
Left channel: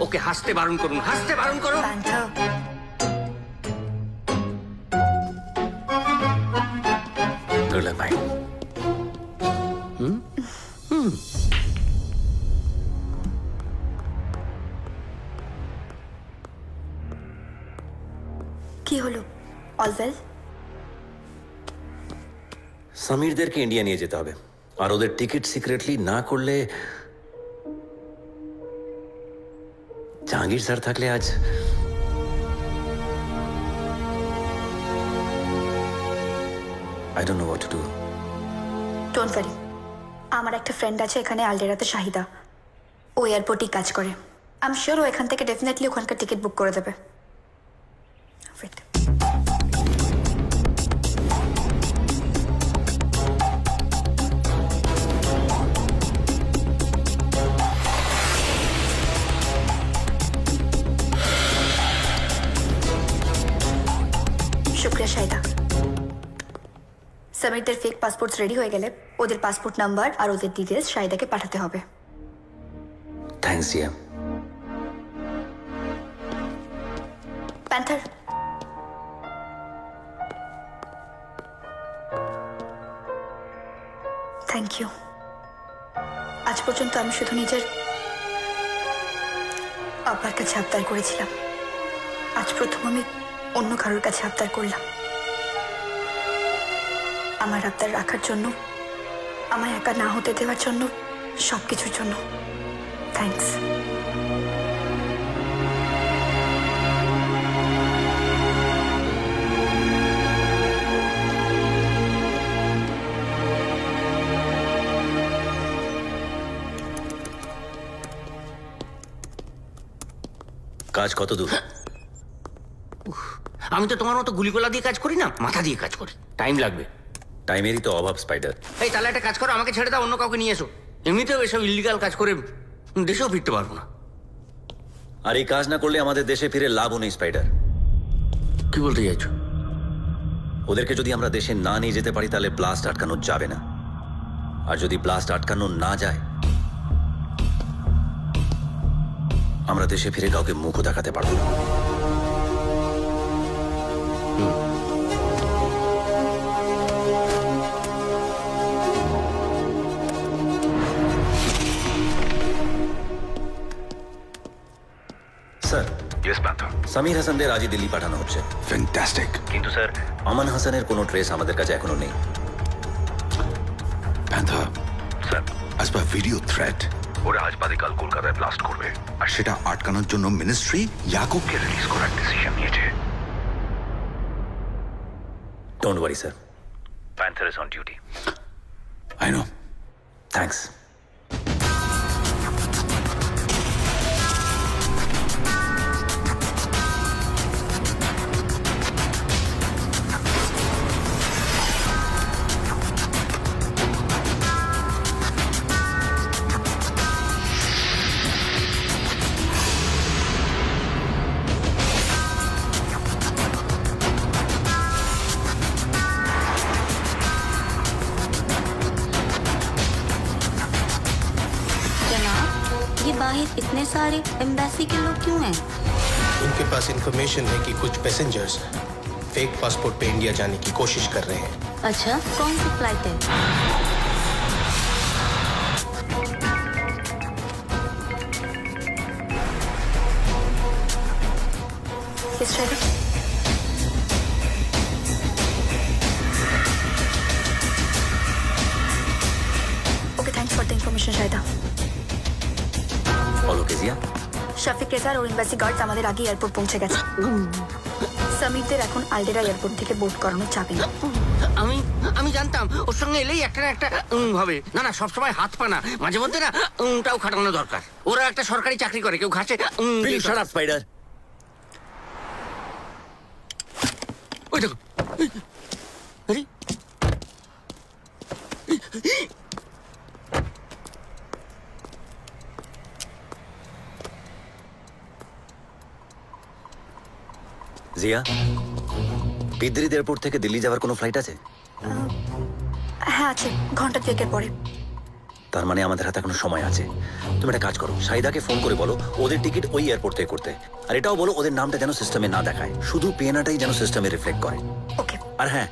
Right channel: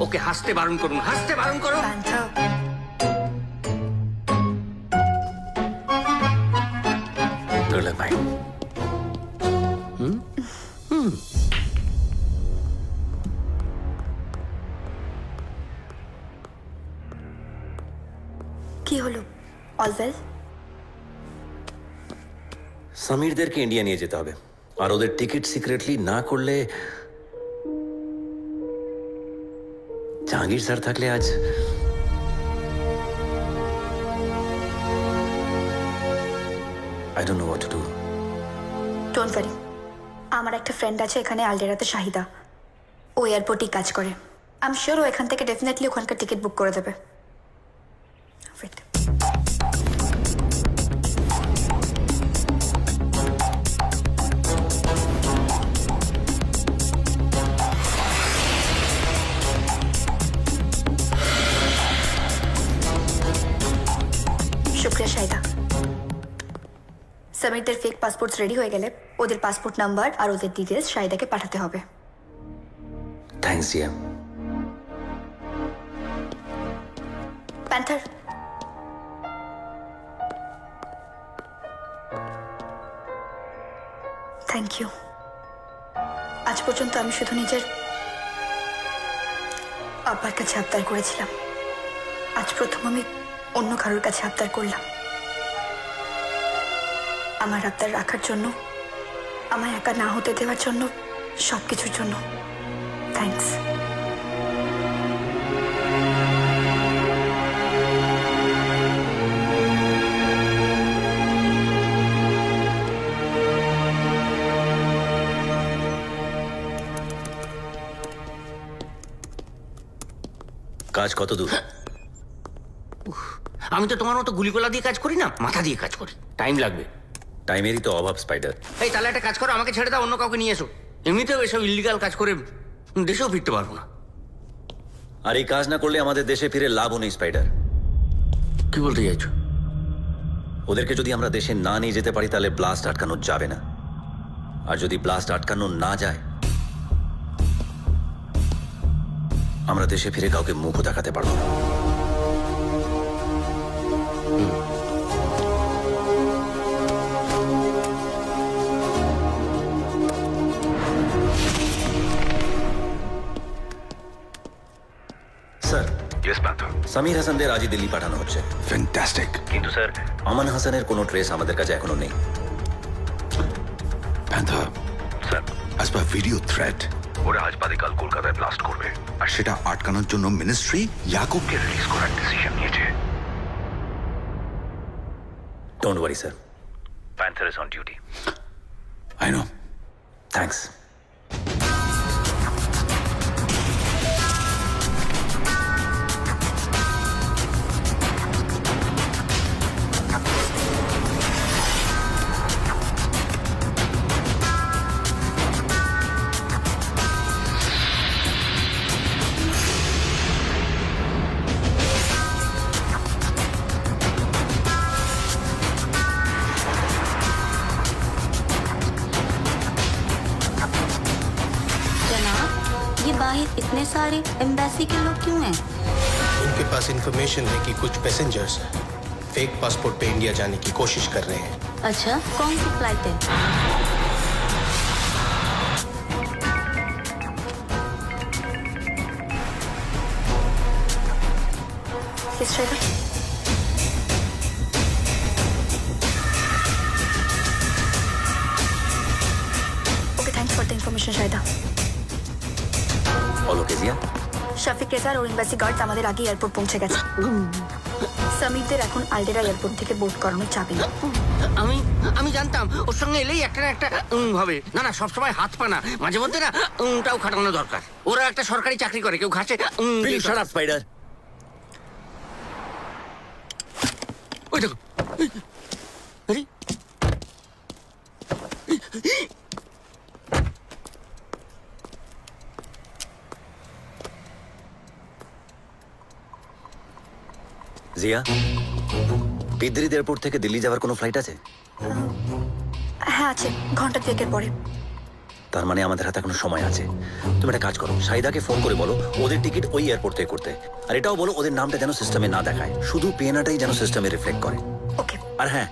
ওকে হাসতে বারণ করুন, হাসতে বারণ করুন। প্যান্থার, গুড লাক ভাই। কি হলো? All well? সমীরদেরকে ইন্ডিয়া নিয়ে যেতে হবে, আর ওদের টিকিট সিক্রেটলি না করলে জাহাঙ্গীর স্যার থাকলে আজ I don't know what to do. Don't worry, আমার একটা ফ্রেন্ড আছে এখানে আলডেরাতে, শাহিদা। ও এয়ারপোর্টেই কাজ করে। আই এম শিওর ও এখান থেকে ডেফিনেটলি ওখানকার টিকিট বুক করে দেবে। Wait. শুক্রিয়া শাহিদা। সমীরদের ফেক পাসপোর্টস রেডি হয়ে গেলে ওদের পাসপোর্ট নাম্বার আর ওদের ডিটেলস শাহিদাকে পাঠাতে হবে। Thanks Zia. Panther, thank you. আজ পর্যন্ত আমি শুধু নিজের আব্বার কাছে আবদার করেছিলাম, আজ প্রথম আমি অন্য কারোর কাছে আবদার করলাম। আমার আবদার রাখার জন্য, আমায় একা না হতে দেওয়ার জন্য, সবকিছুর জন্য থ্যাঙ্কস। কাজ কত দূর? আমি তো তোমার মতো গুলিগোলা দিয়ে কাজ করি না, মাথা দিয়ে কাজ করি। টাইম লাগবে। টাইমেরই তো অভাব স্পাইডার। এই তাহলে একটা কাজ করো, আমাকে ছেড়ে দাও, অন্য কাউকে নিয়ে এসো। এমনিতেও এসব ইলিগাল কাজ করে দেশেও ফিরতে পারবো না। আর এই কাজ না করলে আমাদের দেশে ফিরে লাভও নেই স্পাইডার। কি বলতে চাইছো? ওদেরকে যদি আমরা দেশে না নিয়ে যেতে পারি তাহলে ব্লাস্ট আটকানো যাবে না, আর যদি ব্লাস্ট আটকানো না যায় আমরা দেশে ফিরে কাউকে মুখও দেখাতে পারবো না। Sir, yes Panther. সামির হাসানদের আজই দিল্লি পাঠানো হচ্ছে। ফ্যান্টাস্টিক। কিন্তু স্যার, আমান হাসানের কোনো ট্রেস আমাদের কাছে এখনো নেই। Panther, sir, as per video threat, ওরা আজ বাদে কাল কলকাতায় ব্লাস্ট করবে আর সেটা আটকানোর জন্য মিনিস্ট্রি ইয়াকুবকে রিলিজ করার ডিসিশন নিয়েছে। Don't worry sir, panther is on duty. I know. Thanks. जनाब, ये बाहर इतने सारे एम्बेसी के लोग क्यों हैं? इनके पास इंफॉर्मेशन है कि कुछ पैसेंजर्स फेक पासपोर्ट पे इंडिया जाने की कोशिश कर रहे हैं। अच्छा, कौन सी फ्लाइट है? Yes, Shraddha. Okay, thanks for the information, Shraddha. বলো কেজিয়া। শফিক রেজার ও এম্বাসি গার্ড আমাদের আগে এয়ারপোর্ট পৌঁছে গেছে। সামিরদের এখন আলডেরা এয়ারপোর্ট থেকে বোর্ড করানো যাবে না। আমি জানতাম ওর সঙ্গে এলেই একটা না একটা হবে। না না, সবসময় হাত পা না, মাঝে মধ্যে না টাও খাটানো দরকার। ওরা একটা সরকারি চাকরি করে, কেউ ঘাসে Will you shut up, Spider? ওই দেখো। আরে, জিয়া, বিদ্রিদ এয়ারপোর্ট থেকে দিল্লি যাওয়ার কোনো ফ্লাইট আছে? হ্যাঁ আছে, ঘন্টা দুয়েকের পরে। তার মানে আমাদের হাতে এখনো সময় আছে। তুমি একটা কাজ করো, সাইদাকে ফোন করে বলো ওদের টিকিট ওই এয়ারপোর্ট থেকে করতে। আর এটাও বলো ওদের নামটা যেন সিস্টেমে না দেখায়, শুধু পিএনআরটাই যেন সিস্টেমে রিফ্লেক্ট করে। ওকে, আর হ্যাঁ,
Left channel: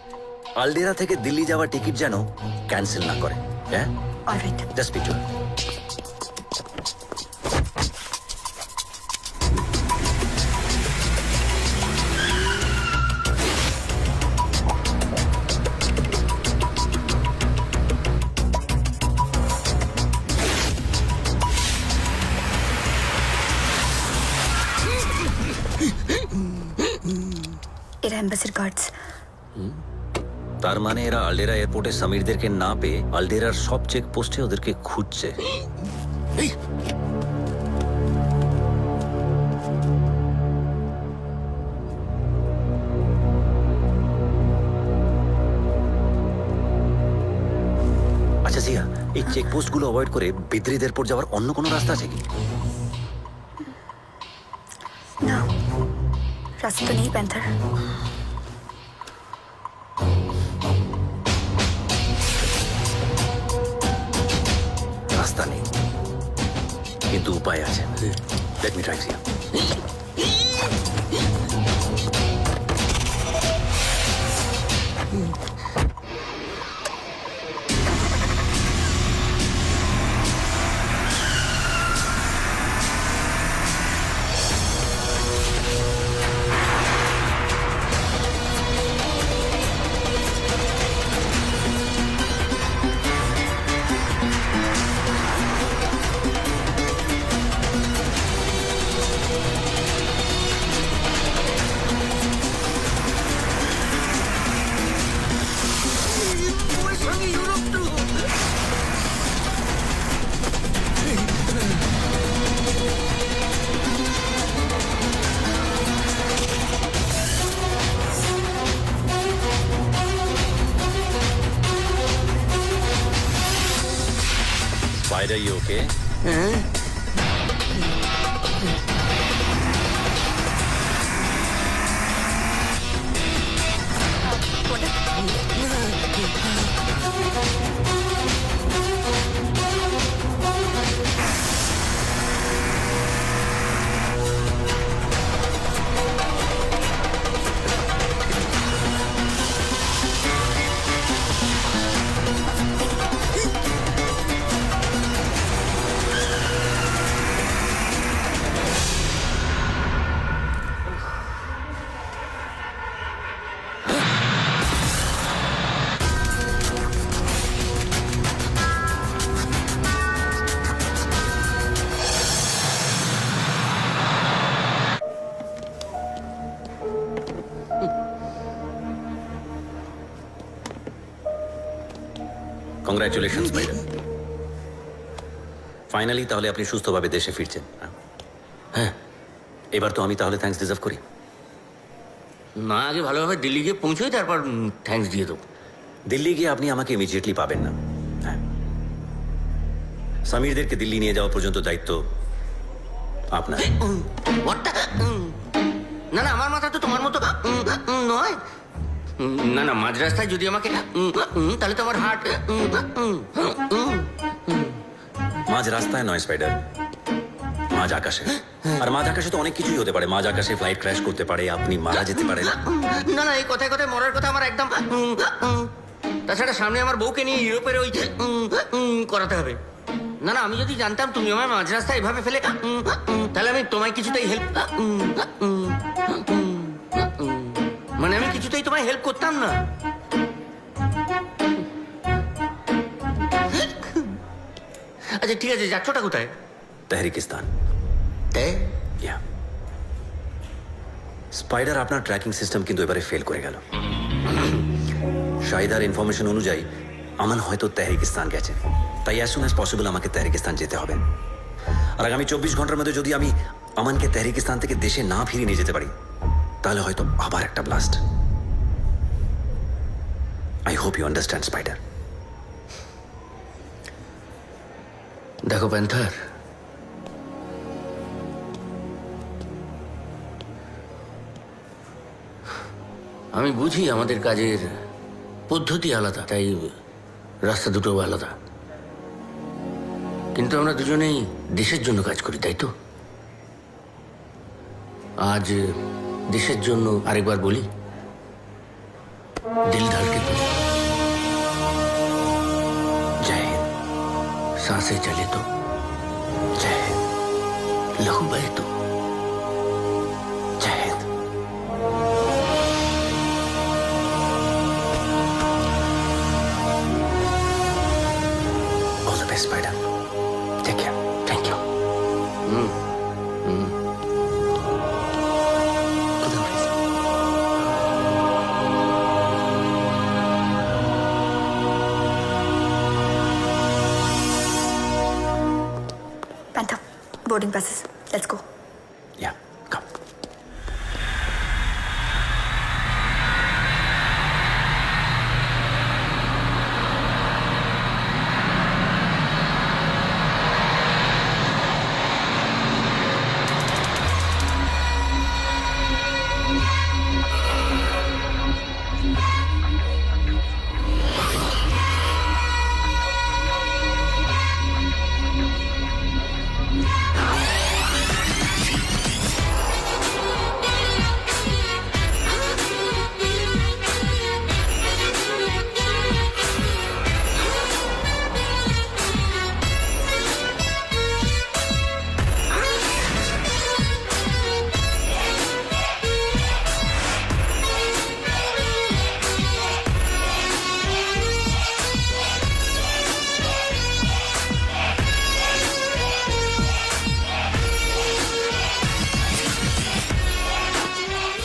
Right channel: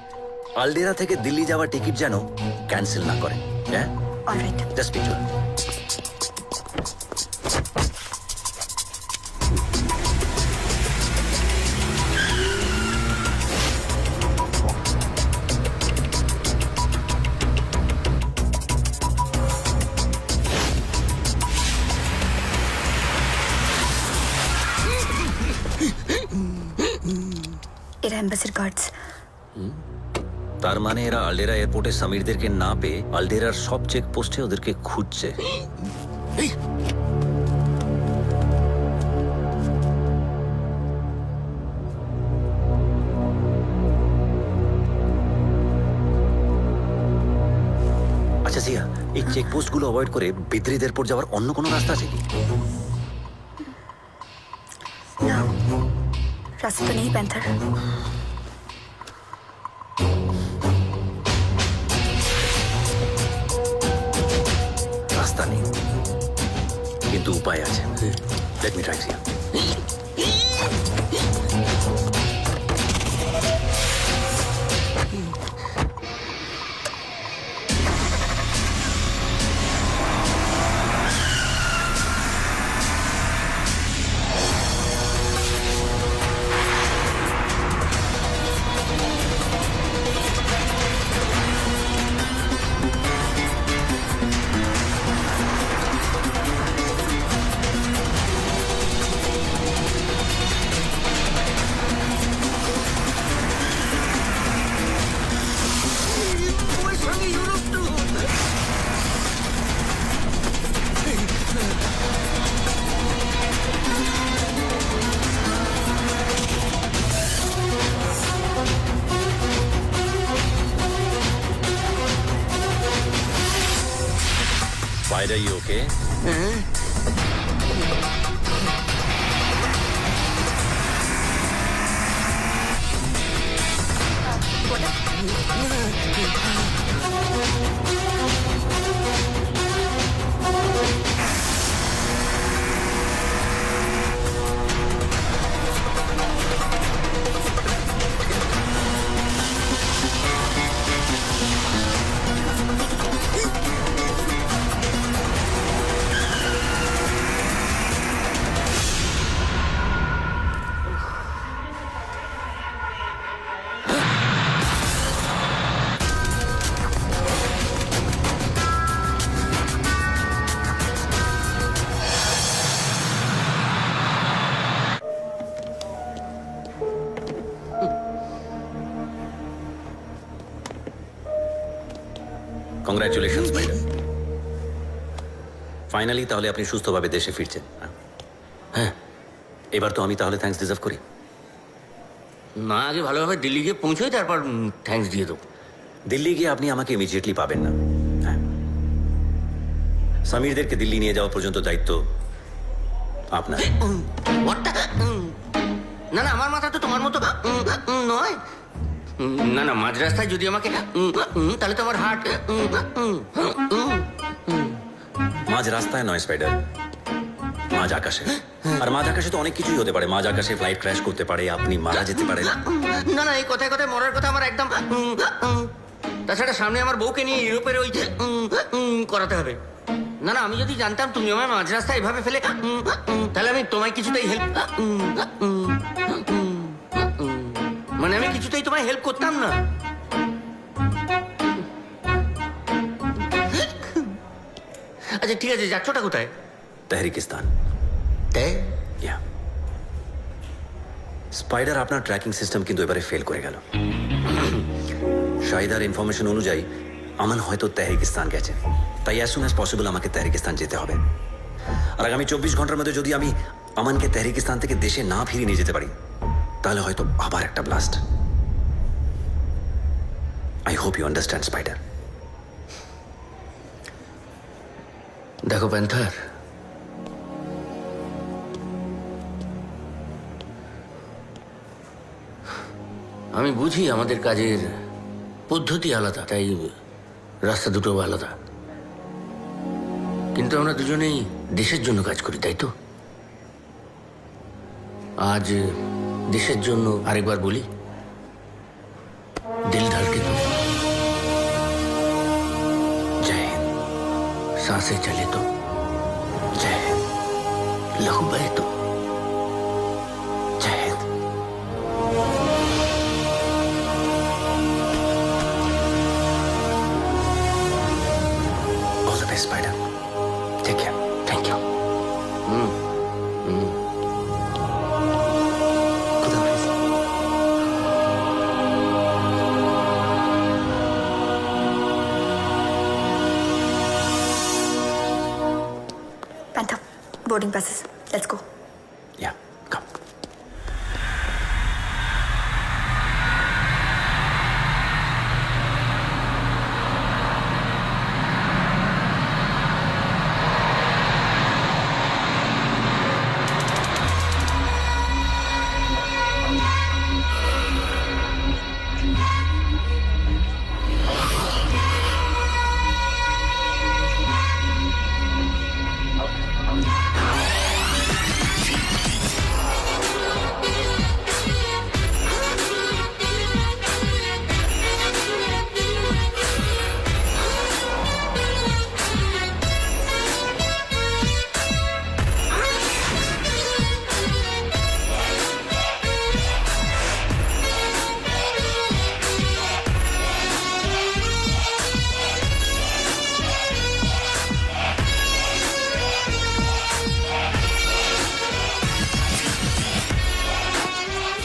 আলডেরা থেকে দিল্লি যাওয়ার টিকিট যেন ক্যান্সেল না করে। হ্যাঁ, অলরাইট। Just picture. এরা এম্বাসির গার্ডস। তার মানে এরা আলডেরা এয়ারপোর্টে সামিরদেরকে না পেয়ে আলডেরার সব চেক পোস্টে ওদেরকে খুঁজছে। আচ্ছা জিয়া, এই চেক পোস্টগুলো অ্যাভয়েড করে বিদ্রিদ এয়ারপোর্ট যাওয়ার অন্য কোনো রাস্তা আছে কি? না, রাস্তা তো নেই প্যান্থার। রাস্তা নেই, কিন্তু উপায় আছে। Let me try Zia. Spider, you okay? Congratulation spider. Finally তাহলে আপনি সুস্থভাবে দেশে ফিরছেন। হ্যাঁ, এবার তো আমি তাহলে থ্যাঙ্কস ডিজার্ভ করি। না, আগে ভালোভাবে দিল্লি গিয়ে পৌঁছোই, তারপর থ্যাঙ্কস দিয়ে দেবো। দিল্লি গিয়ে আপনি আমাকে ইমিডিয়েটলি পাবেন না। হ্যাঁ, সমীরদেরকে দিল্লি নিয়ে যাওয়া পর্যন্ত দায়িত্ব আপনার। হোয়াটটা? না না, আমার মাথা তো তোমার মতো নয়। না না, মাঝ রাস্তায় যদি আমাকে তাহলে তো আমার হার্ট। মাঝ রাস্তায় নয় স্পাইডার, মাঝ আকাশে। আর মাঝ আকাশে তো অনেক কিছুই হতে পারে। মাঝ আকাশে ফ্লাইট ক্র্যাশ করতে পারে, আপনি মারা যেতে পারেন। না না, এই কথায় কথায় মরার কথা আমার একদম। তাছাড়া সামনে আমার বউকে নিয়ে ইউরোপের ওই করাতে হবে। না না, আমি যদি জানতাম তুমি আমার মাঝ রাস্তায় এভাবে ফেলে, তাহলে আমি তোমায় কিছুতেই হেল্প, মানে আমি কিছুতেই তোমায় হেল্প করতাম না। আচ্ছা ঠিক আছে, যাচ্ছটা কোথায়? তেহরিকিস্তান। ইয়া। স্পাইডার, আপনার ট্র্যাকিং সিস্টেম কিন্তু এবারে ফেল করে গেল। শাহিদার ইনফরমেশন অনুযায়ী আমান হয়তো তেহরিকিস্তান গেছে। তাই অ্যাজ সুন অ্যাজ পসিবল আমাকে তেহরিকিস্তান যেতে হবে। আর আগামী 24 ঘন্টার মধ্যে যদি আমি আমানকে তেহরিকিস্তান থেকে দেশে না ফিরিয়ে নিয়ে যেতে পারি, তাহলে হয়তো আবার একটা blast. I hope you understand spider. দেখো প্যান্থার, আমি বুঝি আমাদের কাজের পদ্ধতি আলাদা, তাই রাস্তা দুটো আলাদা, কিন্তু আমরা দুজনেই দেশের জন্য কাজ করি, তাই তো? আজ দেশের জন্য আরেকবার বলি, দিল ধড়কে তো, জয় হিন্দ। सांसें चले तो, জয় হিন্দ। लहू बहे तो। জয় Hind. All the best, Spider. Take care. Thank you. খুদা হাফিজ। Panther, boarding passes. Let's go. Yeah, come.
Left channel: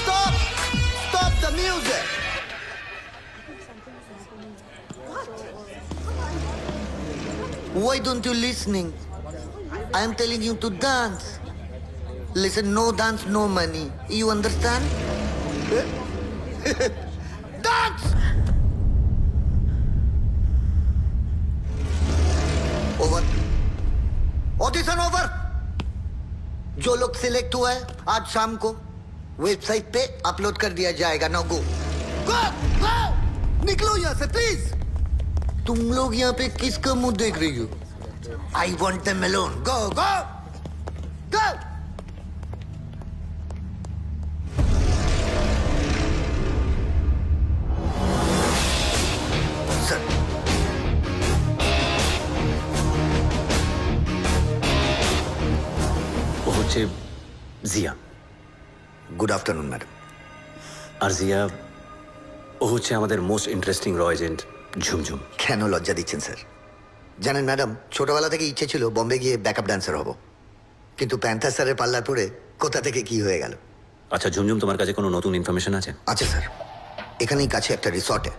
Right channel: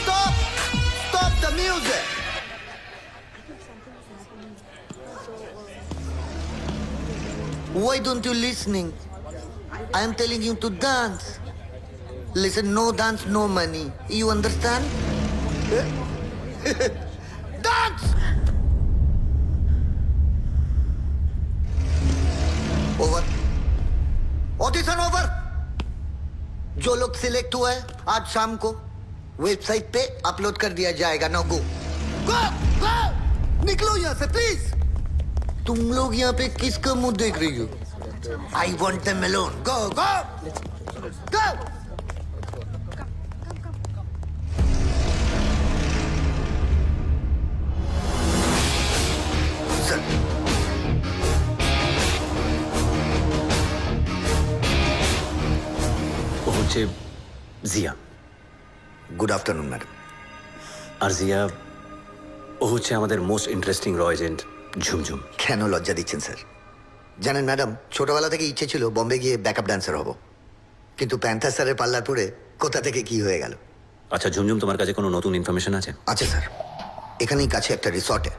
Stop! Stop the music! Why don't you listening? I am telling you to dance. Listen, no dance, no money. You understand? Dance! Over. Audition over. जो लोग select हुआ है आज शाम को website पे upload कर दिया जाएगा। नाउ गो गो गो, निकलो यहाँ से प्लीज। तुम लोग यहाँ पे किसका मुंह देख रही हो? I want them alone. Go go go. Sir, ও হচ্ছে জিয়া। Good afternoon madam. আর জিয়া, ও হচ্ছে আমাদের মোস্ট ইন্টারেস্টিং র এজেন্ট ঝুমঝুম। কেন লজ্জা দিচ্ছেন স্যার? জানেন ম্যাডাম, ছোটবেলা থেকে ইচ্ছে ছিল বম্বে গিয়ে ব্যাকআপ ডান্সার হব, কিন্তু প্যান্থার স্যারের পাল্লার পরে কোথা থেকে কি হয়ে গেল। আচ্ছা ঝুমঝুম, তোমার কাছে কোনো নতুন ইনফরমেশন আছে? আচ্ছা স্যার, এখানেই কাছে একটা রিসর্টে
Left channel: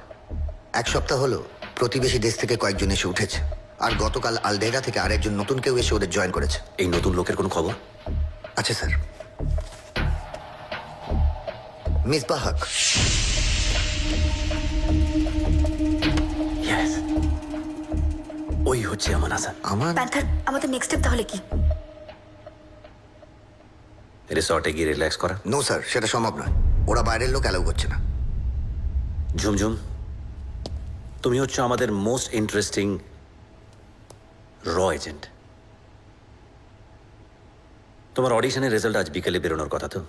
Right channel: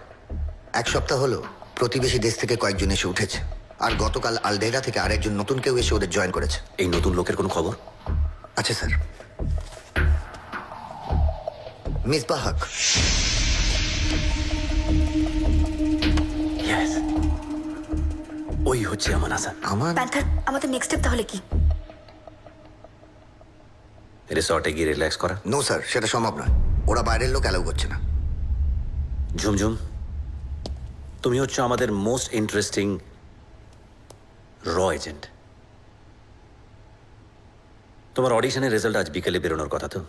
1 সপ্তাহ হলো প্রতিবেশী দেশ থেকে কয়েকজন এসে উঠেছে, আর গতকাল আলডেরা থেকে আরেকজন নতুন কেউ এসে ওদের জয়েন করেছে। এই নতুন লোকের কোনো খবর? আচ্ছা স্যার। মিসবাহ হক। ইয়েস, ওই হচ্ছে আমান হাসান। আমার প্যান্থার, আমাদের নেক্সট স্টেপ তাহলে কি? রিসর্টে গিয়ে রিল্যাক্স করা? নো স্যার, সেটা সম্ভব নয়। ওরা বাইরের লোক অ্যালাউ করছে না। ঝুমঝুম, তুমি হচ্ছে আমাদের মোস্ট ইন্টারেস্টিং র এজেন্ট। তোমার অডিশনের রেজাল্ট আজ বিকেলে বেরোনোর কথা তো?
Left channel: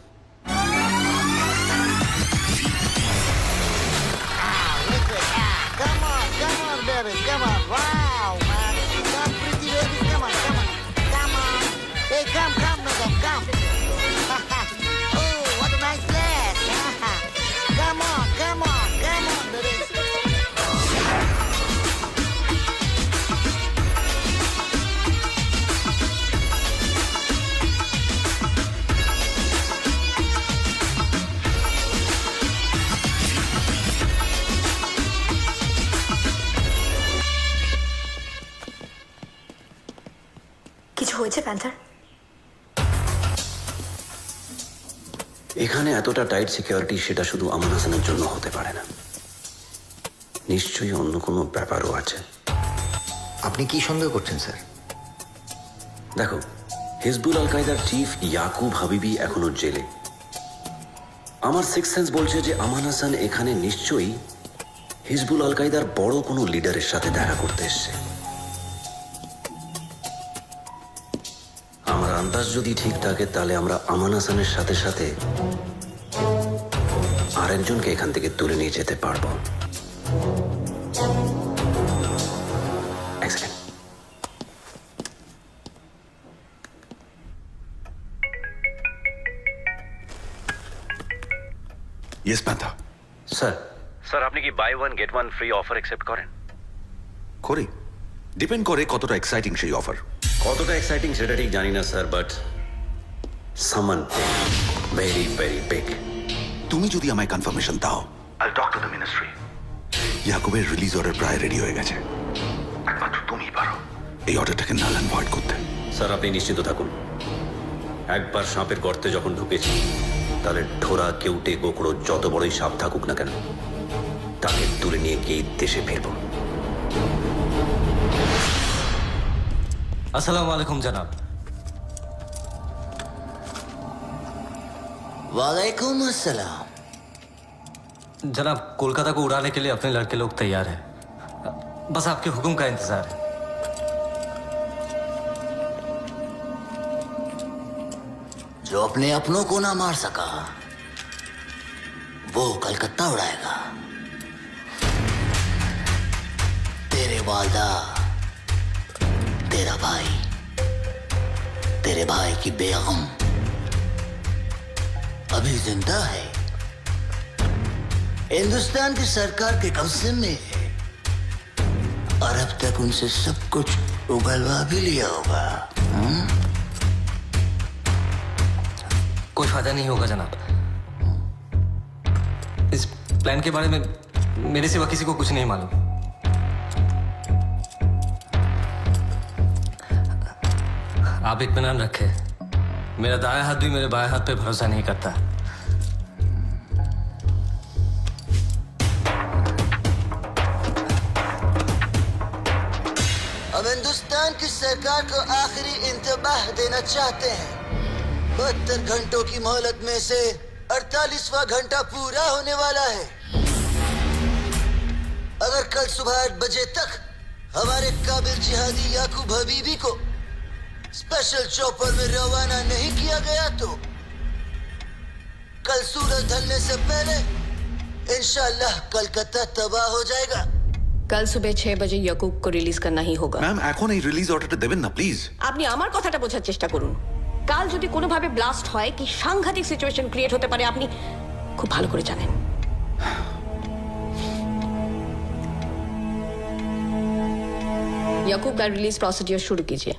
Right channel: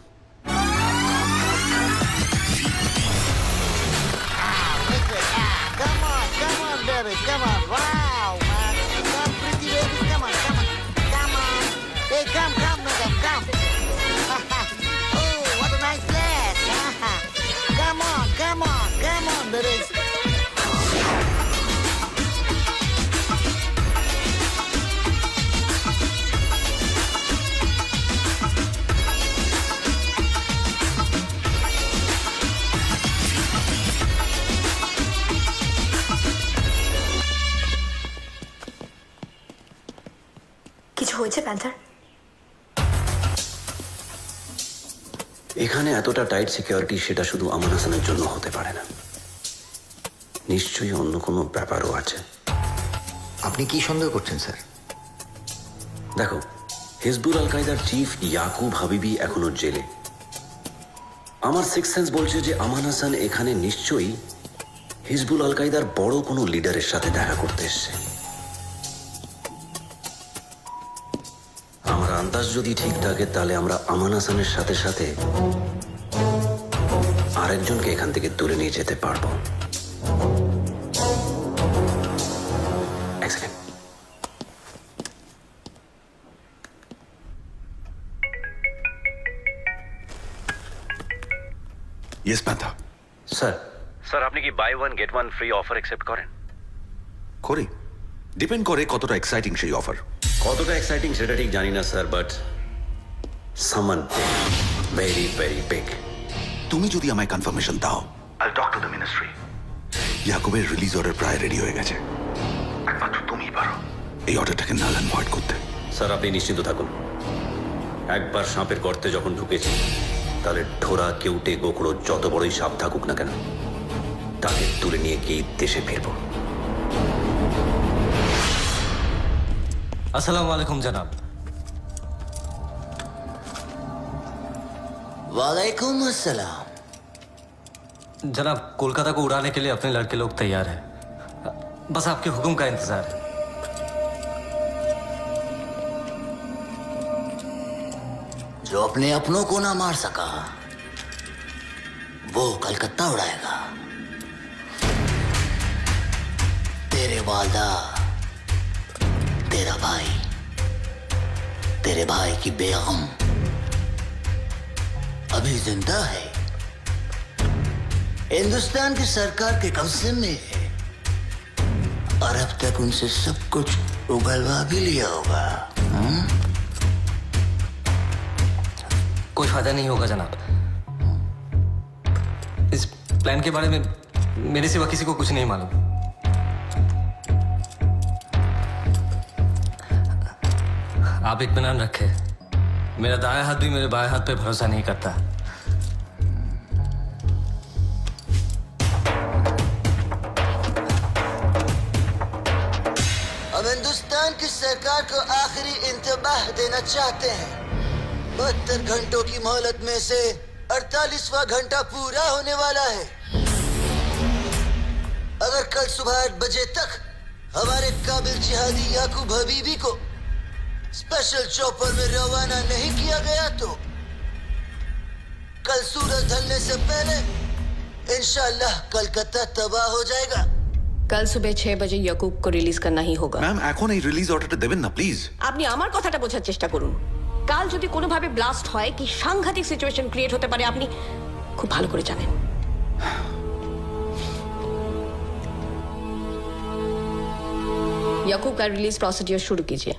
কিছু হয়েছে প্যান্থার? এখানে এতটা টাইট সিকিউরিটি সেটা শুধু আমান হাসানের জন্য হতে পারে না, নিশ্চয়ই অন্য কোনো ব্যাপারও আছে। আপনি কি সন্দেহ করছেন স্যার? দেখো, হিজবুল আল কায়দার চিফ ইয়াকুব হাবিবি এখনো জেলে। আমার সিক্স সেন্স বলছে যে আমান হাসান এখানে নিশ্চয়ই হিজবুল আল কায়দার বড় কোনো লিডারের সাথে দেখা করতে এসছে। আমার আন্দাজ যদি ঠিক থাকে তাহলে আমরা আমান হাসানের সাথে সাথে আরেকজনকে এখান থেকে তুলে নিয়ে যেতে পারবো। এক সেকেন্ড। ইয়েস প্যান্থা। স্যার আপনি কি buy one get one free offer accept করেন? করি, ডিপেন্ড করে কতটা এক্সাইটিং সেই অফার। কতটা এক্সাইটিং সেটা ঠিক জানি না স্যার, বাট সামান ভেরি ভেরি বিগ। তুমি যদি আমায় কনফার্মেশন দাও, I talk to the ministry. ইয়াকুবের রিলিজ অর্ডার প্রায় রেডি হয়ে গেছে। একমাত্র তুমিই পারো এই অর্ডারটাকে নাল অ্যান্ড ভয়েড করতে। স্যার আপনি নিশ্চিন্ত থাকুন, একবার সাপের গর্তে যখন ঢুকেছি তাহলে ঢোরা কেউটে গোকড়ো যত বড়ই সাপ থাকুক না কেন তাকে তুলে নিয়ে গিয়ে দেশে ফিরবো। আসসালামু আলাইকুম জনাব। वालेकुम अस्सलाम। जनाब, कोलकाता को उड़ाने के लिए अपने लड़के लोग तैयार हैं। बस आपके हुक्म का इंतजार है। जो अपने अपनों को ना मार सका वो कलकत्ता उड़ाएगा। तेरे वालदा, तेरा भाई, तेरे भाई की बेगम अभी जिंदा है, हिंदुस्तान की सरकार के कब्जे में है, और अब तक उनसे सब कुछ उगलवा भी लिया होगा। कोई फायदा नहीं होगा जनाब। इस प्लान के बारे में मेरे सिवा किसी को कुछ नहीं मालूम। आप इत्मीनान रखें, मेरा दायां हाथ भी मेरे बाएं हाथ पे भरोसा नहीं करता। हम हिंदुस्तान की सरकार को आखिरी इंतबाह देना चाहते हैं। 72 घंटों की मोहलत में से 48वां घंटा पूरा होने वाला है। अगर कल सुबह 8 बजे तक हमारे काबिल जिहादी याकूब हबीबी को स्पेशल चॉपर में रवाना नहीं किया गया तो कल सूरज ढलने से पहले इंशाल्लाह कलकत्ता तबाह हो जाएगा। কাল সুবে 6 বাজে ইয়াকুব কো রিলিজ করনা হি হোগা। ম্যাম, এখন এই রিলিজ অর্ডারটা দেবেন না প্লিজ। আপনি আমার কথাটা বোঝার চেষ্টা করুন। কাল যদি কোনোভাবে ব্লাস্ট হয় কি সাংঘাতিক সিচুয়েশন ক্রিয়েট হতে পারে আপনি খুব ভালো করে জানেন। याकूब का रिलीज प्रोसीजर शुरू कीजिए।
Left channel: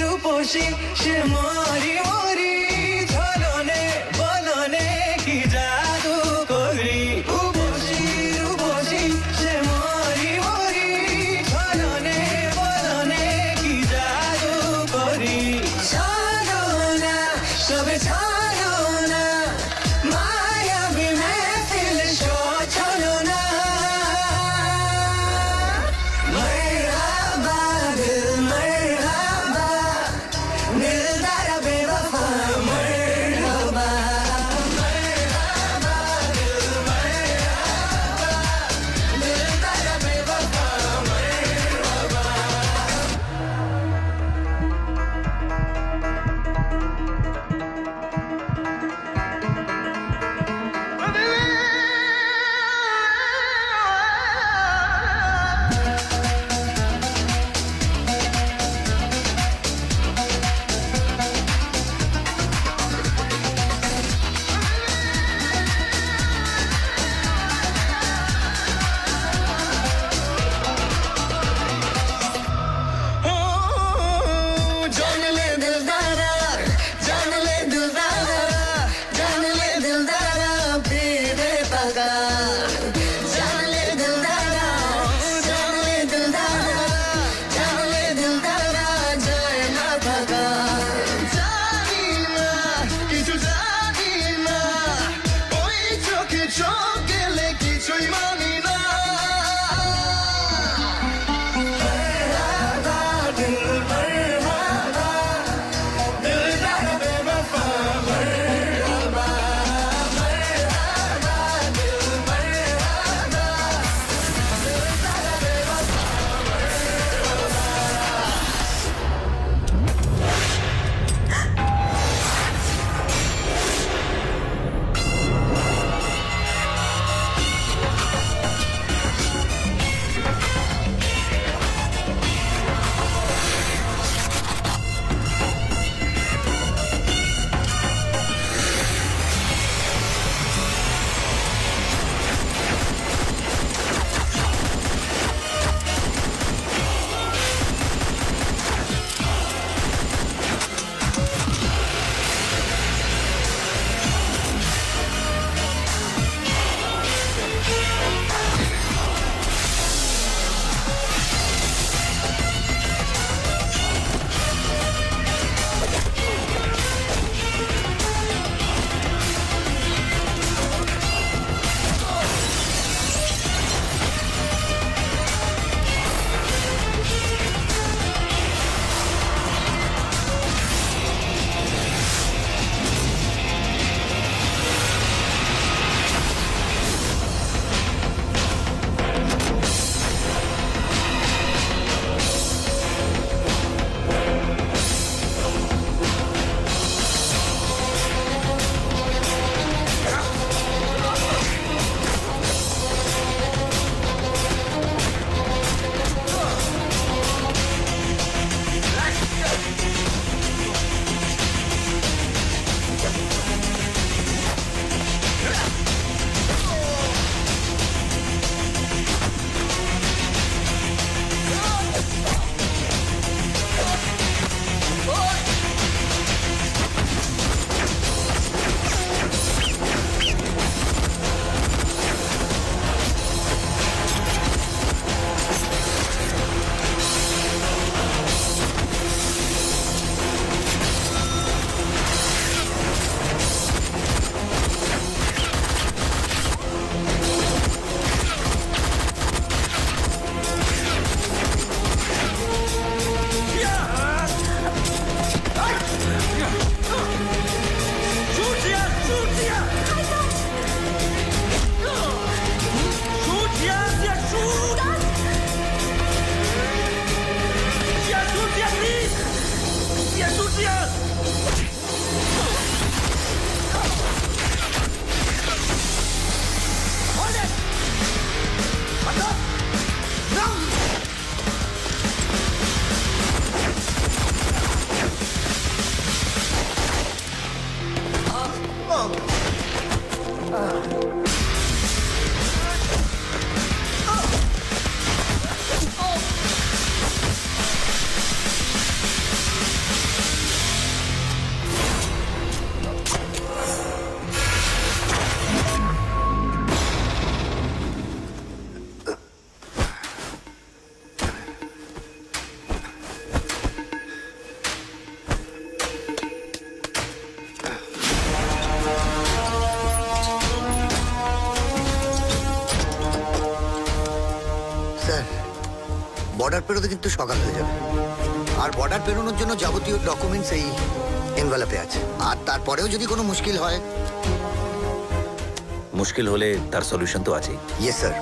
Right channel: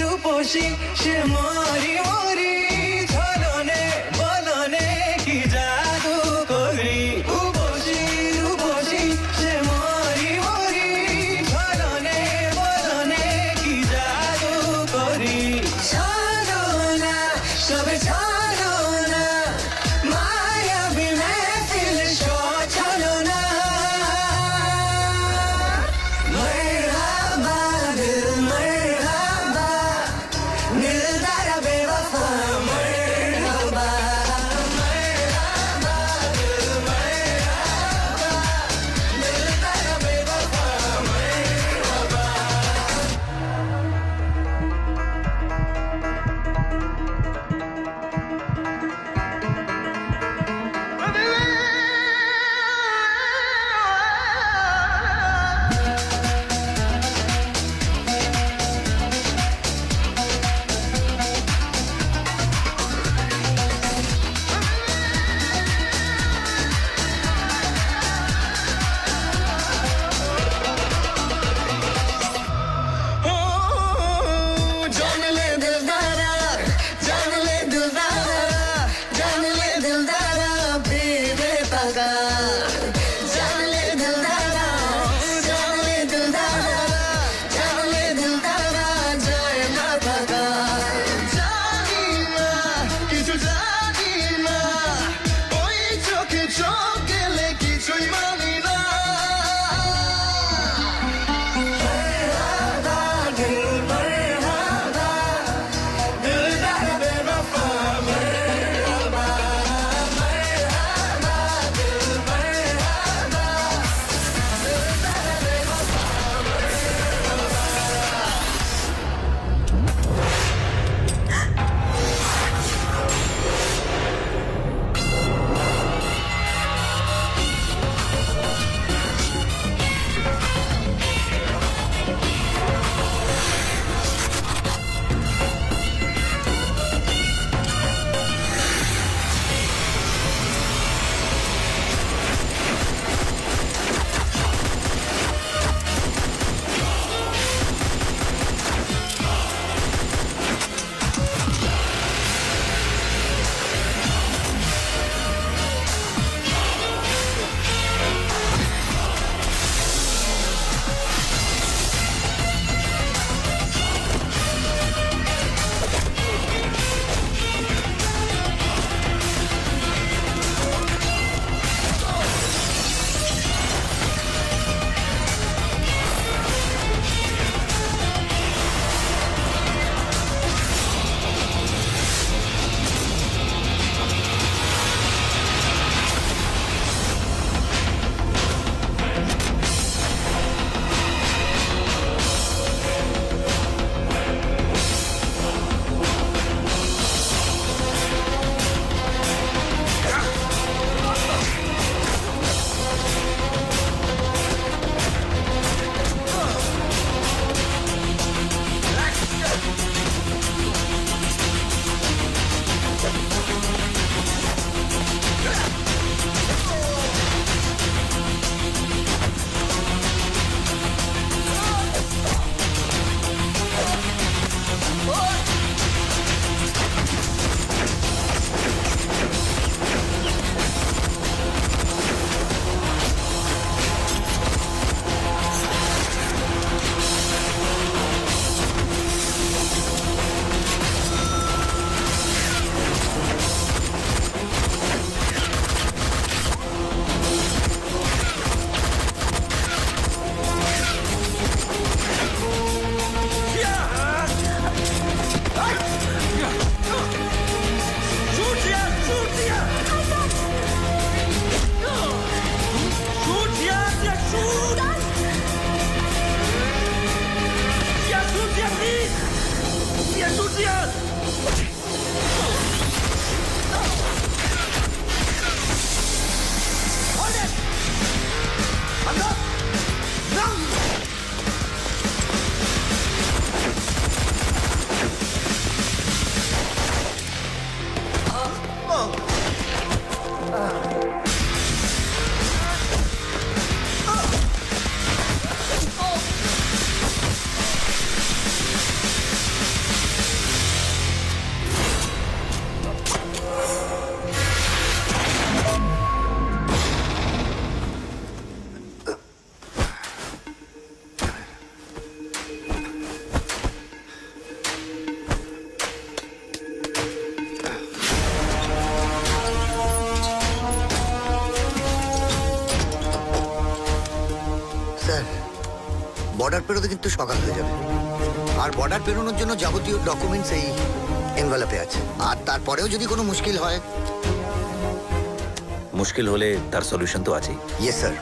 রূপসী সে মরি মরি ঝলনে বলনে কি জাদু করি রূপসী সে মরি মরি ঝলনে বলনে কি জাদু করি ছাড়ো না সবে ছাড়ো না মায়াবী মেহফিল ছলো না मरहबा दिल मरहबा दिलदार बेवफा मरहबा मरहबा दिल मरहबा दिलदार बेवफा मरहबा शूट दिया शूट दिया शूट दिया शूट शूट दिया प्लीज शूट दिया Hold it! I'm up! No! Sir border পেরোতে কিন্তু সকাল হয়ে যাবে আর বর্ডার পেরোনোর জন্য যাবতীয় ডকুমেন্টস এই এনভেলপে আছে আর তারপরেও যদি কোনো মুশকিল হয় মুশকিল হলে তার সলিউশন তো আছেই ইয়েস স্যার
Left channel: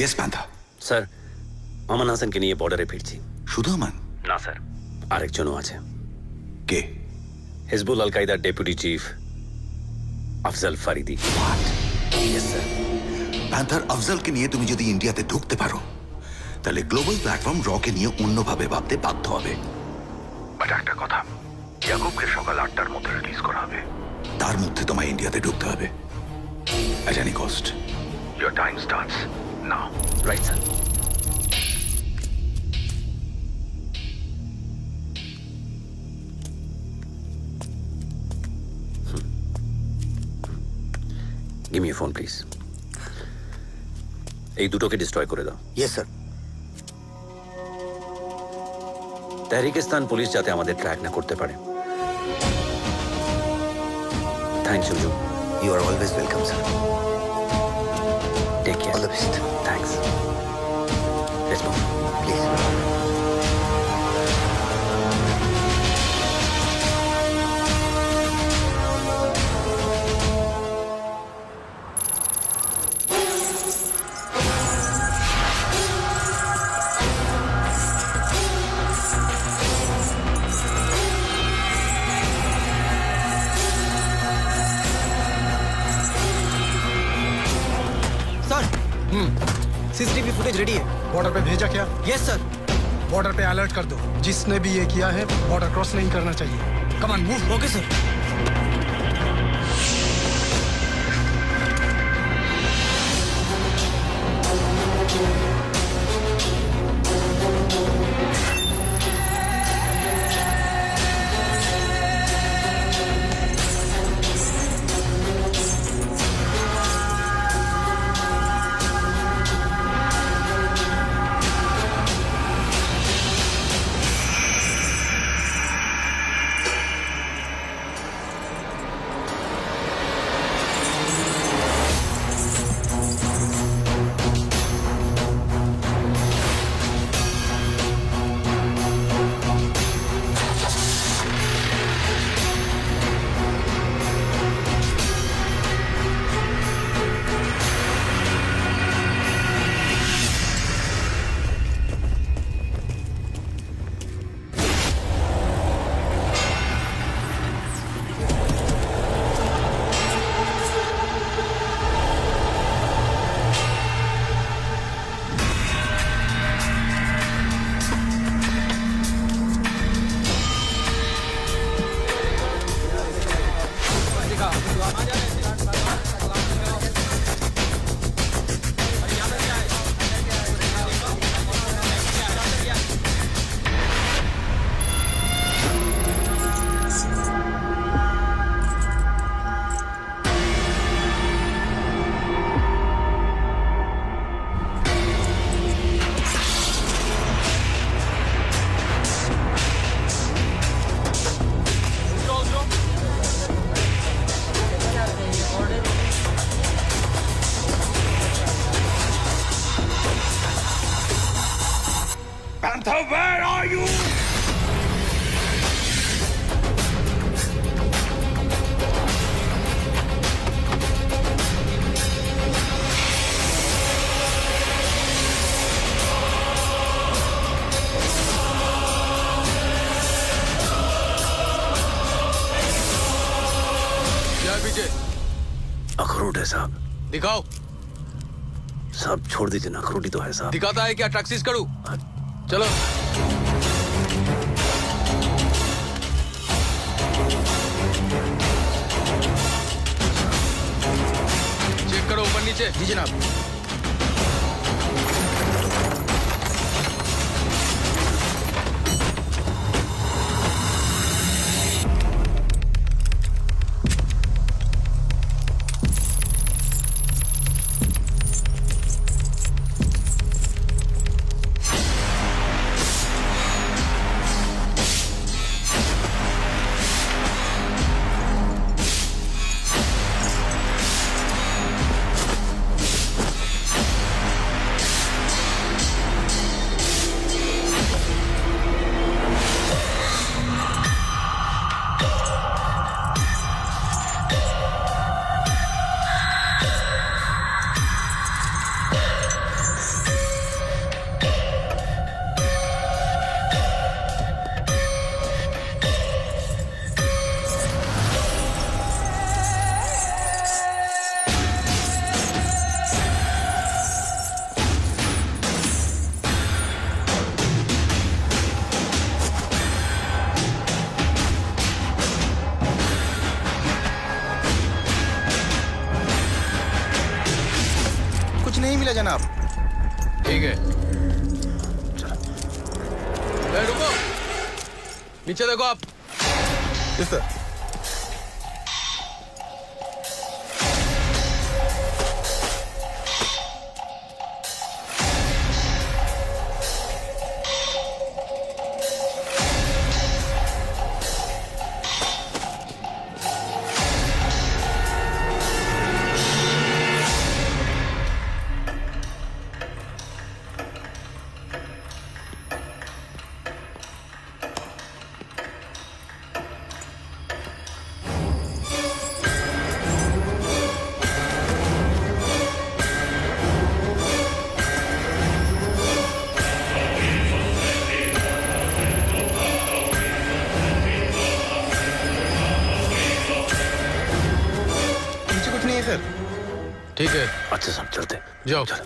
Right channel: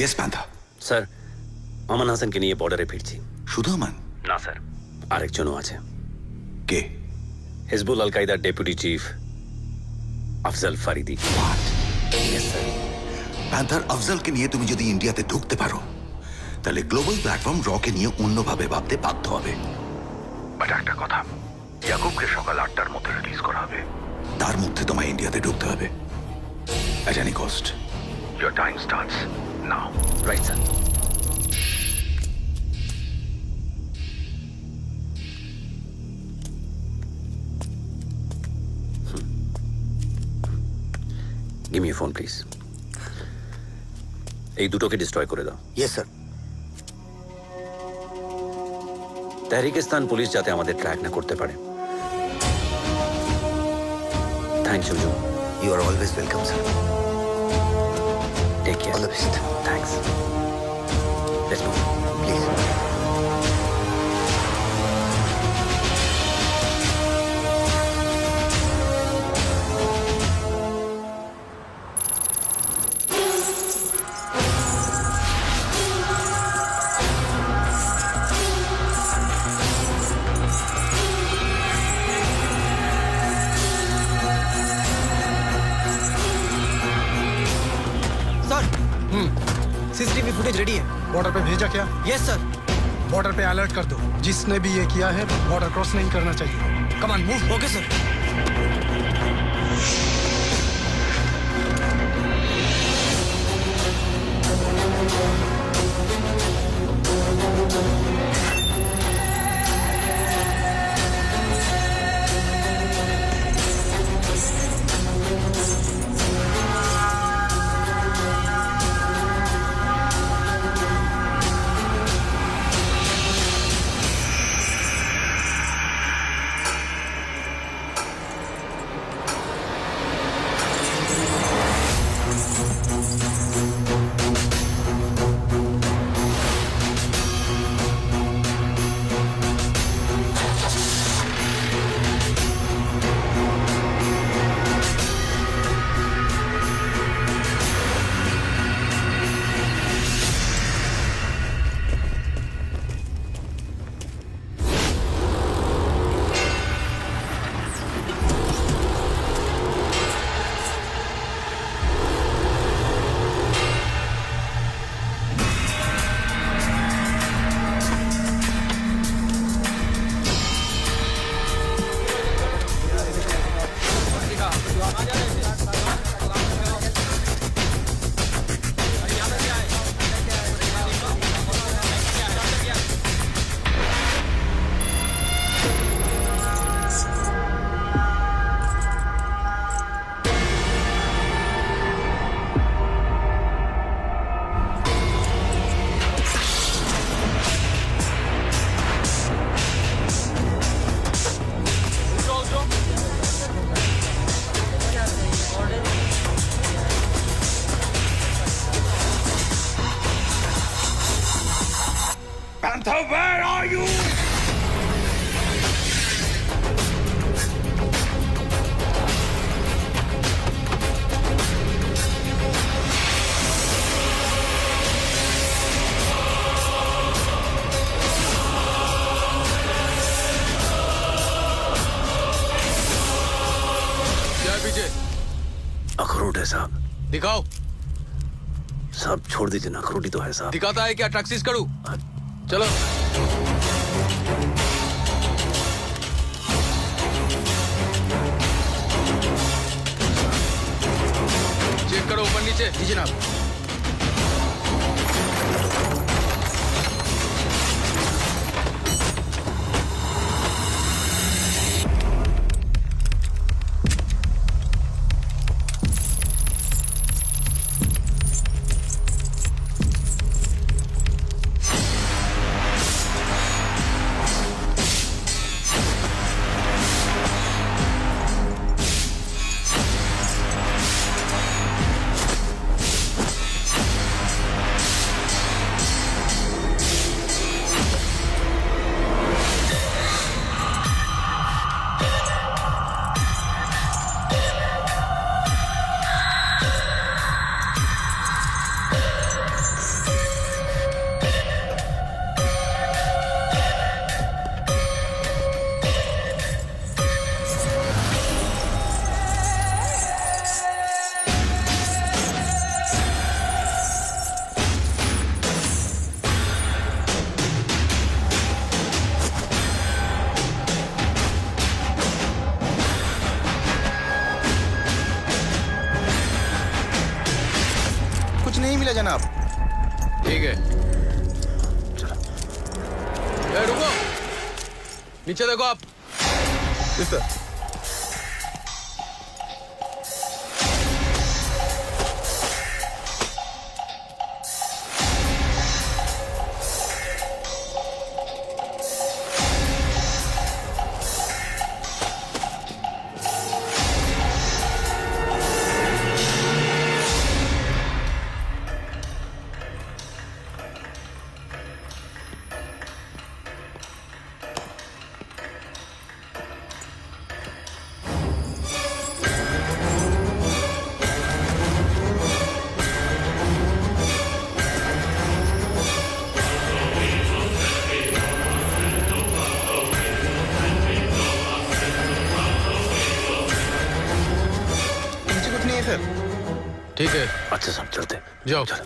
ইয়েস পান্থা স্যার আমান হাসানকে নিয়ে বর্ডারে ফিরছি শুধু আমান না স্যার আরেকজনও আছে কে হিজবুল আল কায়দার deputy chief Afzal Faridi what yes sir Panther আফজালকে নিয়ে তুমি যদি ইন্ডিয়াতে ঢুকতে পারো তাহলে গ্লোবাল প্ল্যাটফর্ম রকে নিয়ে অন্যভাবে ভাবতে বাধ্য হবে বাট একটা কথা ইয়াকুবকে সকাল 8টার মধ্যে রিলিজ করা হবে তার মধ্যে তোমায় ইন্ডিয়াতে ঢুকতে হবে at any cost your time starts now right sir give me phone please এই দুটোকে ডিস্ট্রয় করে দাও ইয়েস স্যার তাহরিকিস্তান পুলিশ যাতে আমাদের ট্র্যাক না করতে পারে থ্যাংকস হুজুম you are always welcome sir take care all the best thanks let's move please CCTV footage ready है बॉर्डर पे भेजा क्या यस सर बॉर्डर पे अलर्ट कर दो जिसने भी ये किया है बॉर्डर क्रॉस नहीं करना चाहिए come on move okay sir क्या है पीछे? अखरोट है साहब। दिखाओ। साहब छोड़ दीजिए ना, अखरोट ही तो है साहब। दिखाता है क्या? टैक्सीज करूं? चलो। चेक करो ऊपर नीचे। जी जनाब। कुछ नहीं मिला जनाब। ठीक है। रुको, नीचे देखो आप। Yes sir. कुछ नहीं है सर। ठीक है। अच्छा साहब चलते। जाओ। चलो।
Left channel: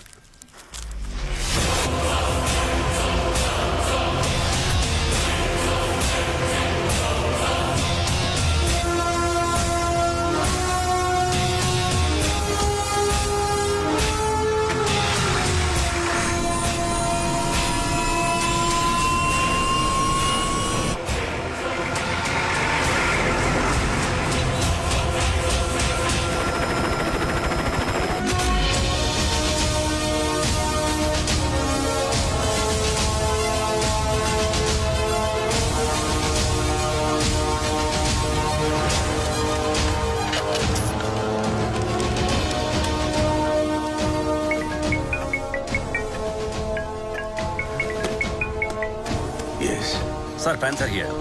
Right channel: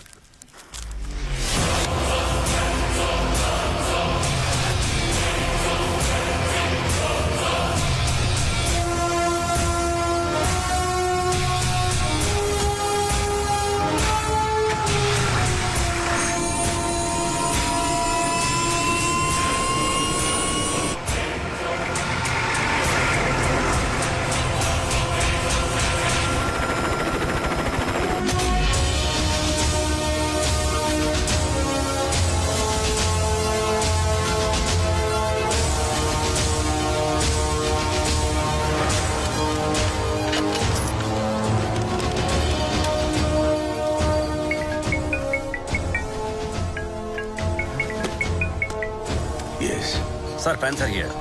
Sir panther here.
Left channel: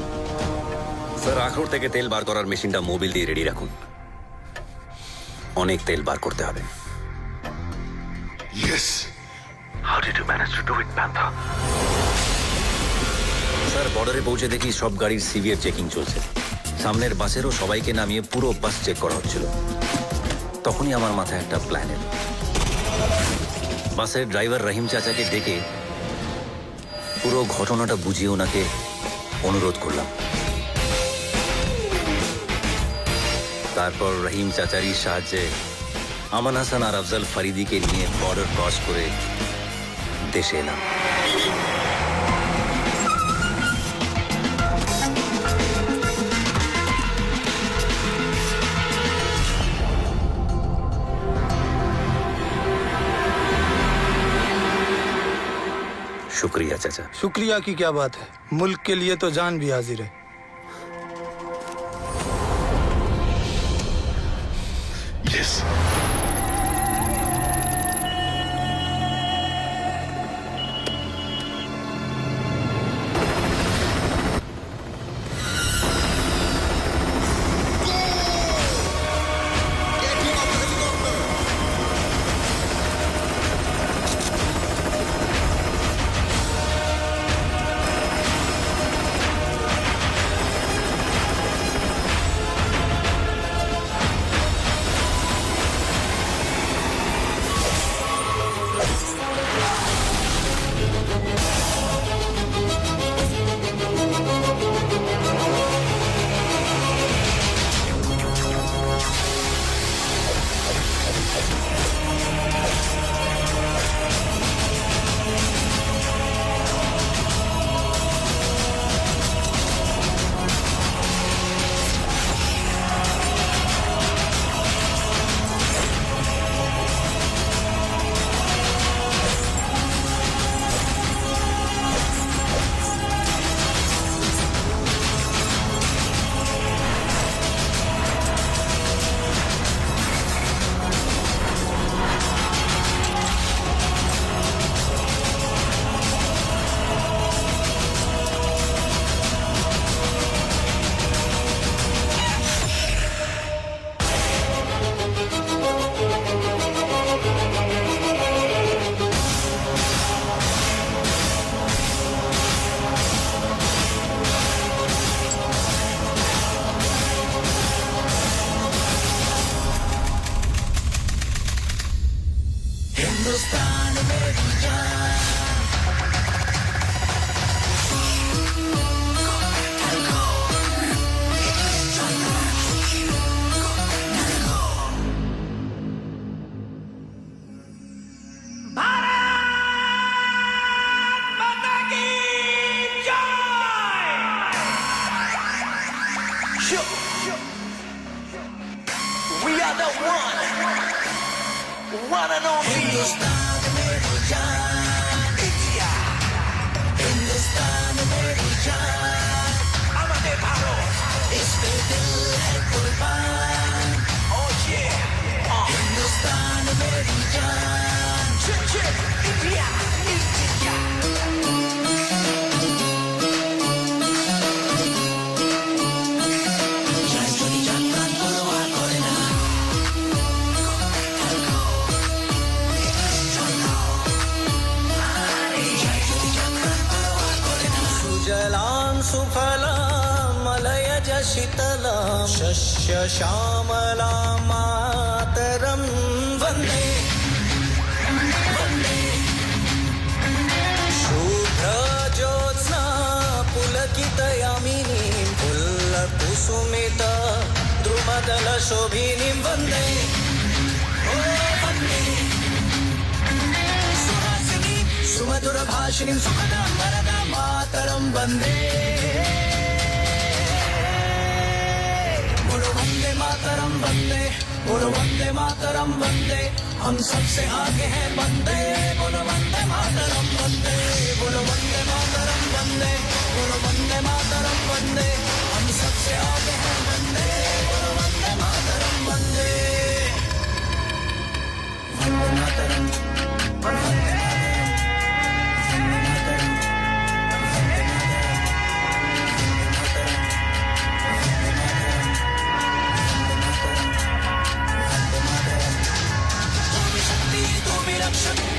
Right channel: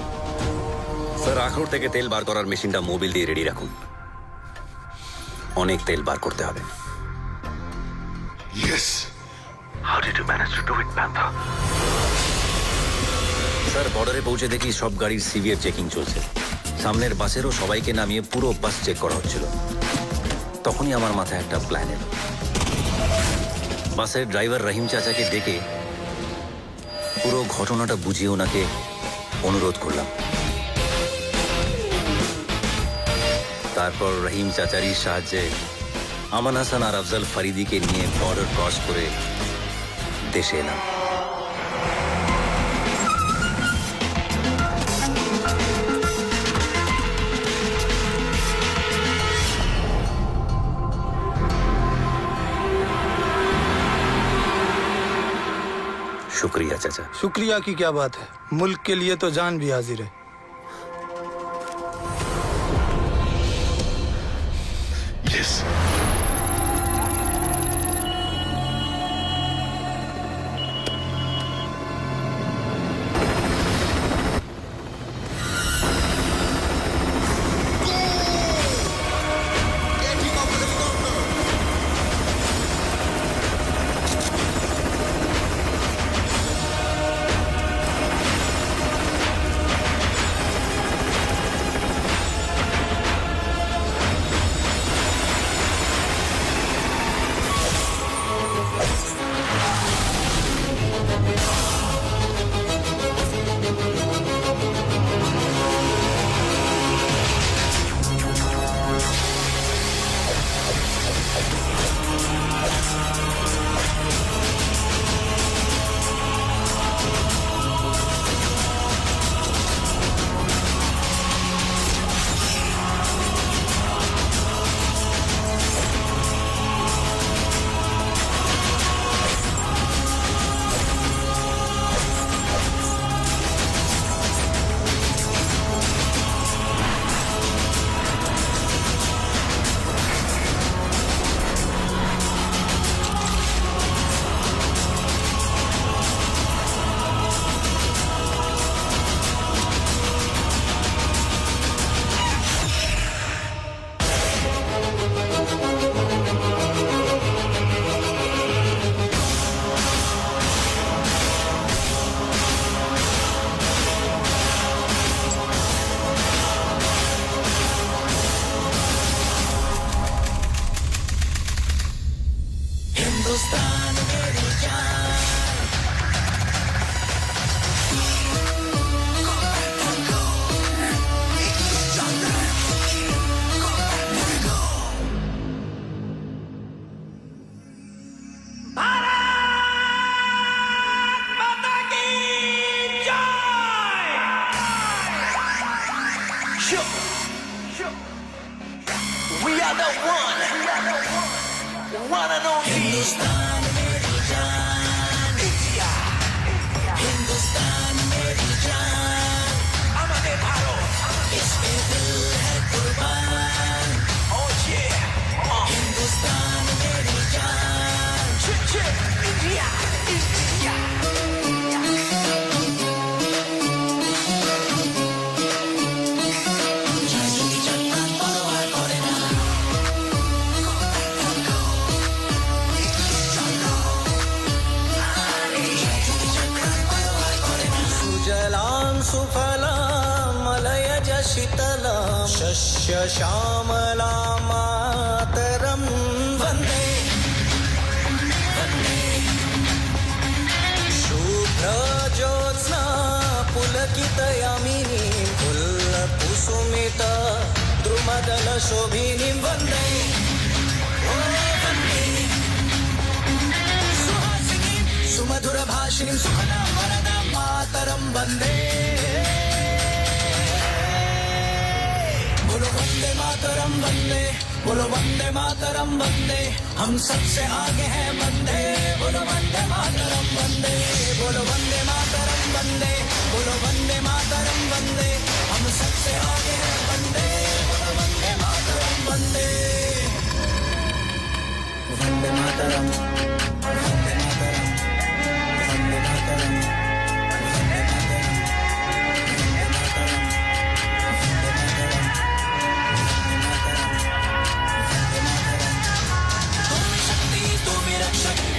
স্যার আখরোট থেকে তেল বার করার মেশিনটা মোবিল দিয়ে রেডি রাখুন। অনেক তেল বার করতে হবে। Yes. How did you manage to do it, Panther? Sir বর্ডারে পৌঁছে দেখি সব গাড়ির সিভিআর চেকিং চলছে। সামনের বাসেরও সবাইকে নামিয়ে পুরো বাস চেক করা হচ্ছিল। তখনই আমার মাথায় একটা প্ল্যান এলো। বাসের ড্রাইভার রহিম চাচাকে ডেকে পুরো ঘটনাটা বুঝিয়ে ওনাকে অনুরোধ করলাম। তারপর রহিম চাচারির সাহায্যে আমান হাসান আর আফজল ফরিদিকে নিয়ে বর্ডার ক্রস করে দেশে এলাম। शुक्रिया चाचा। शुक्रिया की क्या बात है, मुल्क के लिए तो जान भी हाजिर है। Yes. We are the one and only India. Hindustan मेरी जान, हमारे भारत, इसमें दिल है कुर्बान. Oh yeah, Hindustan मेरी जान. India, India. सुजलां सुफलां मलयज शीतलां शस्य श्यामलां मातरं वन्दे शुभ्रज्योत्स्ना पुलकितयामिनीं पुल्लकुसुमित द्रुमदलशोभिनीं वन्दे सुमधुरभाषिणीं सुखदां वरदां मातरं वन्दे. बोलो वन्दे मातरं वन्दे, बोलो वन्दे मातरं वन्दे, हम सबसे आगे हैं वन्दे. बोलो वन्दे मातरं वन्दे, बोलो वन्दे मातरं वन्दे, बोलो वन्दे मातरं वन्दे, हम सबसे आगे हैं वन्दे. बोलो वन्दे मातरं वन्दे, वन्दे मातरं, वन्दे मातरं.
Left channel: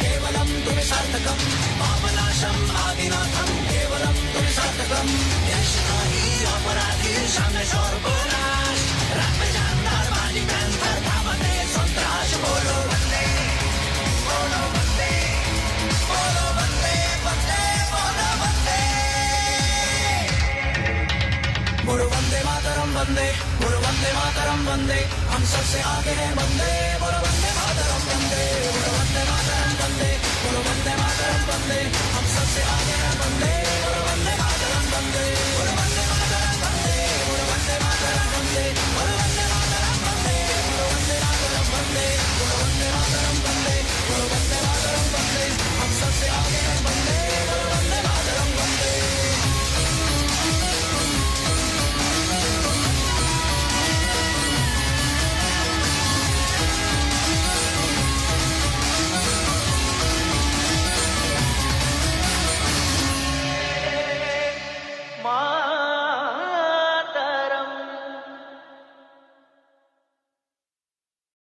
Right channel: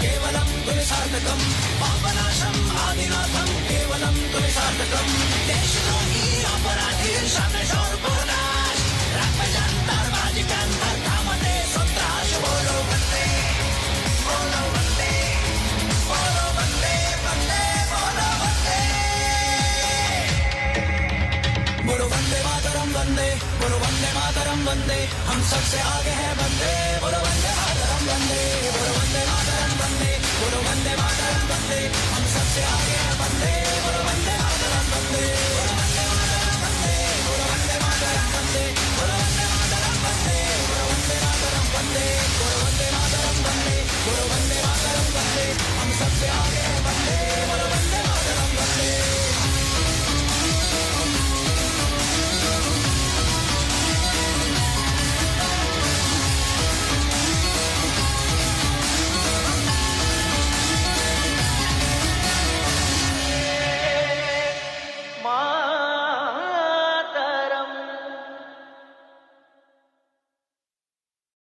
केवलं तुम्हें सार्थकम पापनाशम आदिनाथम केवलं तुम्हें सार्थकम देशद्रोही अपराधी सामने शोर बोलाश रात में जानदार बाजी पैंतर थामते संतराश. बोलो वंदे, बोलो वंदे, बोलो वंदे, वंदे, बोलो वंदे. बोलो वंदे मातरम वंदे, बोलो वंदे मातरम वंदे, हम सबसे आगे हैं वंदे. बोलो वंदे मातरम वंदे, बोलो वंदे मातरम वंदे, बोलो वंदे मातरम वंदे, हम सबसे आगे हैं वंदे. बोलो वंदे